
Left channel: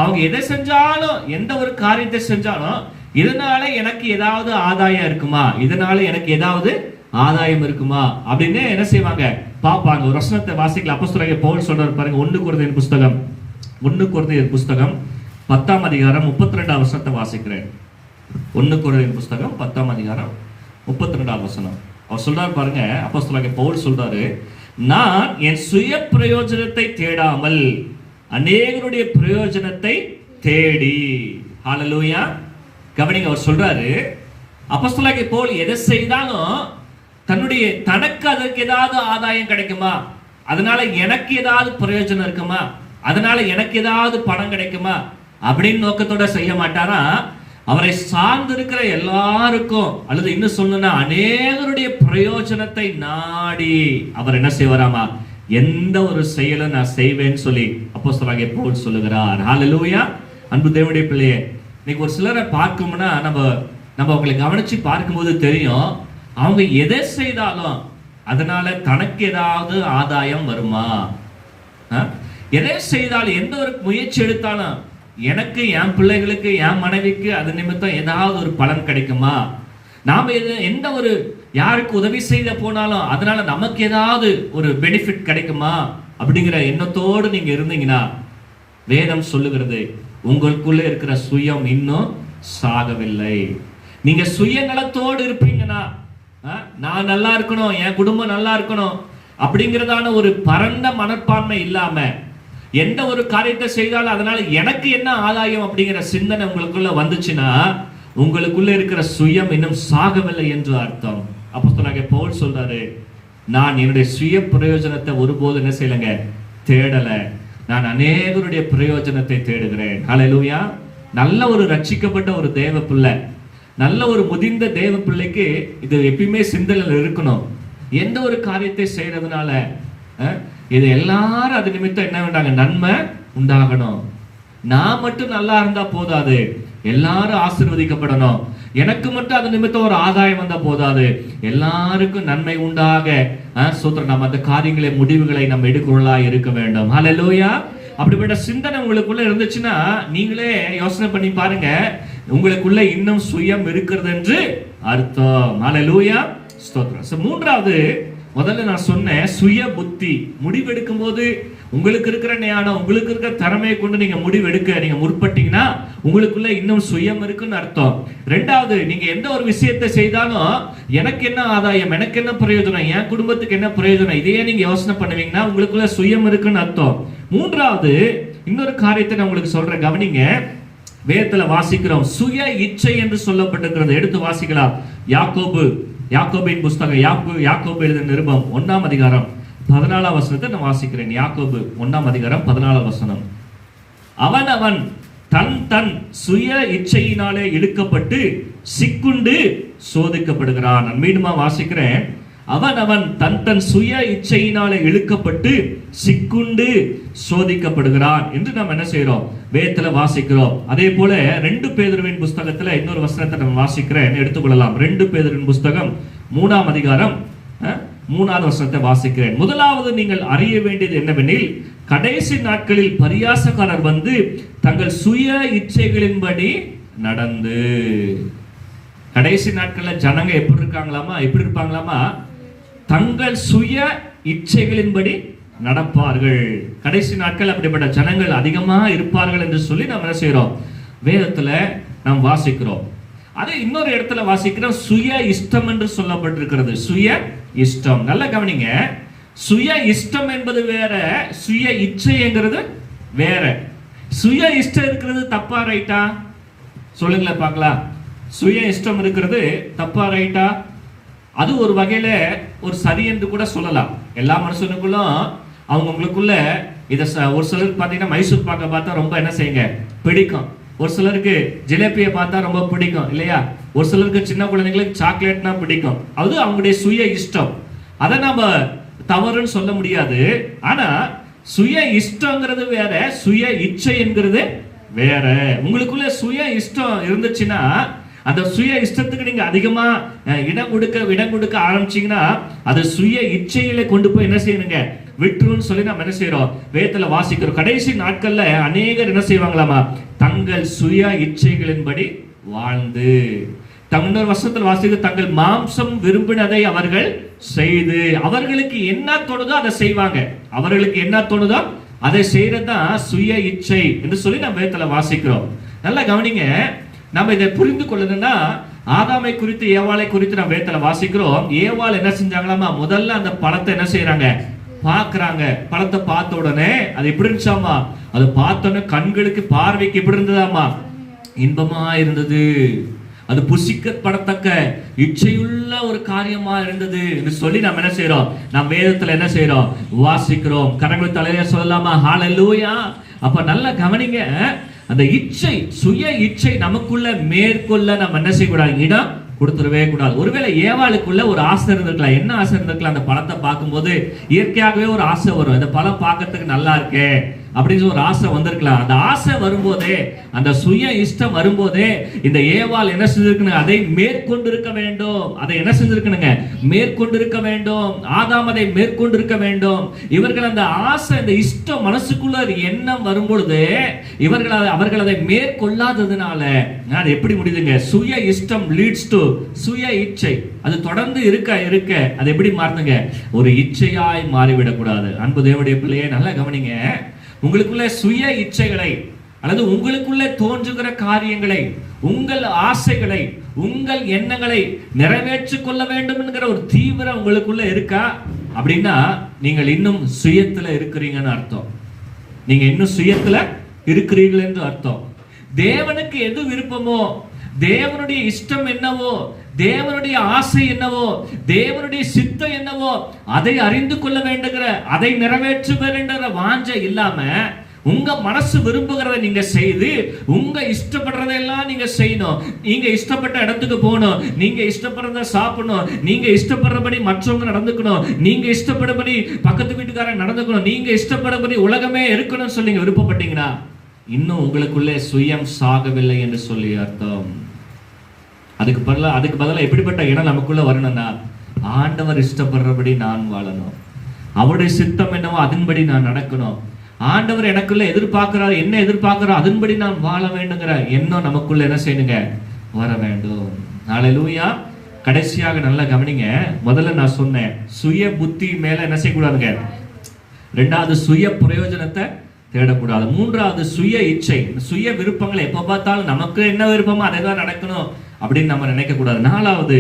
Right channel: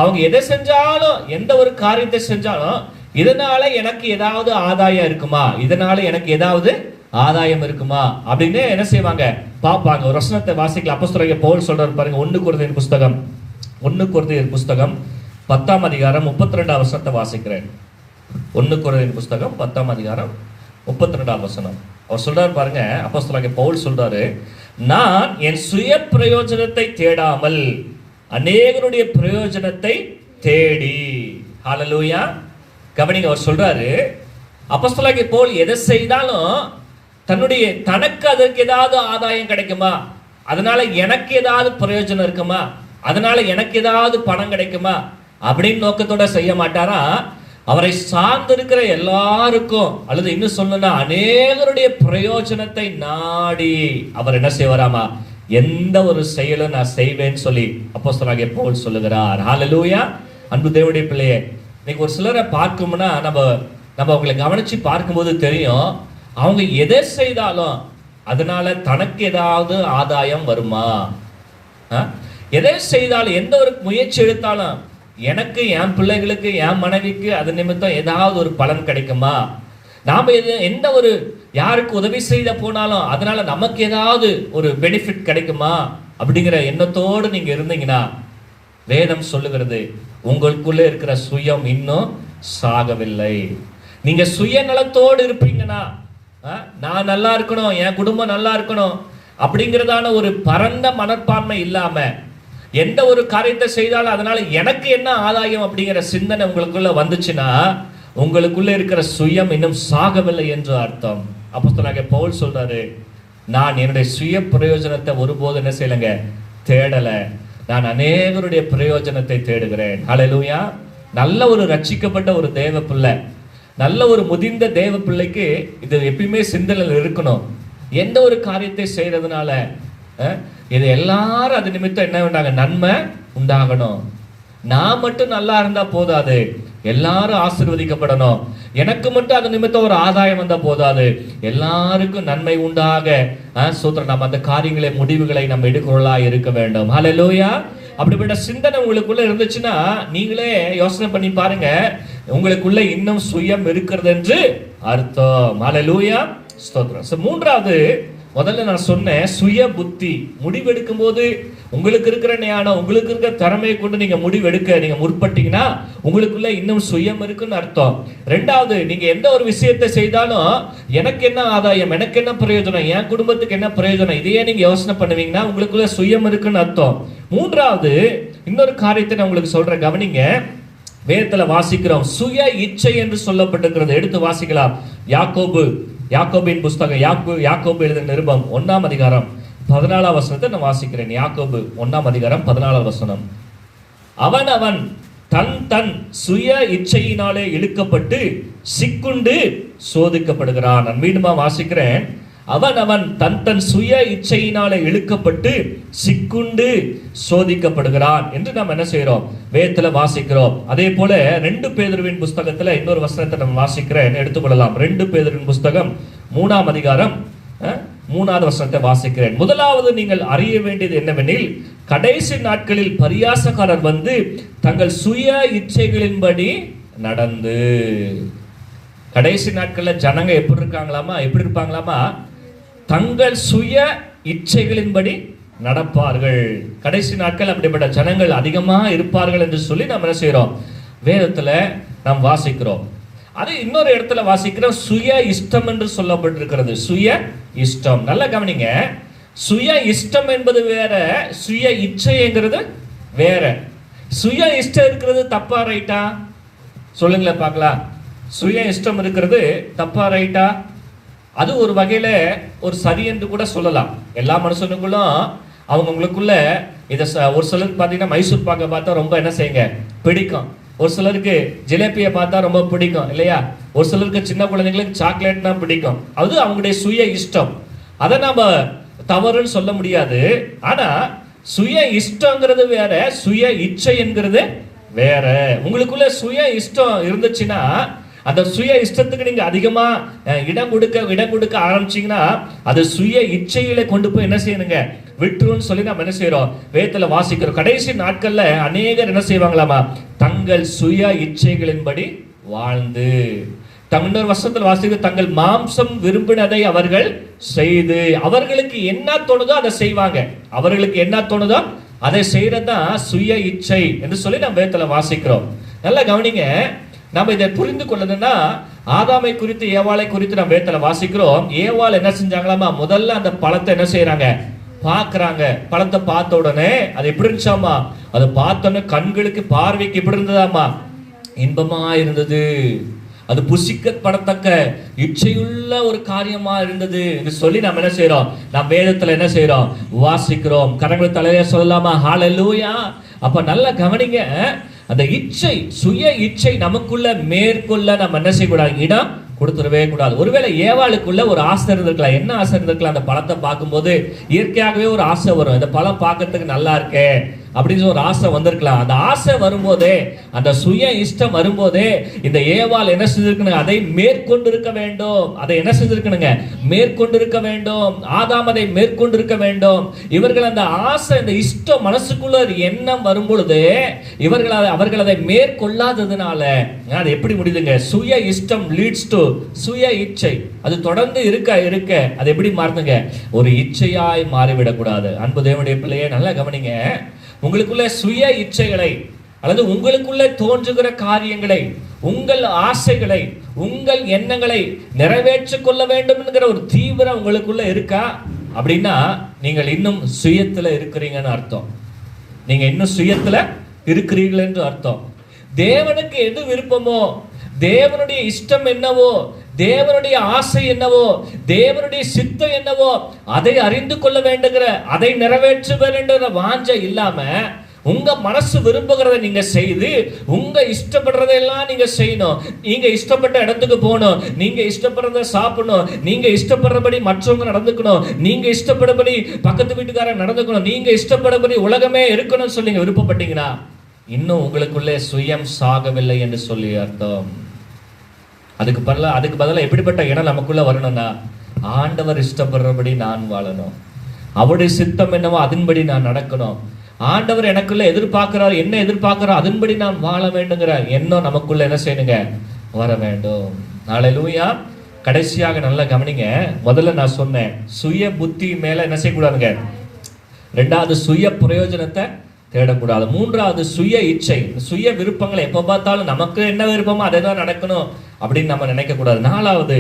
அவங்க எதை செஞ்சாலும், எந்த ஒரு காரியத்தை செஞ்சாலும், இதனால எனக்கு ஏதாவது ஆதாயம் இருக்குமா, இதனால எனக்கு ஏதாவது ஆதாயம் இருக்குமா அப்படின்னு என்ன செய்வாங்க, பாப்பாங்க. ஒரு வசனத்தை வாசிக்கல, அப்போஸ்தலனாகிய பவுல் சொல்றாரு பாருங்க, 1 கொரிந்தியர் புஸ்தகம் 10ஆம் அதிகாரம் 32ஆம் வசனத்தை வாசிக்கிறேன். 1 கொரிந்தியர் புஸ்தகம் 10ஆம் அதிகாரம் 32ஆம் வசனம். அவர் சொல்றாரு பாருங்க, அப்போஸ்தலனாகிய பவுல் சொல்றாரு, நான் என் சுய பிரயோஜனத்தை தேடாமல் அநேகருடைய பிரயோஜனத்தை தேடி. ஹல்லேலூயா. கவனிங்க, அவர் சொல்றாரு, அப்போஸ்தலனாகிய பவுல் எதை செய்தாலும் தனக்கு அதற்கு ஏதாவது ஆதாயம் கிடைக்குமா, அதனால எனக்கு ஏதாவது பிரயோஜனம் இருக்குமா, அதனால எனக்கு ஏதாவது பணம் கிடைக்குமா அப்படின்னு நோக்கத்தோட செய்ய மாட்டாரா. அவரை சார்ந்திருக்கிற எல்லாருக்கும், அல்லது இன்னும் சொல்லணும்னா அநேகருடைய பிரயோஜனத்தை நாடி அவர் என்ன செய்வாராமா, எந்த ஒரு செயலும் நான் செய்வேன்னு சொல்லி அப்போஸ்தலனாகிய பவுல் சொல்லுகிறார். ஹல்லேலூயா. அன்பு தேவனுடைய பிள்ளையே, இன்னைக்கு ஒரு சிலரை பார்க்கும்னா நம்ம அவங்களை கவனிச்சு பார்க்கும்போது தெரியும், அவங்க எதை செய்தாலும் அதனால தனக்கு ஏதாவது ஆதாயம் வருமா? எதை செய்தாலும், எந்த ஒரு முயற்சி எடுத்தாலும் எனக்கு, என் பிள்ளைகளுக்கு, என் மனைவிக்கு அது நிமித்தம் ஏதாவது ஒரு பலன் கிடைக்குமா? நாம எந்த ஒரு யாருக்கு உதவி செய்த போனாலும் அதனால நமக்கு ஏதாவது ஒரு பெனிஃபிட் கிடைக்குமா அப்படிங்கிற எண்ணத்தோடு நீங்க இருந்தீங்கன்னா, வேதம் சொல்லுகிறது உங்களுக்குள்ள இருக்கிற சுயம் இன்னும் சாகவில்லை. நீங்க சுயநலத்தோடு இருப்பீங்கன்னா, நான் நல்லா இருக்கணும், என் குடும்பம் நல்லா இருக்கணும் அப்படிங்கிறதான ஒரு பரந்த மனப்பான்மை இல்லாம, எந்த ஒரு காரியத்தை செய்தாலும் அதனால எனக்கு என்ன ஆதாயம் அப்படிங்கிற சிந்தனை உங்களுக்குள்ள வந்துச்சுன்னா, உங்களுக்குள்ள இருக்கிற சுயம் இன்னும் சாகவில்லை என்று அர்த்தம். அப்போஸ்தலனாகிய பவுல் சொல்றாரு, நான் என்னுடைய சுய பிரயோஜனத்தை ஒருபோது என்ன செய்யலைங்க, தேடல, நான் அநேகருடைய பிரயோஜனத்தை தேடுகிறேன். ஹல்லேலூயா. நல்ல ஒரு ரட்சிக்கப்பட்ட ஒரு தேவ பிள்ளை, நல்ல ஒரு முதிர்ந்த தேவ பிள்ளைக்கு இது எப்பயுமே சிந்தனையில் இருக்கணும். எந்த ஒரு காரியத்தை செய்யறதுனால இது எல்லாரும் அது நிமித்தம் என்ன வேண்டாங்க, நன்மை உண்டாகணும். நான் மட்டும் நல்லா இருந்தா போதாது, எல்லாரும் ஆசீர்வதிக்கப்படணும். எனக்கு மட்டும் அது நிமித்தம் ஒரு ஆதாயம் வந்தா போதாது, எல்லாருக்கும் நன்மை உண்டாக சூத்திரம் நம்ம அந்த காரியங்களை, முடிவுகளை நம்ம எடுக்கிறவர்களா இருக்க வேண்டும். ஹல்லேலூயா. அப்படிப்பட்ட சிந்தனை உங்களுக்குள்ள இருந்துச்சுன்னா நீங்களே யோசனை பண்ணி பாருங்க, உங்களுக்குள்ள இன்னும் சுயம் இருக்கிறது என்று அர்த்தம். ஹல்லேலூயா, ஸ்தோத்திரம். மூன்றாவது, முதல்ல நான் சொன்னேன் சுய புத்தி. முடிவெடுக்கும் போது உங்களுக்கு இருக்கிற ஞானம், உங்களுக்கு இருக்கிற திறமையை கொண்டு நீங்க முடிவெடுக்க நீங்க முற்பட்டீங்கன்னா உங்களுக்குள்ள இன்னும் சுயம் இருக்குன்னு அர்த்தம். ரெண்டாவது, நீங்க எந்த ஒரு விஷயத்தை செய்தாலும் எனக்கு என்ன ஆதாயம், எனக்கு என்ன பிரயோஜனம், என் குடும்பத்துக்கு என்ன பிரயோஜனம், இதையே நீங்க யோசனை பண்ணுவீங்கன்னா உங்களுக்குள்ள சுயம் இருக்குன்னு அர்த்தம். மூன்றாவது, இன்னொரு காரியத்தை நான் உங்களுக்கு சொல்றேன், கவனிங்க. வேதத்துல வாசிக்கிறோம், சுய இச்சை என்று சொல்லப்பட்டிருக்கிறது. எடுத்து வாசிக்கலாம். யாக்கோபின் புஸ்தகம், யாக்கோபு எழுதின நிருபம் 1ஆம் அதிகாரம் 14ஆம் வசனத்தை நான் வாசிக்கிறேன். யாக்கோபு 1ஆம் அதிகாரம் 14ஆம் வசனம். அவன் தன் சுய இச்சையினாலே இழுக்கப்பட்டு சிக்குண்டு சோதிக்கப்படுகிறான். நான் மீண்டுமா வாசிக்கிறேன். அவன் தன் சுய இச்சையினாலே இழுக்கப்பட்டு சிக்குண்டு சோதிக்கப்படுகிறான் என்று நாம் என்ன செய்யறோம், வேதத்துல வாசிக்கிறோம். அதே போல 2 பேதுருவின் புஸ்தகத்துல இன்னொரு வசனத்தை நம்ம வாசிக்கிறேன், எடுத்துக்கொள்ளலாம். 2 பேதுருவின் புஸ்தகம் 3ஆம் அதிகாரம் 3ஆவது வசனத்தை வாசிக்கிறேன். முதலாவது நீங்கள் அறிய வேண்டியது என்னவெனில், கடைசி நாட்களில் பரியாசக்காரர் வந்து தங்கள் சுய இச்சைகளின்படி நடந்து. கடைசி நாட்கள்ல ஜனங்க எப்படி இருப்பாங்களாமா, தங்கள் சுய இச்சைகளின்படி நடப்பார்கள். கடைசி நாட்கள் அப்படிப்பட்ட ஜனங்கள் அதிகமா இருப்பார்கள் என்று சொல்லி நம்ம என்ன செய்யறோம், வேதத்துல நாம் வாசிக்கிறோம். அதே இன்னொரு இடத்துல வாசிக்கிறோம், சுய இஷ்டம் என்று சொல்லப்பட்டிருக்கிறது. சுய இஷ்டம், நல்லா கவனிங்க. சுய இஷ்டம் என்பது வேற, சுய இச்சைங்கிறது வேற. சுய இஷ்டம் இருக்கிறது தப்பா ரைட்டா சொல்லுங்களேன் பார்க்கலாம். சுய இஷ்டம் இருக்கிறது தப்பா ரைட்டா? அது ஒரு வகையில ஒரு சரி என்று கூட சொல்லலாம். எல்லா மனுஷனுக்குள்ளும் அவங்களுக்குள்ள இதை ஒரு சிலருக்கு பார்த்தீங்கன்னா மைசூர் பாக்கை பார்த்தா ரொம்ப என்ன செய்யுங்க பிடிக்கும், ஒரு சிலருக்கு ஜிலேபியை பார்த்தா ரொம்ப பிடிக்கும் இல்லையா, ஒரு சிலருக்கு சின்ன குழந்தைங்களுக்கு சாக்லேட்னா பிடிக்கும். அது அவங்களுடைய சுய இஷ்டம், அதை நாம தவறுன்னு சொல்ல முடியாது. ஆனா சுய இஷ்டங்கிறது வேற, சுய இச்சை என்கிறது வேற. உங்களுக்குள்ள சுய இஷ்டம் இருந்துச்சுன்னா அந்த சுய இஷ்டத்துக்கு நீங்க அதிகமா இடம் கொடுக்க ஆரம்பிச்சீங்கன்னா அது சுய இச்சையில கொண்டு போய் என்ன செய்யணுங்க, விட்டுருன்னு சொல்லி நம்ம என்ன செய்யறோம், வேதத்துல வாசிக்கிறோம். கடைசி நாட்கள்ல அநேகர் என்ன செய்வாங்களாமா, தங்கள் சுய இச்சைகளின்படி வாழ்ந்து, இன்னொரு வருஷத்துல வாசிக்க, தங்கள் மாம்சம் விரும்பினதை அவர்கள் செய்து, அவர்களுக்கு என்ன தோணுதோ அதை செய்வாங்க. அவர்களுக்கு என்ன தோணுதோ அதை செய்யறதுதான் சுய இச்சை என்று சொல்லி நம்ம வேதத்துல வாசிக்கிறோம். நல்லா கவனிங்க. நம்ம இதை புரிந்து கொள்ளதுன்னா, ஆதாமை குறித்து ஏவாளை குறித்து நம்ம வேதத்துல வாசிக்கிறோம். ஏவாள் என்ன செஞ்சாங்களாமா, முதல்ல அந்த பழத்தை என்ன செய்யறாங்க, பாக்குறாங்க. பழத்தை பார்த்த உடனே அது எப்படி இருந்துச்சாமா, அது பார்த்தோன்னே கண்களுக்கு பார்வைக்கு எப்படி இருந்ததாமா, இன்பமா இருந்தது. அது புசிக்கப்படத்தக்க இச்சையுள்ள ஒரு காரியமா இருந்தது என்று சொல்லி நம்ம என்ன செய்யறோம், நம்ம வேதத்துல என்ன செய்யறோம், வாசிக்கிறோம். கரங்கள் தலைய சொல்லலாமா, ஹல்லேலூயா. அப்ப நல்லா கவனிங்க. அந்த இச்சை, சுய இச்சை நமக்குள்ள மேற்கொள்ள நம்ம என்ன செய்யக்கூடாது, இடம் கொடுத்துடவே கூடாது. ஒருவேளை ஏவாளுக்குள்ள ஒரு ஆசை இருந்திருக்கலாம். என்ன ஆசை இருந்திருக்கலாம், அந்த பழத்தை பார்க்கும்போது இயற்கையாகவே ஒரு ஆசை வரும், இந்த பழம் பார்க்கறதுக்கு நல்லா இருக்கே, அப்படின்னு ஒரு ஆசை வந்திருக்கலாம். அந்த ஆசை வரும்போதே, அந்த சுய இஷ்டம் வரும்போதே இந்த ஏவாள் என்ன செஞ்சிருக்கணும்? அதை மேற்கொண்டிருக்க வேண்டும். அதை என்ன செஞ்சிருக்கணுங்க? மேற்கொண்டிருக்க வேண்டும். ஆதாம் அதை மேற்கொண்டிருக்க வேண்டும். இவர்கள் அந்த ஆசை, அந்த இஷ்டம் மனசுக்குள்ள எண்ணம் வரும்பொழுது அவர்கள் அதை மேற்கொள்ளாததுனால அது எப்படி முடியுதுங்க? சுய இஷ்டம் லீட்ஸ் டு சுய இச்சை. அது தொடர்ந்து இருக்க அது எப்படி மாறுதுங்க? ஒரு இச்சையாய் மாறிவிடக்கூடாது. அன்பு தேவனுடைய பிள்ளையே, நல்லா கவனிங்க. உங்களுக்குள்ள சுய இச்சைகளை அல்லது உங்களுக்குள்ளே தோன்றுகிற காரியங்களை, உங்கள் ஆசைகளை, உங்கள் எண்ணங்களை நிறைவேற்றிக் கொள்ள வேண்டும் என்கிற ஒரு தீவிரம் உங்களுக்குள்ள இருக்கா? அப்படின்னா நீங்கள் இன்னும் சுயத்துல இருக்கிறீங்கன்னு அர்த்தம். நீங்க இன்னும் சுயத்துல இருக்கிறீர்கள் என்று அர்த்தம். தேவனுக்கு எது விருப்பமோ, தேவனுடைய இஷ்டம் என்னவோ, தேவனுடைய ஆசை என்னவோ, தேவனுடைய சித்தம் என்னவோ அதை அறிந்து கொள்ள வேண்டுகிற, அதை நிறைவேற்ற வேண்டுகிற வாஞ்சை இல்லாம உங்க மனசு விரும்புகிறத நீங்க செய்து, உங்க இஷ்டப்படுறதெல்லாம் நீங்க செய்யணும். நீங்க இஷ்டப்பட்ட இடத்துக்கு போகணும், நீங்க இஷ்டப்படுறத சாப்பிடணும், நீங்க இஷ்டப்படுறபடி மற்றவங்க நடந்துக்கணும், நீங்க இஷ்டப்படுறபடி பக்கத்து வீட்டுக்காரன் நடந்துக்கணும், நீங்க இஷ்டப்படுறபடி உலகமே இருக்கணும்னு சொல்லி விருப்பப்பட்டீங்கன்னா இன்னும் உங்களுக்குள்ளே சுயம் சாகவில்லை என்று சொல்லி அர்த்தம். அதுக்கு பதிலாக எப்படிப்பட்ட இடம் நமக்குள்ள வரணும்னா, ஆண்டவர் இஷ்டப்படுறபடி நான் வாழணும், அவருடைய சித்தம் என்னவோ அதன்படி நான் நடக்கணும், ஆண்டவர் எனக்குள்ள எதிர்பார்க்கிறார், என்ன எதிர்பார்க்கிறார் அதன்படி நான் வாழ வேண்டுங்கிற எண்ணம் நமக்குள்ள என்ன செய்யணுங்க? வர வேண்டும். ஹல்லேலூயா. கடைசியாக நல்லா கவனிங்க. முதல்ல நான் சொன்னேன், சுய புத்தி மேல என்ன செய்யக்கூடாதுங்க? ரெண்டாவது, சுய பிரயோஜனத்தை தேடக்கூடாது. மூன்றாவது, சுய இச்சை, சுய விருப்பங்களை எப்போ பார்த்தாலும் நமக்கு என்ன விருப்பமோ அதை தான் நடக்கணும் அப்படின்னு நம்ம நினைக்க கூடாது. நாலாவது,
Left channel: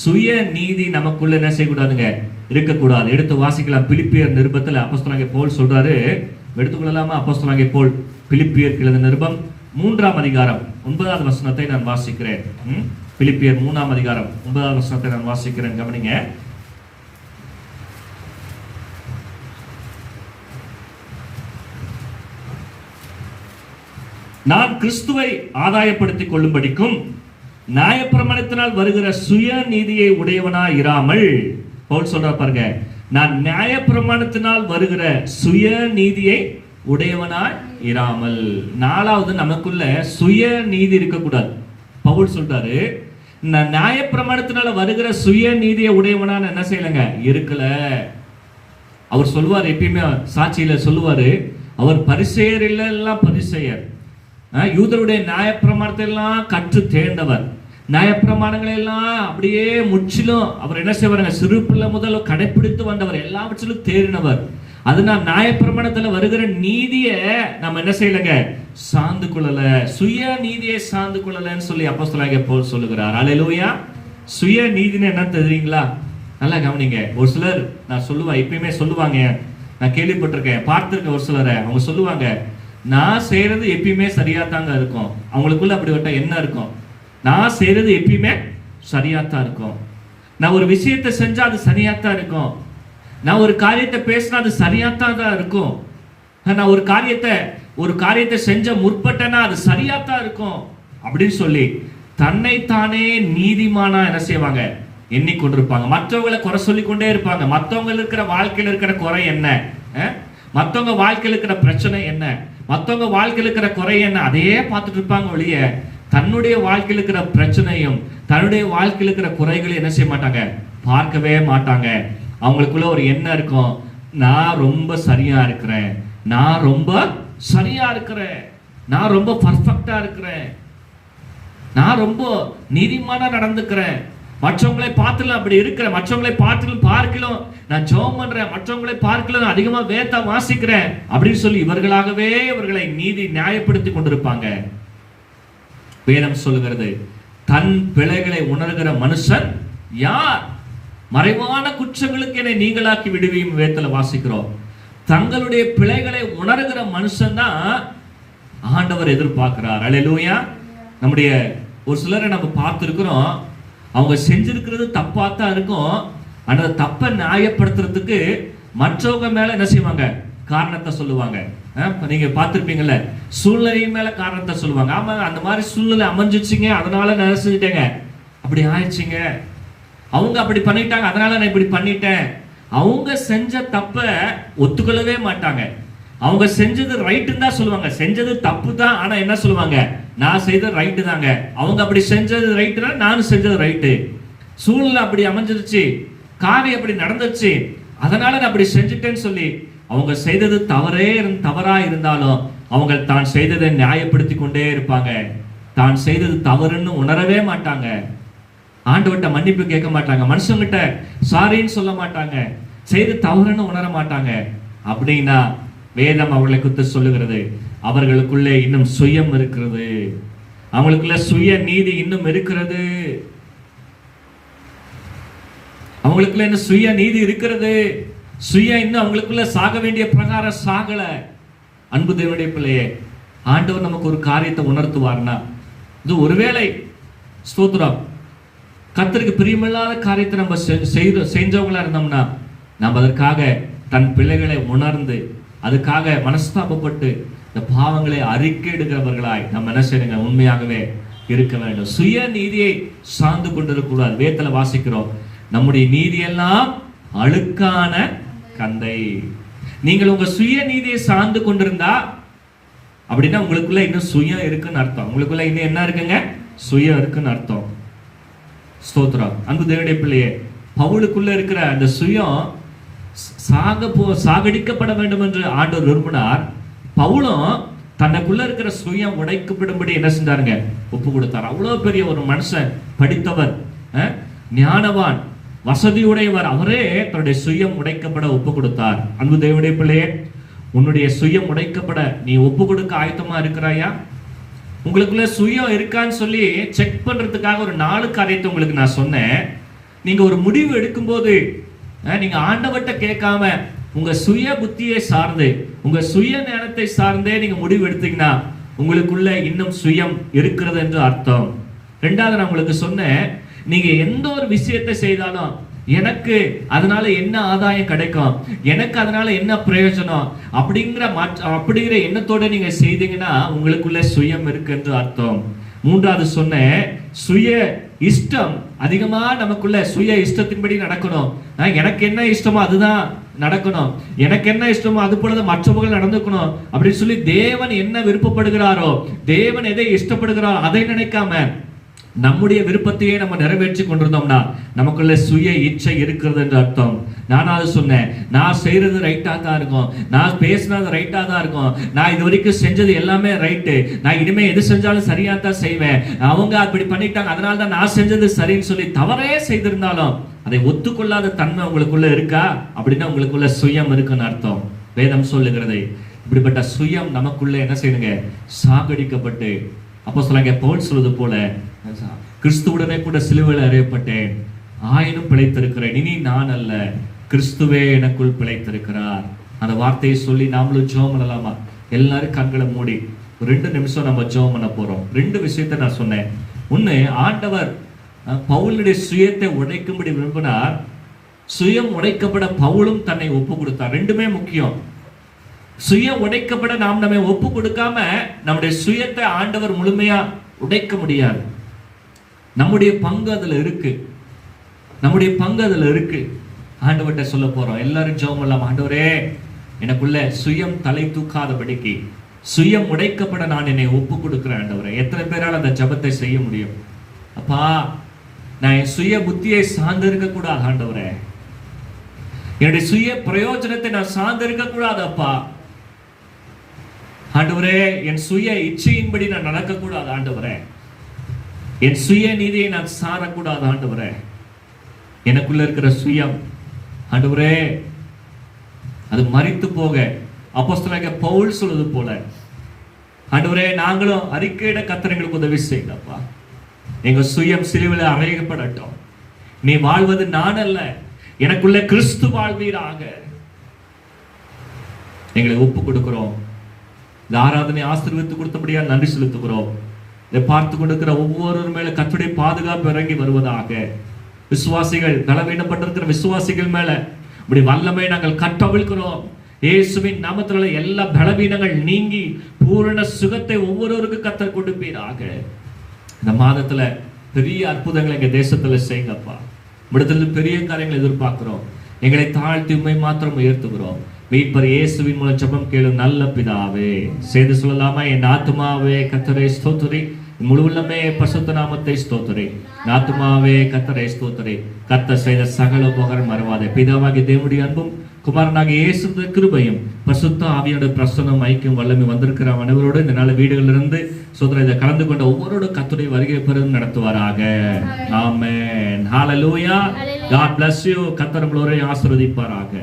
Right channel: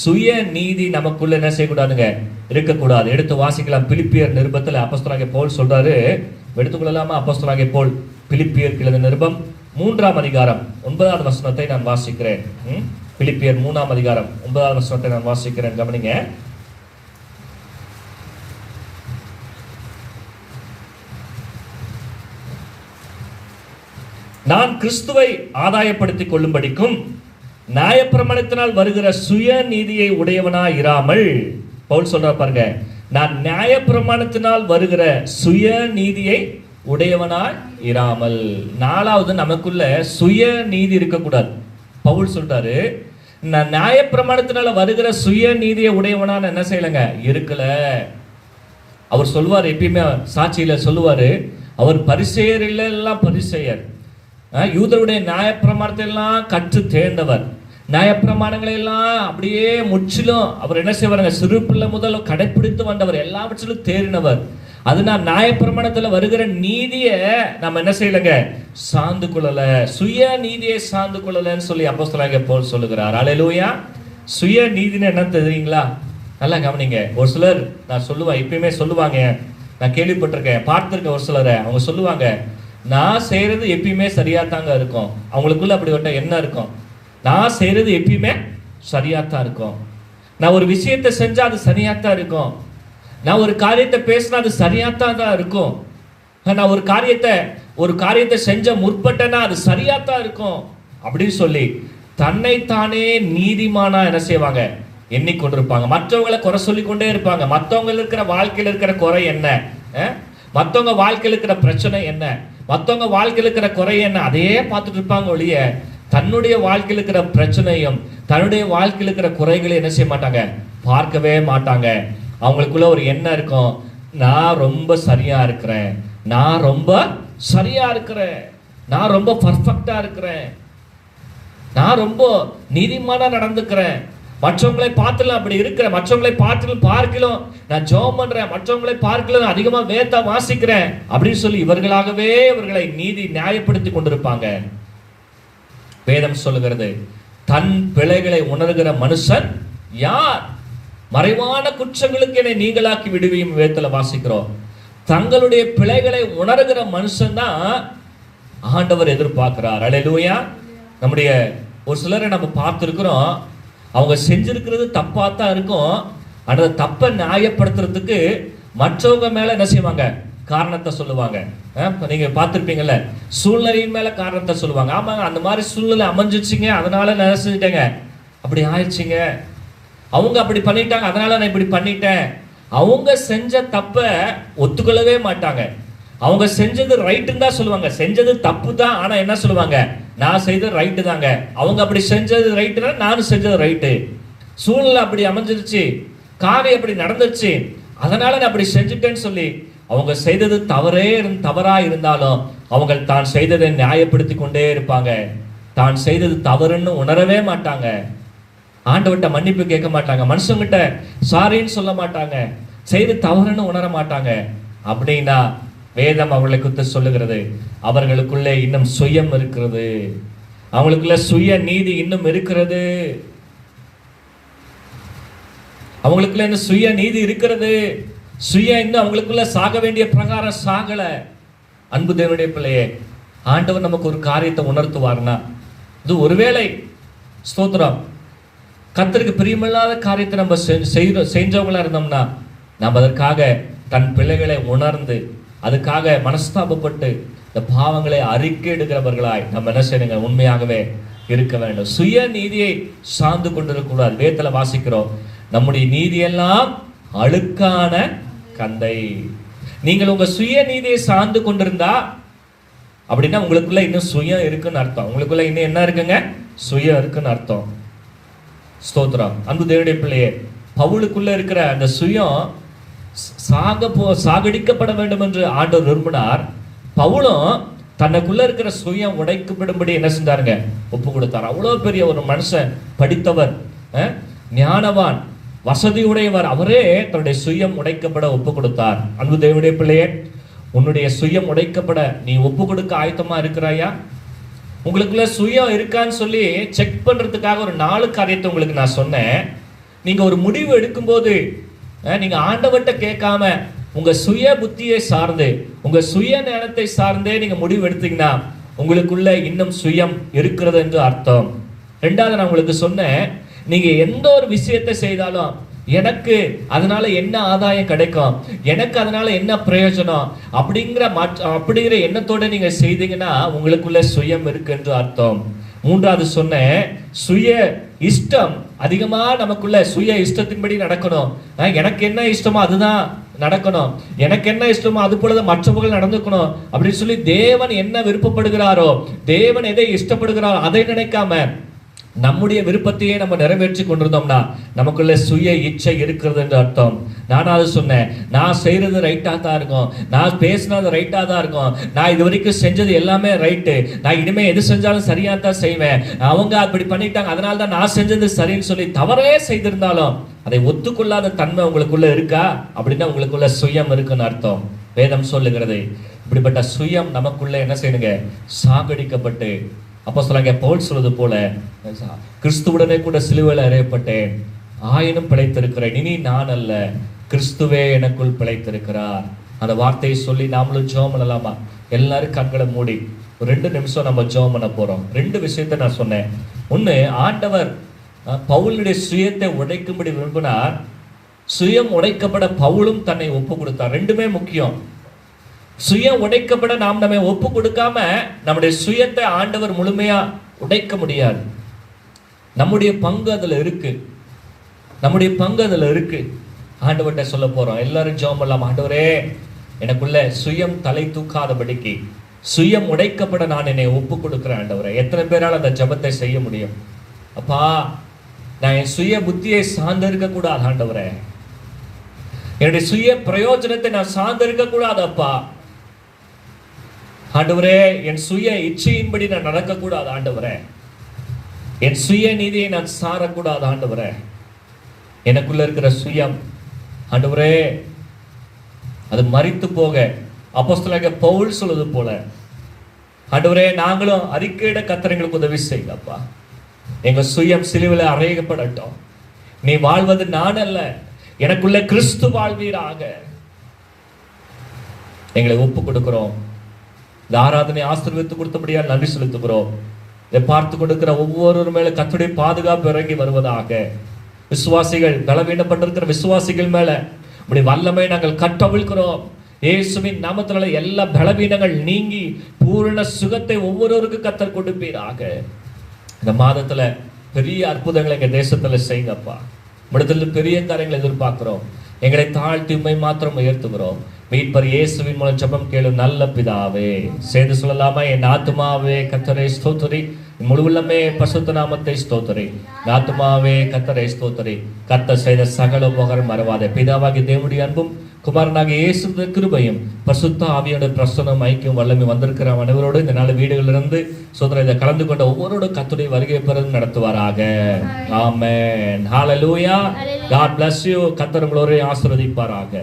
சுய நீதி நமக்குள்ள என்ன செய்யக்கூடாதுங்க? இருக்கக்கூடாது. எடுத்து வாசிக்கலாம். பிலிப்பியர் நிருபத்தில் அப்போஸ்தலனாகிய பவுல் சொல்றாரு. எடுத்துக்கொள்ளலாமா? அப்போஸ்தலனாகிய பவுல் பிலிப்பியர் எழுதின நிருபம் 3ஆம் அதிகாரம் 9வது வசனத்தை நான் வாசிக்கிறேன். பிலிப்பியர் 3ஆம் அதிகாரம் 9வது வசனத்தை நான் வாசிக்கிறேன். கவனிங்க. நான் கிறிஸ்துவை ஆதாயப்படுத்திக் கொள்ளும்படிக்கும் நியாயப்பிரமாணத்தினால் வருகிற சுய நீதியை உடையவனாய் இராமல், பவுல் சொல்ற பாருங்க, நான் நியாயப்பிரமாணத்தினால் வருகிற சுய நீதியை உடையவனாய் இராமல். நாலாவது, நமக்குள்ள சுய நீதி இருக்கக்கூடாது. பவுல் சொல்றாரு, நான் நியாயப்பிரமாணத்தினால வருகிற சுய நீதியை உடையவனான்னு என்ன செய்யலங்க? இருக்கல. அவர் சொல்லுவார், எப்பயுமே சாட்சியில சொல்லுவாரு, அவர் பரிசேயர் இல்லைன்னா பரிசேயர், யூதருடைய நியாயப்பிரமாணத்தை எல்லாம் கற்று தேர்ந்தவர், நியாயப்பிரமாணங்களை எல்லாம் அப்படியே முற்றிலும் அவர் என்ன செய்வாருங்க? சிறு பிள்ளை முதல் கடைப்பிடித்து வந்தவர், எல்லாவற்றிலும் தேறினவர். அது நான் நியாயப்பிரமாணத்துல வருகிற நீதியை நம்ம என்ன செய்யலங்க? சார்ந்து கொள்ளல, சுய நீதியை சார்ந்து கொள்ளலன்னு சொல்லி அப்போஸ்தலனாகிய பவுல் சொல்லுகிறார். ஹல்லேலூயா. சுய நீதின்னு என்ன தெரியுங்களா? நல்லா கவனிங்க. ஒரு சிலர், நான் சொல்லுவேன், எப்பயுமே சொல்லுவாங்க, நான் கேள்விப்பட்டிருக்கேன், பார்த்திருக்கேன், ஒரு சிலரை அவங்க சொல்லுவாங்க, நான் செய்யறது எப்பயுமே சரியா தாங்க இருக்கும். அவங்களுக்குள்ள அப்படிப்பட்ட எண்ணம் இருக்கும். நான் செய்யறது எப்பயுமே சரியாத்தான் இருக்கும், நான் ஒரு விஷயத்தை செஞ்சா அது சரியாத்தான் இருக்கும், நான் ஒரு காரியத்தை பேசினா அது சரியாத்தான் இருக்கும், நான் ஒரு காரியத்தை செஞ்ச முற்பட்டேன்னா அது சரியாத்தான் இருக்கும் அப்படின்னு சொல்லி தன்னைத்தானே நீதிமானா என்ன செய்வாங்க? எண்ணிக்கொண்டிருப்பாங்க. மற்றவங்களை குறை சொல்லி கொண்டே இருப்பாங்க. மற்றவங்க இருக்கிற வாழ்க்கையில் இருக்கிற குறை என்ன, மற்றவங்க வாழ்க்கையில் இருக்கிற பிரச்சனை என்ன, மற்றவங்க வாழ்க்கையில் இருக்கிற குறை என்ன, அதையே பார்த்துட்டு இருப்பாங்க ஒழிய தன்னுடைய வாழ்க்கையில் இருக்கிற பிரச்சனையும் தன்னுடைய வாழ்க்கையில் இருக்கிற குறைகளை என்ன செய்ய மாட்டாங்க? பார்க்கவே மாட்டாங்க. அவங்களுக்குள்ள ஒரு எண்ணம் இருக்கும், நான் ரொம்ப சரியா இருக்கிறேன், நான் ரொம்ப சரியா இருக்கிறேன், நான் ரொம்ப பர்ஃபெக்டா இருக்கிறேன், நான் ரொம்ப நீதிமானா நடந்துக்கிறேன், மற்றவங்களை பார்த்துல அப்படி இருக்கிறேன், மற்றவங்களை பார்க்கலாம் நான் ஜெபம் பண்றேன், மற்றவங்களை பார்க்கலாம் அதிகமா வேதத்தை வாசிக்கிறேன் அப்படின்னு சொல்லி இவர்களாகவே இவர்களை நியாயப்படுத்தி கொண்டிருப்பாங்க. வேதம் சொல்லுகிறது, தன் பிழைகளை உணர்கிற மனுஷன் யார்? மறைவான குற்றங்களுக்கு என்னை நீங்களாக்கி விடுவியும் வேதத்துல வாசிக்கிறோம். தங்களுடைய பிழைகளை உணர்கிற மனுஷன் தான் ஆண்டவர் எதிர்பார்க்கிறார். அல்லேலூயா. நம்முடைய ஒரு சிலரை நம்ம பார்த்திருக்கிறோம், அவங்க செஞ்சிருக்கிறது தப்பா தான் இருக்கும், அந்த தப்பை நியாயப்படுத்துறதுக்கு மற்றவங்க மேல என்ன செய்வாங்க? காரணத்தை சொல்லுவாங்க. நீங்க பார்த்திருப்பீங்கல்ல, சூழ்நிலையின் மேல காரணத்தை சொல்லுவாங்க. ஆமா, அந்த மாதிரி சூழ்நிலை அமைஞ்சிச்சிங்க, அதனால நான் செஞ்சுட்டேங்க, அப்படி ஆயிடுச்சுங்க, அவங்க அப்படி பண்ணிட்டாங்க அதனால நான் இப்படி பண்ணிட்டேன். அவங்க செஞ்ச தப்ப ஒத்துக்கொள்ளவே மாட்டாங்க. அவங்க செஞ்சது ரைட்டுன்னு தான் சொல்லுவாங்க, செஞ்சது தப்பு தான். ஆனா என்ன சொல்லுவாங்க, நான் செய்தது ரைட்டு தாங்க. அவங்க அப்படி செஞ்சது ரைட்டுனா நானும் செஞ்சது ரைட்டு. சூழ்நிலை அப்படி அமைஞ்சிருச்சு, காரியம் அப்படி நடந்துருச்சு, அதனால நான் அப்படி செஞ்சுட்டேன்னு சொல்லி அவங்க செய்தது தவறா இருந்தாலும் அவங்க தான் செய்ததை நியாயப்படுத்தி கொண்டே இருப்பாங்க. தான் செய்தது தவறுன்னு உணரவே மாட்டாங்க. ஆண்டவர்கிட்ட மன்னிப்பு கேட்க மாட்டாங்க, மனுஷங்கிட்ட சாரின்னு சொல்ல மாட்டாங்க, செய்து தவறுன்னு உணர மாட்டாங்க. அப்படின்னா வேதம் அவர்களை குறித்து சொல்லுகிறது, அவர்களுக்குள்ளே இன்னும் சுயம் இருக்கிறது, அவங்களுக்குள்ள சுய நீதி இன்னும் இருக்கிறது, அவங்களுக்குள்ள இன்னும் சுய நீதி இருக்கிறது. சுய இன்னும் அவங்களுக்குள்ள சாக வேண்டிய பிரகாரம் சாகல. அன்பு தேவனுடைய பிள்ளையே, ஆண்டவர் நமக்கு ஒரு காரியத்தை உணர்த்துவார்னா, இது ஒருவேளை ஸ்தோத்திரம் கர்த்தருக்கு பிரியமில்லாத காரியத்தை நம்ம செஞ்சவங்களா இருந்தோம்னா, நம்ம அதற்காக தன் பிள்ளைகளை உணர்ந்து அதுக்காக மனஸ்தாபப்பட்டு இந்த பாவங்களை அறிக்கை எடுக்கிறவர்களாய் நம்ம என்ன செய்யணுங்க, உண்மையாகவே இருக்க வேண்டும். சுய நீதியை சார்ந்து கொண்டிருக்கூடாது. வேதத்துல வாசிக்கிறோம், நம்முடைய நீதியெல்லாம் அழுக்கான கந்தை. நீங்கள் உங்க சுய நீதியை சார்ந்து கொண்டிருந்தா அப்படின்னா உங்களுக்குள்ள இன்னும் சுயம் இருக்குன்னு அர்த்தம். உங்களுக்குள்ள இன்னும் என்ன இருக்குங்க, சுயம் இருக்குன்னு அர்த்தம். ஸ்தோத்திரம். அன்பு தேவனுடைய பிள்ளையே, பவுலுக்குள்ள இருக்கிற அந்த சுயம் சாகடிக்கப்பட வேண்டும் என்று ஆண்டவர் விரும்பினார். பவுலும் தனக்குள்ள இருக்கிற சுயம் உடைக்கப்படும்படி என்ன செஞ்சாருங்க, ஒப்பு கொடுத்தார். அவ்வளவு பெரிய ஒரு மனுஷன், படித்தவர், ஞானவான், வசதியுடையவர், அவரே தன்னுடைய சுயம் உடைக்கப்பட ஒப்பு கொடுத்தார். அன்பு தேவனுடைய பிள்ளையே, உன்னுடைய சுயம் உடைக்கப்பட நீ ஒப்பு கொடுக்க ஆயத்தமா இருக்கிறாயா? உங்களுக்குள்ள சுயம் இருக்கான்னு சொல்லி செக் பண்றதுக்காக ஒரு 4 காரியத்தை உங்களுக்கு நான் சொன்னேன். நீங்க ஒரு முடிவு எடுக்கும்போது நீங்க ஆண்டவர்கிட்ட கேட்காம உங்க சுய புத்தியை சார்ந்து உங்க சுய ஞானத்தை சார்ந்தே நீங்க முடிவு எடுத்தீங்கன்னா உங்களுக்குள்ள இன்னும் சுயம் இருக்கிறது என்று அர்த்தம். 2வது நான் உங்களுக்கு சொன்னேன், நீங்க எந்த ஒரு விஷயத்தை செய்தாலும் எனக்கு அதனால என்ன ஆதாயம் கிடைக்கும், எனக்கு அதனால என்ன பிரயோஜனம் அப்படிங்கிற எண்ணத்தோட நீங்க செய்தீங்கன்னா உங்களுக்குள்ள சுயம் இருக்கு என்று அர்த்தம். 3வது சொன்னேன், சுய இஷ்டம் அதிகமா நமக்குள்ள சுய இஷ்டத்தின்படி நடக்கணும். எனக்கு என்ன இஷ்டமோ அதுதான் நடக்கணும், எனக்கு என்ன இஷ்டமோ அது போலதான் மற்றவர்கள் நடந்துக்கணும் அப்படின்னு சொல்லி தேவன் என்ன விருப்பப்படுகிறாரோ, தேவன் எதை இஷ்டப்படுகிறாரோ அதை நினைக்காம நம்முடைய விருப்பத்தையே நம்ம நிறைவேற்றி கொண்டிருந்தோம்னா நமக்குள்ள சுய இச்சை இருக்கிறது என்று அர்த்தம். நானாவது சொன்னேன், நான் செய்யறது ரைட்டா தான் இருக்கும், நான் பேசினது ரைட்டா தான் இருக்கும், நான் இது வரைக்கும் செஞ்சது எல்லாமே ரைட்டு, நான் இனிமே எது செஞ்சாலும் சரியா தான் செய்வேன், அவங்க அப்படி பண்ணிட்டாங்க அதனால தான் நான் செஞ்சது சரின்னு சொல்லி தவறே செய்திருந்தாலும் அதை ஒத்துக்கொள்ளாத தன்மை உங்களுக்குள்ள இருக்கா அப்படின்னா உங்களுக்குள்ள சுயம் இருக்குன்னு அர்த்தம். வேதம் சொல்லுகிறது இப்படிப்பட்ட சுயம் நமக்குள்ள என்ன செய்யுங்க, சாகடிக்கப்பட்டு, அப்போஸ்தலனாகிய பவுல் சொல்வது போல கிறிஸ்துவுடனே கூட சிலுவையில் அறையப்பட்டேன், ஆயினும் பிழைத்திருக்கிறேன், இனி நான் அல்ல கிறிஸ்துவே எனக்குள் பிழைத்திருக்கிறார். அந்த வார்த்தையை சொல்லி நாமளும் ஜெபம் பண்ணலாமா? எல்லாரும் கண்களை மூடி ஒரு 2 நிமிஷம் நம்ம ஜெபம் பண்ண போறோம். 2 விஷயத்தை நான் சொன்னேன். ஒண்ணு, ஆண்டவர் பவுலுடைய சுயத்தை உடைக்கும்படி விரும்பினார். சுயம் உடைக்கப்பட பவுலும் தன்னை ஒப்பு கொடுத்தார். 2மே முக்கியம். சுயம் உடைக்கப்பட நாம் நம்ம ஒப்பு கொடுக்காம நம்முடைய சுயத்தை ஆண்டவர் முழுமையா உடைக்க முடியாது. நம்முடைய பங்கு அதுல இருக்கு, நம்முடைய பங்கு அதுல இருக்கு. ஆண்டவர்கிட்ட சொல்ல போறோம். எல்லாரும் ஜெபம் பண்ணலாம். ஆண்டவரே, எனக்குள்ள சுயம் தலை தூக்காதபடிக்கு சுயம் உடைக்கப்பட நான் என்னை ஒப்பு கொடுக்கிறேன். ஆண்டவரே, எத்தனை பேரால் அந்த ஜெபத்தை செய்ய முடியும்? அப்பா, நான் என் சுய புத்தியை சார்ந்திருக்க கூடாது ஆண்டவரே, என்னுடைய சுய பிரயோஜனத்தை நான் சார்ந்திருக்க கூடாது அப்பா. ஆண்டவரே, என் சுய இச்சையின்படி நான் நடக்கக்கூடாது ஆண்டவரே, என் சுய நீதியை நான் சாரக்கூடாது ஆண்டவரே. எனக்குள்ள இருக்கிற சுயம் ஆண்டவரே அது மரித்து போக அப்போஸ்தலனாகிய பவுல் சொல்வது போல ஆண்டவரே நாங்களும் அறிக்கையிட கர்த்தருக்கு உதவி செய்யலப்பா. எங்க சுயம் சிலுவையில் அறையப்படட்டும். நீ வாழ்வது நான் அல்ல, எனக்குள்ள கிறிஸ்து வாழ்வீராக. எங்களை ஒப்பு கொடுக்கிறோம். இந்த ஆராதனை ஆசீர்வதித்து கொடுத்தபடியால் நன்றி செலுத்துகிறோம். இதை பார்த்து கொண்டிருக்கிற ஒவ்வொரு மேல கர்த்தருடைய பாதுகாப்பு இறங்கி வருவதாக. விசுவாசிகள், பலவீனப்பட்டிருக்கிற விசுவாசிகள் மேல இப்படி வல்லமை நாங்கள் கட்டவிழ்கிறோம். இயேசுவின் நாமத்தினால எல்லா பலவீனங்கள் நீங்கி பூரண சுகத்தை ஒவ்வொருவருக்கும் கர்த்தர் கொடுப்பீராக. இந்த மாதத்துல பெரிய அற்புதங்களை எங்க தேசத்துல செய்யுங்கப்பா. இடத்துல பெரிய காரியங்களை எதிர்பார்க்கிறோம். எங்களை தாழ்த்தி உண்மை மாத்திரம் உயர்த்துகிறோம். மீட்பர் இயேசுவின் மூலம் ஜெபம் கேளும் நல்ல பிதாவே. சேர்ந்து சொல்லலாமா? என் ஆத்துமாவே கர்த்தரை ஸ்தோத்திரி, முழுவதுமே பரிசுத்த நாமத்தை ஸ்தோத்திரி. என் ஆத்துமாவே கர்த்தரை ஸ்தோத்திரி, கர்த்தர் செய்த சகல உபகாரம் மறவாதே. பிதாவாகிய தேவனுடைய அன்பும் குமாரனாகிய இயேசு கிருபையும் பரிசுத்த ஆவியோட பிரசன்னம் ஐக்கியம் வல்லமை வந்திருக்கிற அனைவரோடு இந்த நாள் வீடுகளிலிருந்து சோதனை இதை கலந்து கொண்ட ஒவ்வொருவரோட கர்த்தருடைய வருகை பெறும் நடத்துவாராக. ஆமென். ஹalleluya. God bless you. கர்த்தர் உங்களை ஆசீர்வதிப்பாராக.